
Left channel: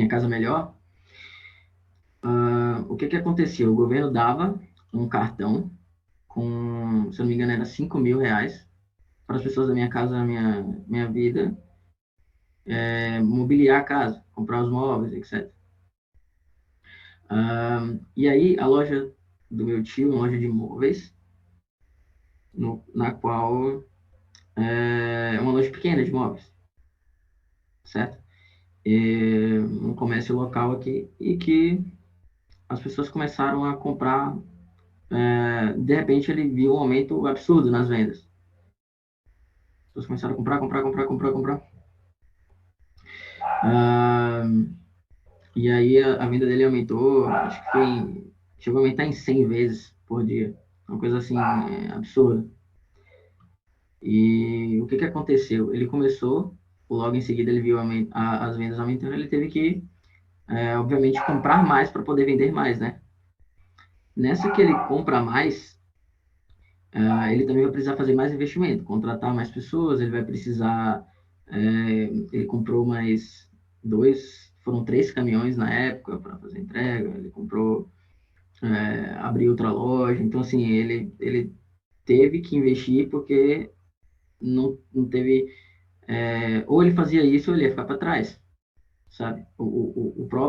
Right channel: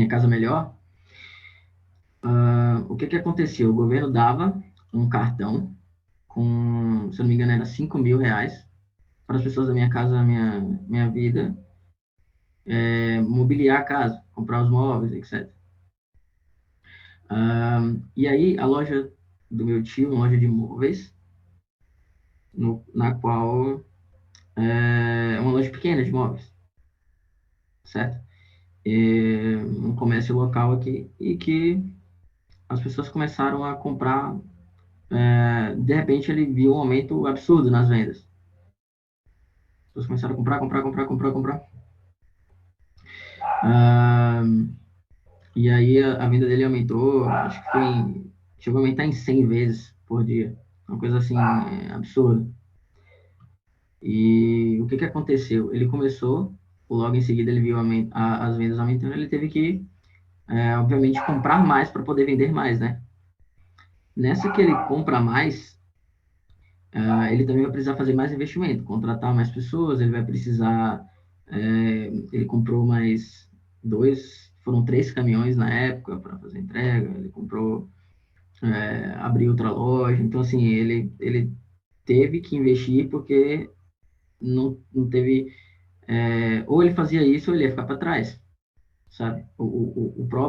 Casa Melhor, o que acontecia? O governo dava um cartão com, se eu não me engano, era R$ 5.000 para as pessoas da Minha Casa Minha Vida mobiliar a casa, comprar os móveis, etc. E aí, a loja do meu tio, uma loja de móveis, na qual é uma loja pequena de móveis, certo? Um comércio local aqui, e que as pessoas começaram a comprar. De repente, ele viu um aumento absurdo nas vendas. As pessoas começaram a comprar, comprar, comprar, comprar, comprar. E aí, a venda dele aumentou, acho que chegou a aumentar em 100 vezes por dia. Uma coisa assim, absurda. E o que aconteceu? Ele começou, logo em seguida ele viu as vendas aumentando, ele teve que, obviamente, comprar mais para poder vender mais, né? Nessa que ele compra mais, ele também vai precisar fazer mais investimento, contratar mais pessoas, ele vai precisar, ele comprou mais foram 3 caminhões na época para fazer entrega, ele comprou, abriu outra loja, então assim, ele teve que investir porque não teve, ou ele fazia isso ou ele ia ficar para trás, sabe?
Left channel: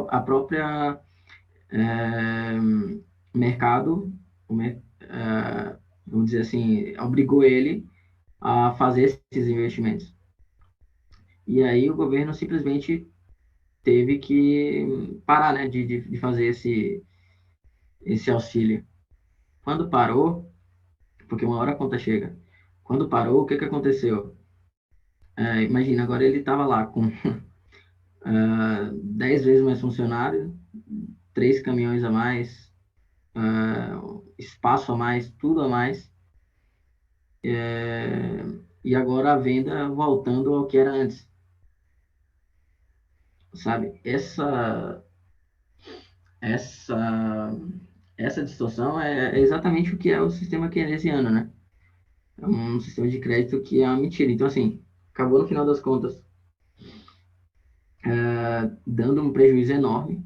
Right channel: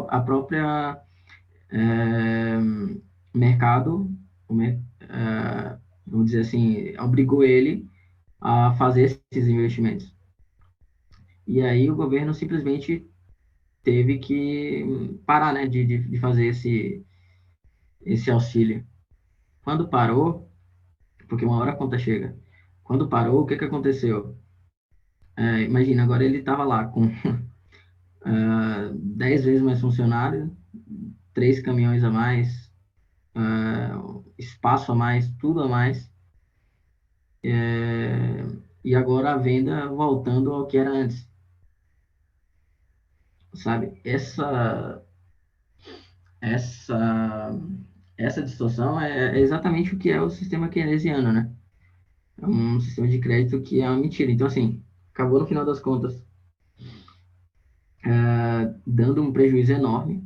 A própria mercado, vamos dizer assim, obrigou ele a fazer esses investimentos. E aí o governo simplesmente teve que parar, né, de fazer esse auxílio. Quando parou, porque uma hora a conta chega, quando parou, o que aconteceu? Imagina, agora ele estava lá com 10 vezes mais funcionário, 3 caminhões a mais, espaço a mais, tudo a mais, e agora a venda voltando ao que era antes, sabe? Essa, essa distorção é exatamente o que é o sistema keynesiano, né? É um sistema de crédito que é uma mentira. Então, assim, acabou no final das contas dando um prejuízo enorme.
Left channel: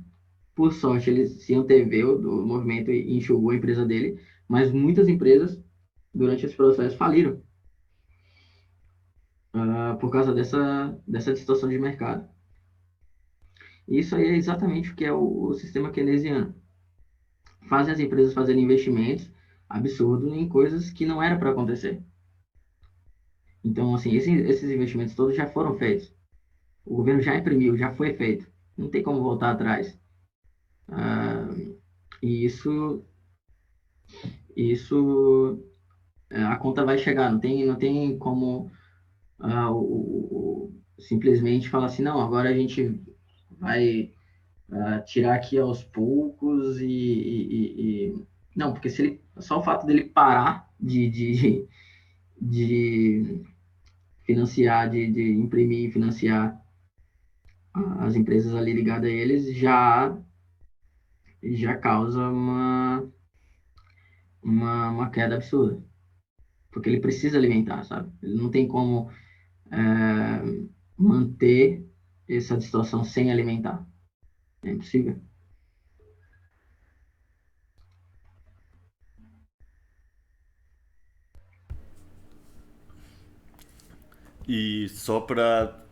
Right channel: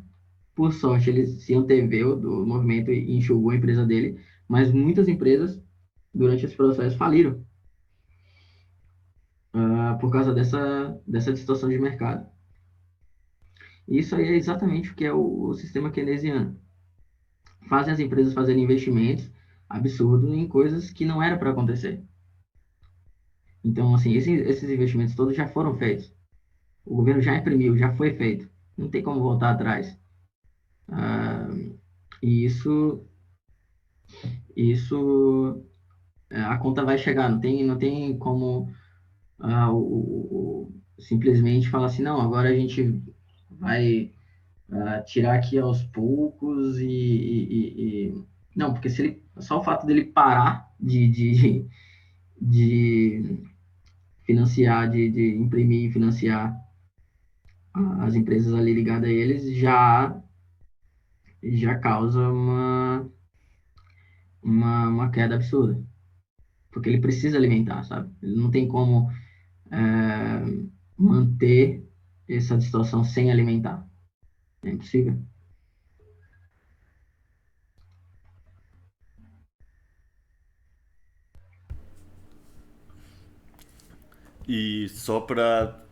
Por sorte, eles se anteveu do movimento e enxugou a empresa dele, mas muitas empresas, durante esse processo, faliram por causa dessa distorção de mercado. Isso aí é exatamente o que é o sistema keynesiano. Fazem as empresas fazerem investimentos absurdos em coisas que não era para acontecer. Então, assim, esses investimentos todos já foram feitos. O governo já imprimiu, já foi feito. Não tem como voltar atrás. E a conta vai chegar. Não tem como simplesmente falar assim, não, agora a gente vai tirar aqui aos poucos não, porque só o fato dele parar de financiar, de imprimir e financiar as empresas ali ligadas a eles já causa uma queda absurda. Porque ele precisa alimentar, sabe? Ele não tem como manter essa distorção sem alimentar. É impossível. E só para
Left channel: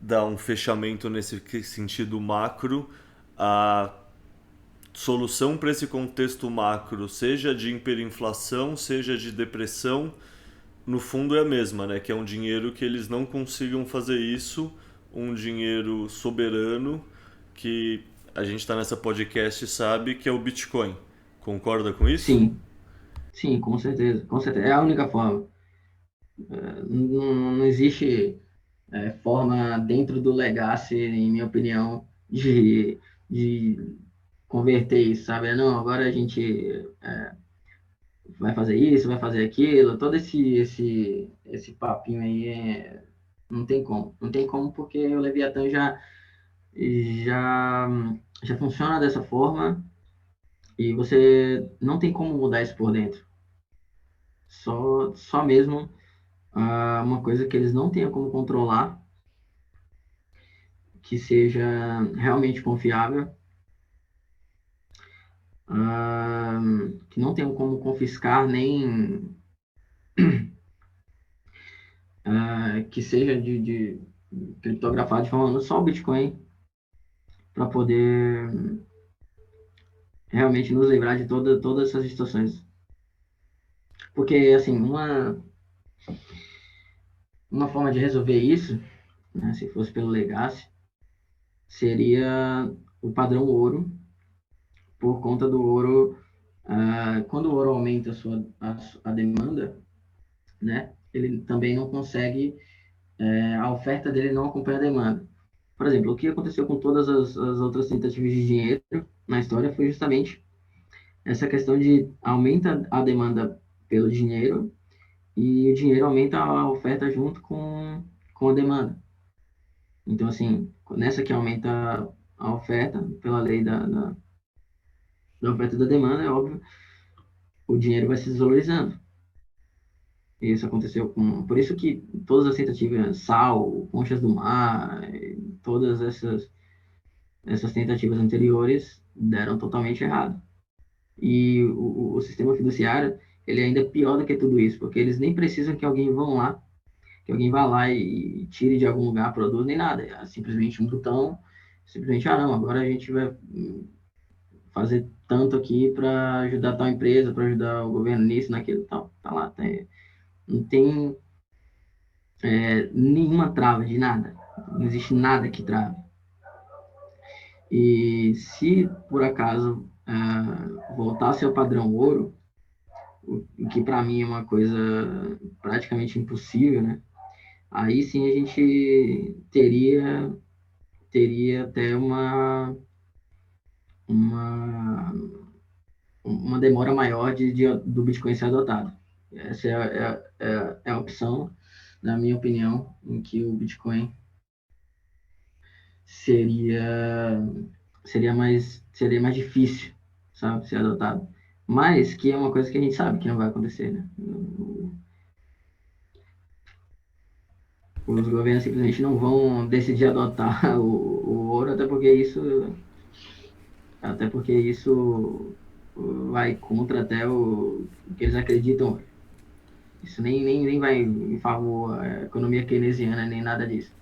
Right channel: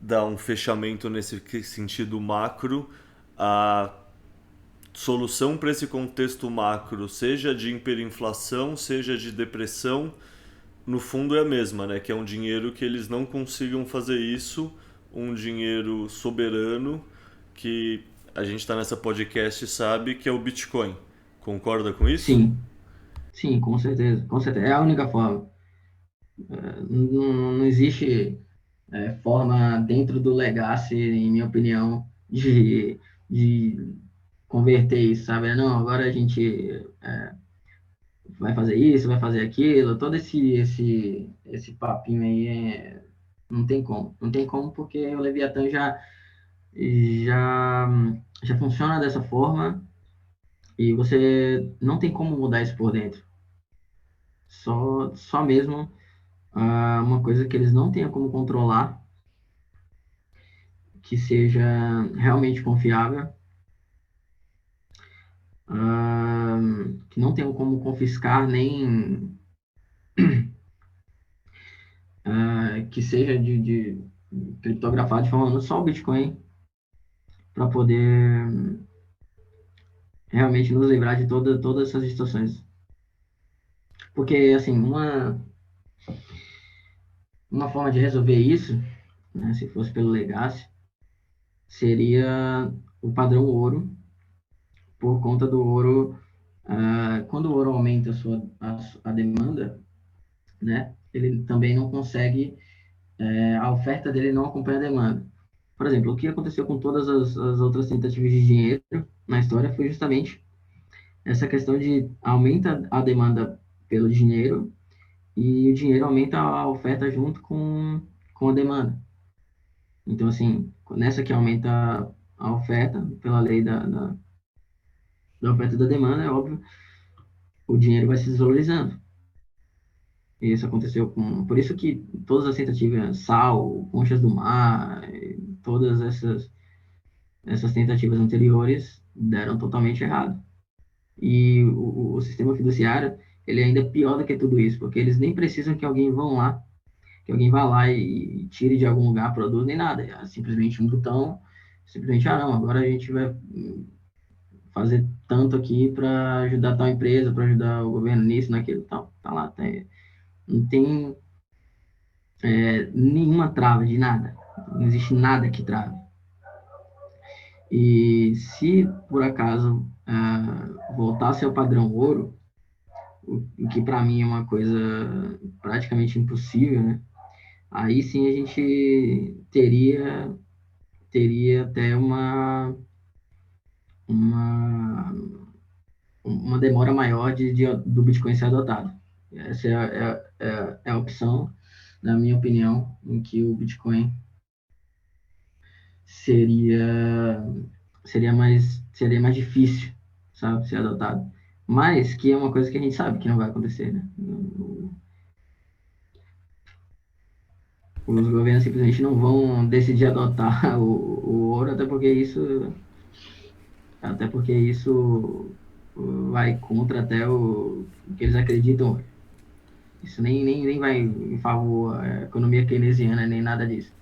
dar um fechamento nesse sentido macro, a solução para esse contexto macro, seja de hiperinflação, seja de depressão, no fundo é a mesma, né? Que é um dinheiro que eles não consigam fazer isso, um dinheiro soberano que a gente está nessa podcast e sabe que é o Bitcoin. Concorda com isso? Sim, sim, com certeza, com certeza. É a única forma. Não existe forma dentro do Legacy, em minha opinião, de converter isso, sabe? Não, agora a gente vai fazer isso, vai fazer aquilo, todo esse papinho aí não tem como. Não tem como porque o Leviatã já, já funciona dessa forma e você não tem como mudar isso por dentro. Só mesmo uma coisa que eles não tenham como controlar, que seja realmente confiável, que não tenham como confiscar nem que seja de criptografado de forma só o Bitcoin para poder realmente nos livrar de todas essas distorções. Porque, assim, uma forma de resolver isso, né, se fosse pelo Legacy, seria o padrão ouro, por conta do ouro, quando o ouro aumenta a demanda, né, ele também não consegue, a oferta dele não acompanha a demanda. Por exemplo, o que aconteceu com todas as outras tentativas de dinheiro na história foi justamente essa questão de aumenta a demanda pelo dinheiro e o dinheiro aumenta a oferta junto com a demanda. Então, assim, nessa que aumenta a oferta, pela lei da oferta e da demanda, é óbvio, o dinheiro vai se desvalorizando. E isso aconteceu com... Por isso que todas as tentativas, sal, conchas do mar, todas essas tentativas anteriores deram totalmente errado. E o sistema fiduciário, ele é ainda pior do que tudo isso, porque eles nem precisam que alguém vá lá e tire de algum lugar, produz, nem nada. É simplesmente um botão, simplesmente, não, agora a gente vai fazer tanto aqui para ajudar tal empresa, para ajudar o governo nisso, naquilo, tal. Tá lá, não tem nenhuma trava de nada. Não existe nada que trave. E se, por acaso, voltasse ao padrão ouro, o que para mim é uma coisa praticamente impossível, né? Aí sim a gente teria até uma, uma demora maior do Bitcoin ser adotado. Essa é a opção, na minha opinião, em que o Bitcoin seria, seria mais difícil, sabe, ser adotado. Mas que é uma coisa que a gente sabe que não vai acontecer, né? Os governos simplesmente não vão decidir adotar o ouro, até porque isso vai contra até o que eles acreditam. Isso nem vai em favor da economia keynesiana, nem nada disso.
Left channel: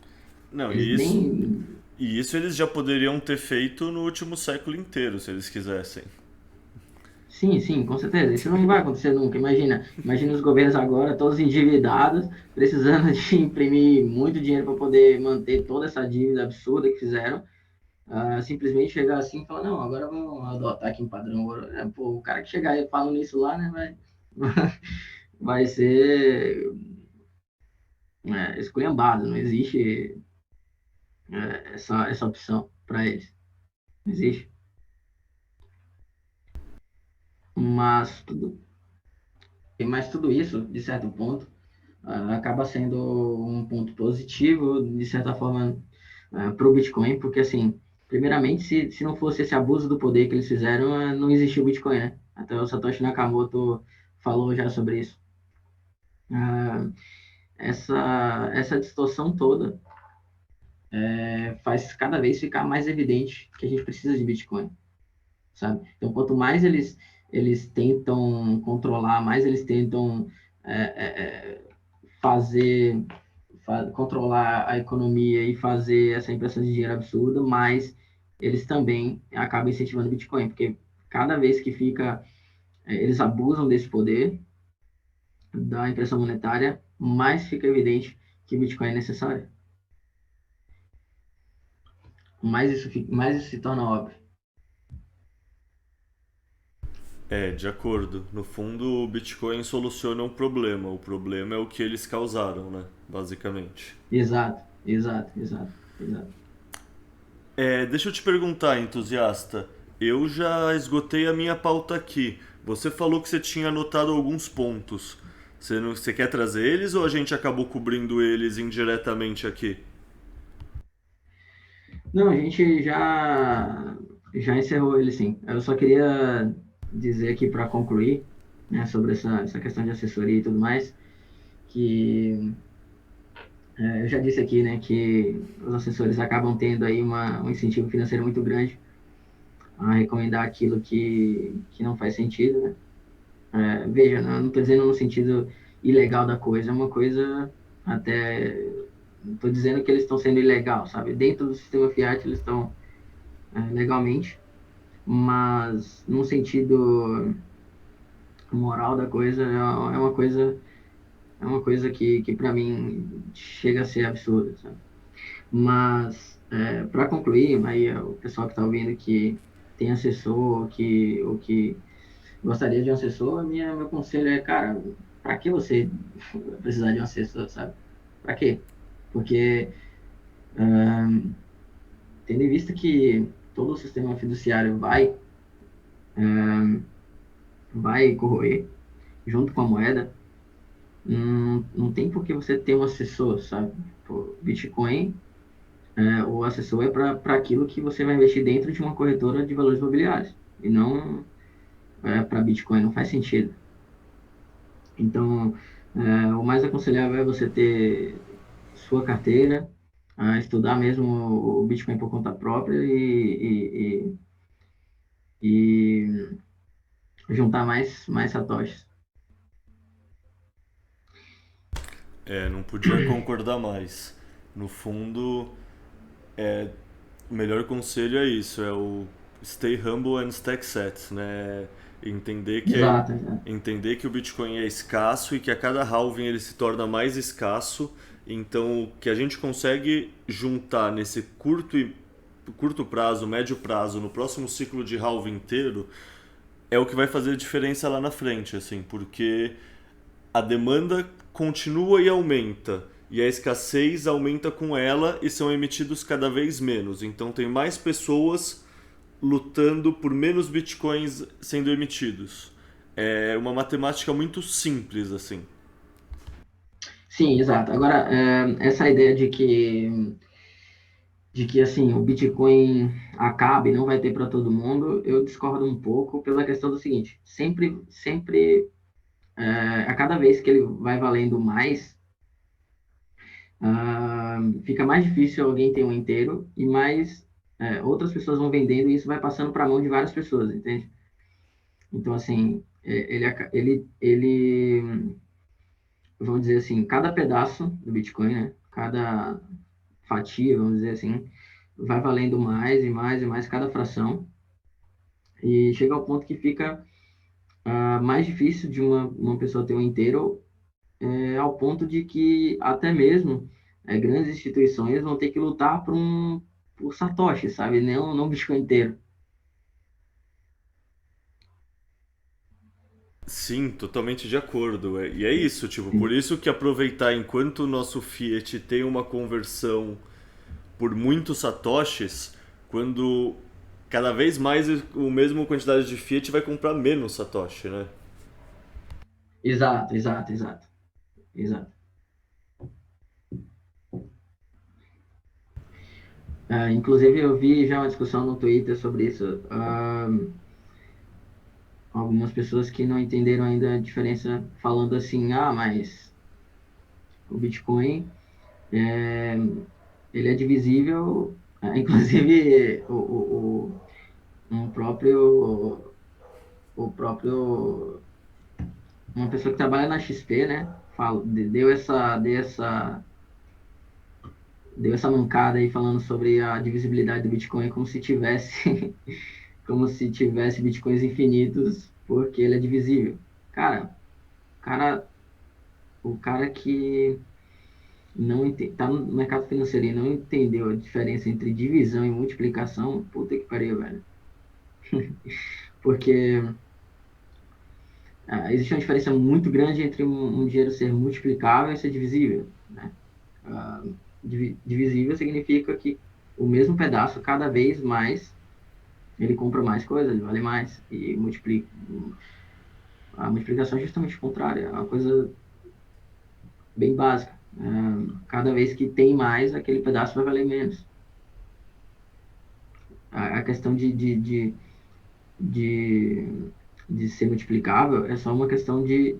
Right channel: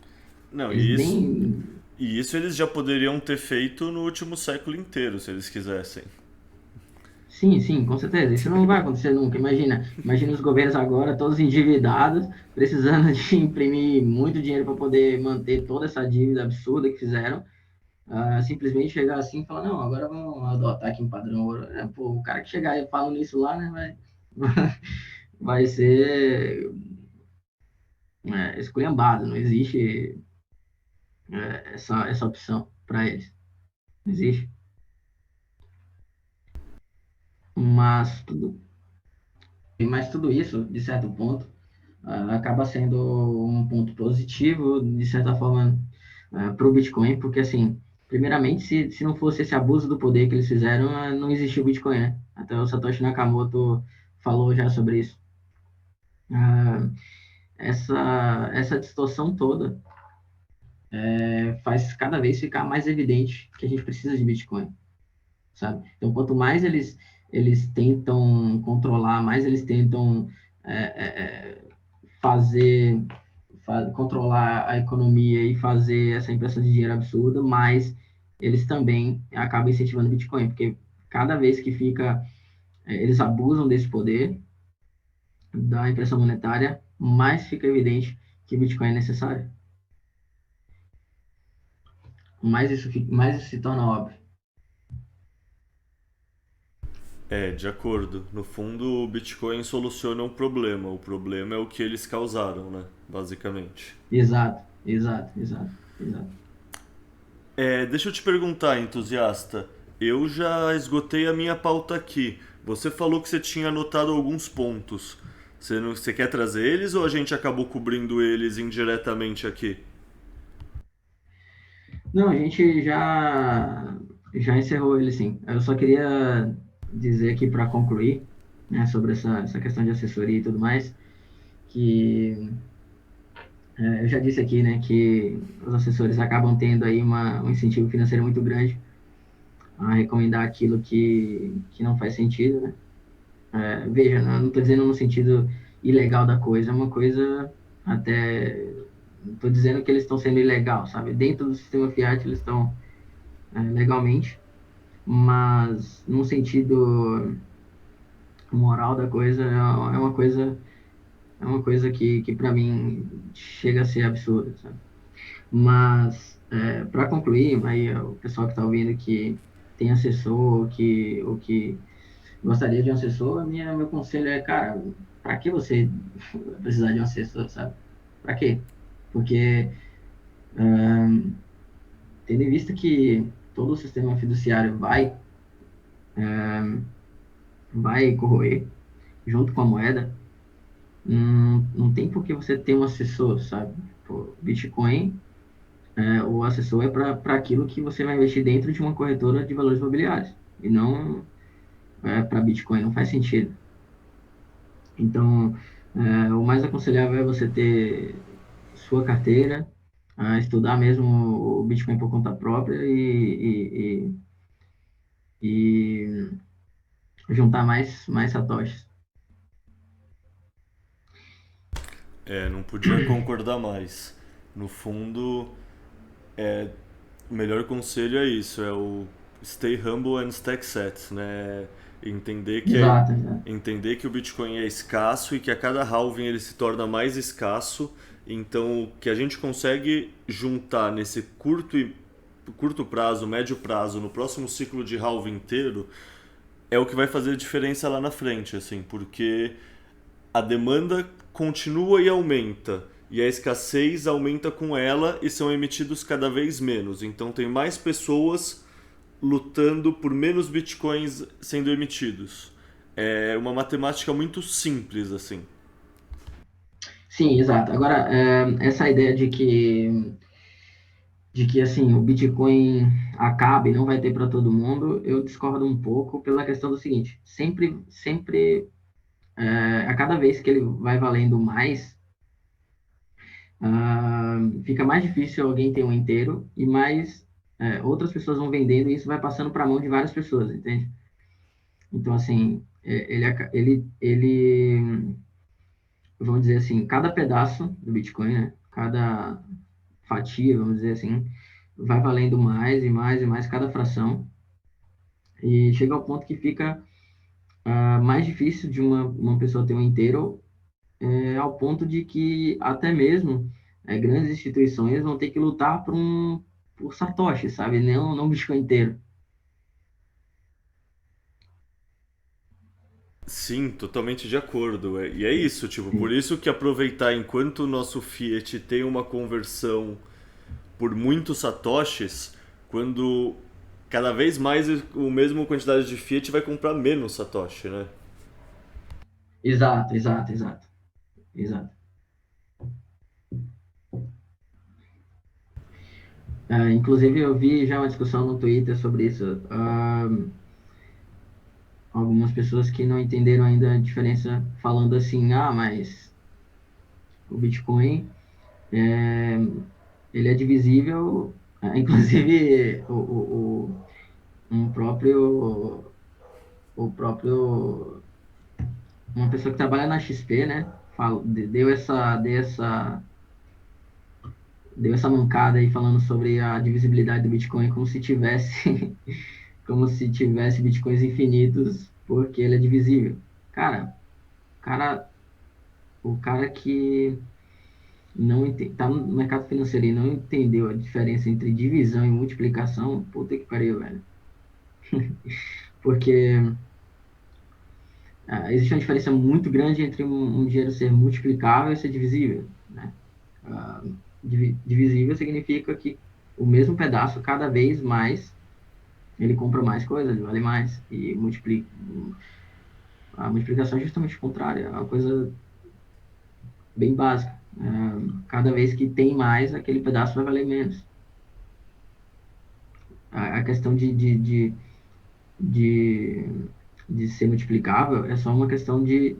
Não, Eles nem... e isso eles já poderiam ter feito no último século inteiro, se eles quisessem. Sim, sim, com certeza. Isso não vai acontecer nunca. Imagina os governos agora, todos endividados, precisando de imprimir muito dinheiro para poder manter toda essa dívida absurda que fizeram. Simplesmente chegar assim e falar, não, agora vamos adotar aqui um padrão ouro. Pô, o cara que chegar e falando isso lá, né, vai ser esculhambado. Não existe essa opção para eles. Não existe. Mas tudo isso, de certo ponto, acaba sendo um ponto positivo, de certa forma, para o Bitcoin, porque, assim, primeiramente, se não fosse esse abuso do poder que eles fizeram, não existia o Bitcoin, né? Até o Satoshi Nakamoto falou já sobre isso. Ah, essa distorção toda faz cada vez ficar mais evidente que a gente precisa de Bitcoin, sabe? Então, quanto mais eles tentam controlar, mais eles tentam é, é, fazer controlar a economia e fazer essa impressão de dinheiro absurda, mas eles também acabam incentivando o Bitcoin, porque cada vez que eles abusam desse poder da impressão monetária, mais fica evidente que o Bitcoin é necessário. Mais isso se torna óbvio. De acordo. No fundo, o Bitcoin soluciona um problema. O problema é o que eles causaram, né? Basicamente. Exato. Deixa eu te perguntar, entusiasta. Eu já esgotei a minha pauta aqui. Você falou que você tinha anotado alguns pontos. Você quer trazer eles ou a gente acabou cobrindo eles indiretamente aqui? Não, a gente já encerrou ele, sim. Eu só queria dizer aqui para concluir, né, sobre essa questão de assessoria e tudo mais, que eu já disse aqui, né, que os assessores acabam tendo aí um incentivo financeiro muito grande a recomendar aquilo que não faz sentido, né? Veja, não estou dizendo no sentido ilegal da coisa, é uma coisa até... Não estou dizendo que eles estão sendo ilegal, sabe? Dentro do sistema Fiat eles estão legalmente, mas no sentido moral da coisa é uma coisa que para mim chega a ser absurda, sabe? Mas para concluir, aí o pessoal que está ouvindo que tem assessor ou que gostaria de um assessor, meu conselho é, cara, para que você precisar de um assessor, sabe? Para quê? Porque tendo em vista que todo o sistema fiduciário vai corroer junto com a moeda, não tem por que você ter um assessor, sabe? Pô, Bitcoin, o assessor é para aquilo que você vai investir dentro de uma corretora de valores imobiliários, e não para Bitcoin, não faz sentido. Então, o mais aconselhável é você ter sua carteira, estudar mesmo o Bitcoin por conta própria e juntar mais satoshis. Não podia concordar mais. No fundo, o melhor conselho é isso, é o stay humble and stack sats, né? Exato. Entender que o Bitcoin é escasso e que a cada halving ele se torna mais escasso. Então, o que a gente consegue juntar nesse curto prazo, médio prazo, no próximo ciclo de halving inteiro, é o que vai fazer a diferença lá na frente, assim, porque a demanda continua e aumenta, e a escassez aumenta com ela e são emitidos cada vez menos. Então tem mais pessoas lutando por menos bitcoins sendo emitidos. É uma matemática muito simples, assim. Sim, exato. Agora, essa ideia de que assim, o Bitcoin acaba e não vai ter para todo mundo, eu discordo um pouco pela questão do seguinte: sempre, a cada vez que ele vai valendo mais, fica mais difícil alguém ter um inteiro e mais outras pessoas vão vendendo e isso vai passando para a mão de várias pessoas, entende? Então, assim, vamos dizer assim, cada pedaço do Bitcoin, né? Cada fatia, vamos dizer assim, vai valendo mais e mais e mais cada fração e chega ao ponto que fica mais difícil de uma pessoa ter um inteiro, ao ponto de que até mesmo grandes instituições vão ter que lutar por Satoshi, sabe? Não Bitcoin inteiro. Sim, totalmente de acordo. E é isso, tipo, por isso que aproveitar enquanto o nosso Fiat tem uma conversão por muitos satoshis, quando cada vez mais o mesmo quantidade de Fiat vai comprar menos satoshi, né? Exato. Inclusive, eu vi já uma discussão no Twitter sobre isso. Algumas pessoas que não entenderam ainda a diferença, falando assim, mas o Bitcoin, ele é divisível, inclusive um próprio, uma pessoa que trabalha na XP, né, deu essa deu essa mancada aí falando sobre a divisibilidade do Bitcoin como se tivesse como se tivesse Bitcoins infinitos porque ele é divisível. Cara, o cara, o cara que não tá no mercado financeiro e não entendeu a diferença entre divisão e multiplicação, puta que pariu, velho. Porque existe uma diferença muito grande entre um dinheiro ser multiplicável e ser divisível, né? Ah, divisível significa que o mesmo pedaço, cada vez mais, ele compra mais coisas, vale mais, e multiplica. A multiplicação é justamente o contrário, é uma coisa bem básica. Cada vez que tem mais, aquele pedaço vai valer menos. A questão de, de ser multiplicável é só uma questão de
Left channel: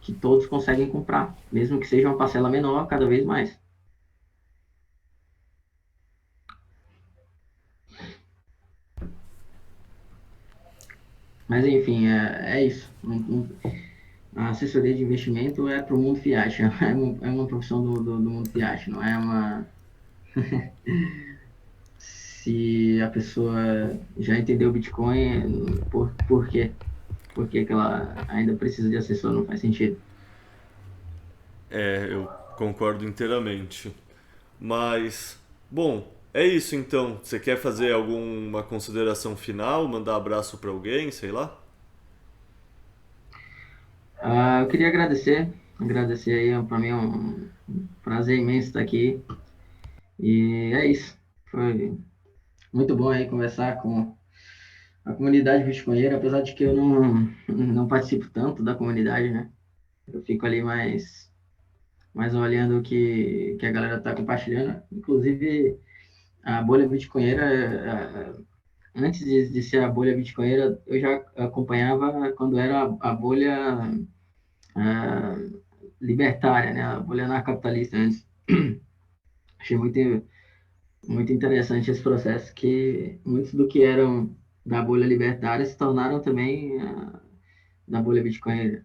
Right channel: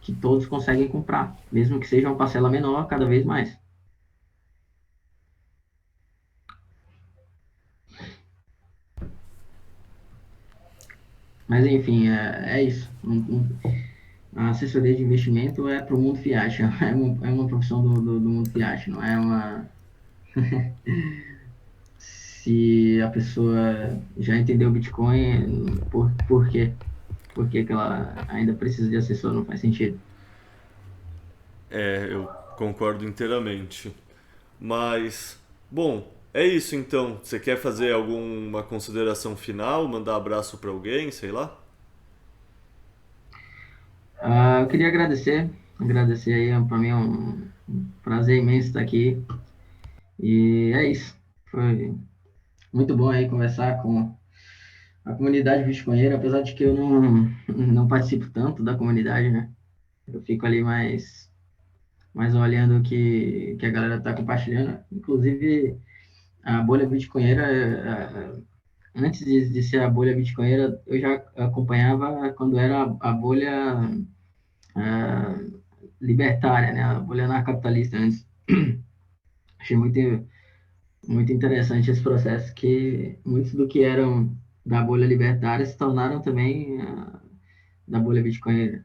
que todos conseguem comprar, mesmo que seja uma parcela menor, cada vez mais. Mas enfim, é isso. A assessoria de investimento é para o mundo fiat, é uma profissão do mundo fiat, não é uma. Se a pessoa já entendeu o Bitcoin, por quê? Por que que ela ainda precisa de assessor? Não faz sentido. Eu concordo inteiramente. Mas, bom, é isso então. Você quer fazer alguma consideração final? Mandar abraço pra alguém, sei lá? Eu queria agradecer aí, para mim é um prazer imenso estar aqui. E é isso. Foi muito bom aí conversar com a comunidade bitcoinheira, apesar de que eu não participo tanto da comunidade, né? Eu fico ali mais olhando que a galera está compartilhando. Inclusive, a bolha bitcoinheira, antes de ser a bolha bitcoinheira, eu já acompanhava quando era a bolha ah, libertária, né? A bolha anarcapitalista antes. Achei muito interessante esse processo, que muitos do que eram da bolha libertária se tornaram também da bolha bitcoinheira.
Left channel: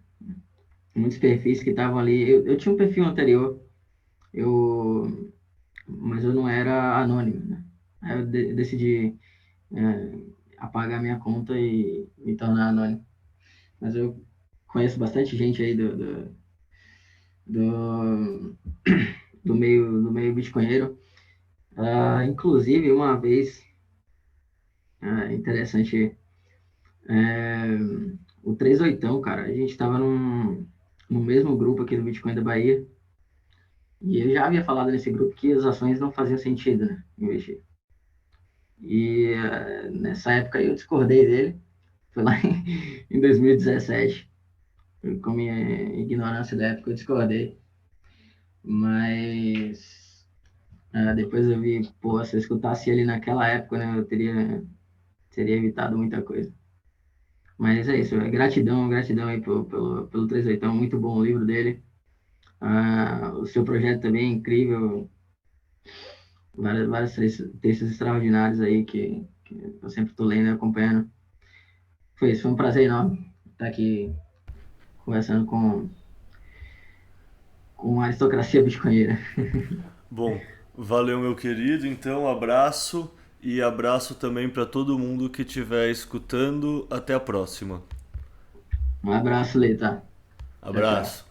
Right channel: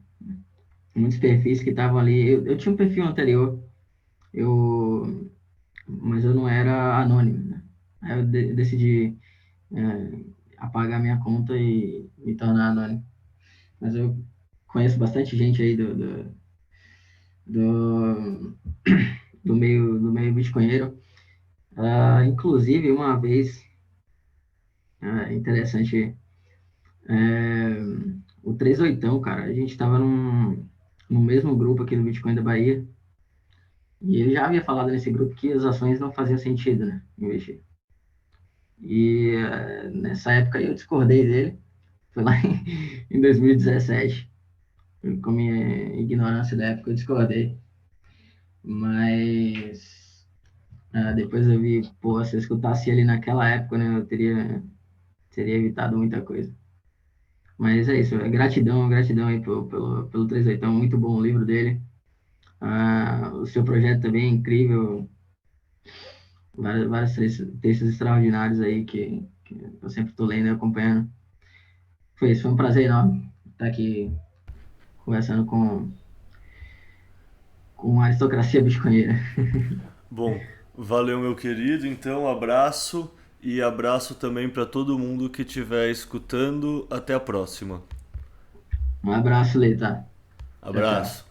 Muitos perfis que estavam ali. Eu tinha um perfil anterior, mas eu não era anônimo, né? Aí eu decidi apagar minha conta e me tornar anônimo. Mas eu conheço bastante gente aí do, do meio bitcoinheiro. Inclusive, uma vez, interessante, é, o 38, cara, a gente estava no mesmo grupo aqui no Bitcoin da Bahia, e ele já havia falado nesse grupo que as ações não faziam sentido, né, investir. E nessa época eu discordei dele, foi lá em 2017, com minha ignorância da época eu discordei, mas depois eu vi, pô, se eu escutasse ele naquela época, né, eu teria evitado muita coisa. Mas é isso, gratidão aí pelo 38, muito bom o livro dele. O seu projeto também é incrível, vários textos extraordinários aí que eu sempre estou lendo e acompanhando. Foi isso, foi um prazer enorme estar aqui conversando com a aristocracia bitcoinheira. Bom, valeu, meu querido. Então, abraço e abraço também para todo mundo que estiver escutando. Até a próxima. Um abraço, Lê, tá? Tchau, tchau. Abraço.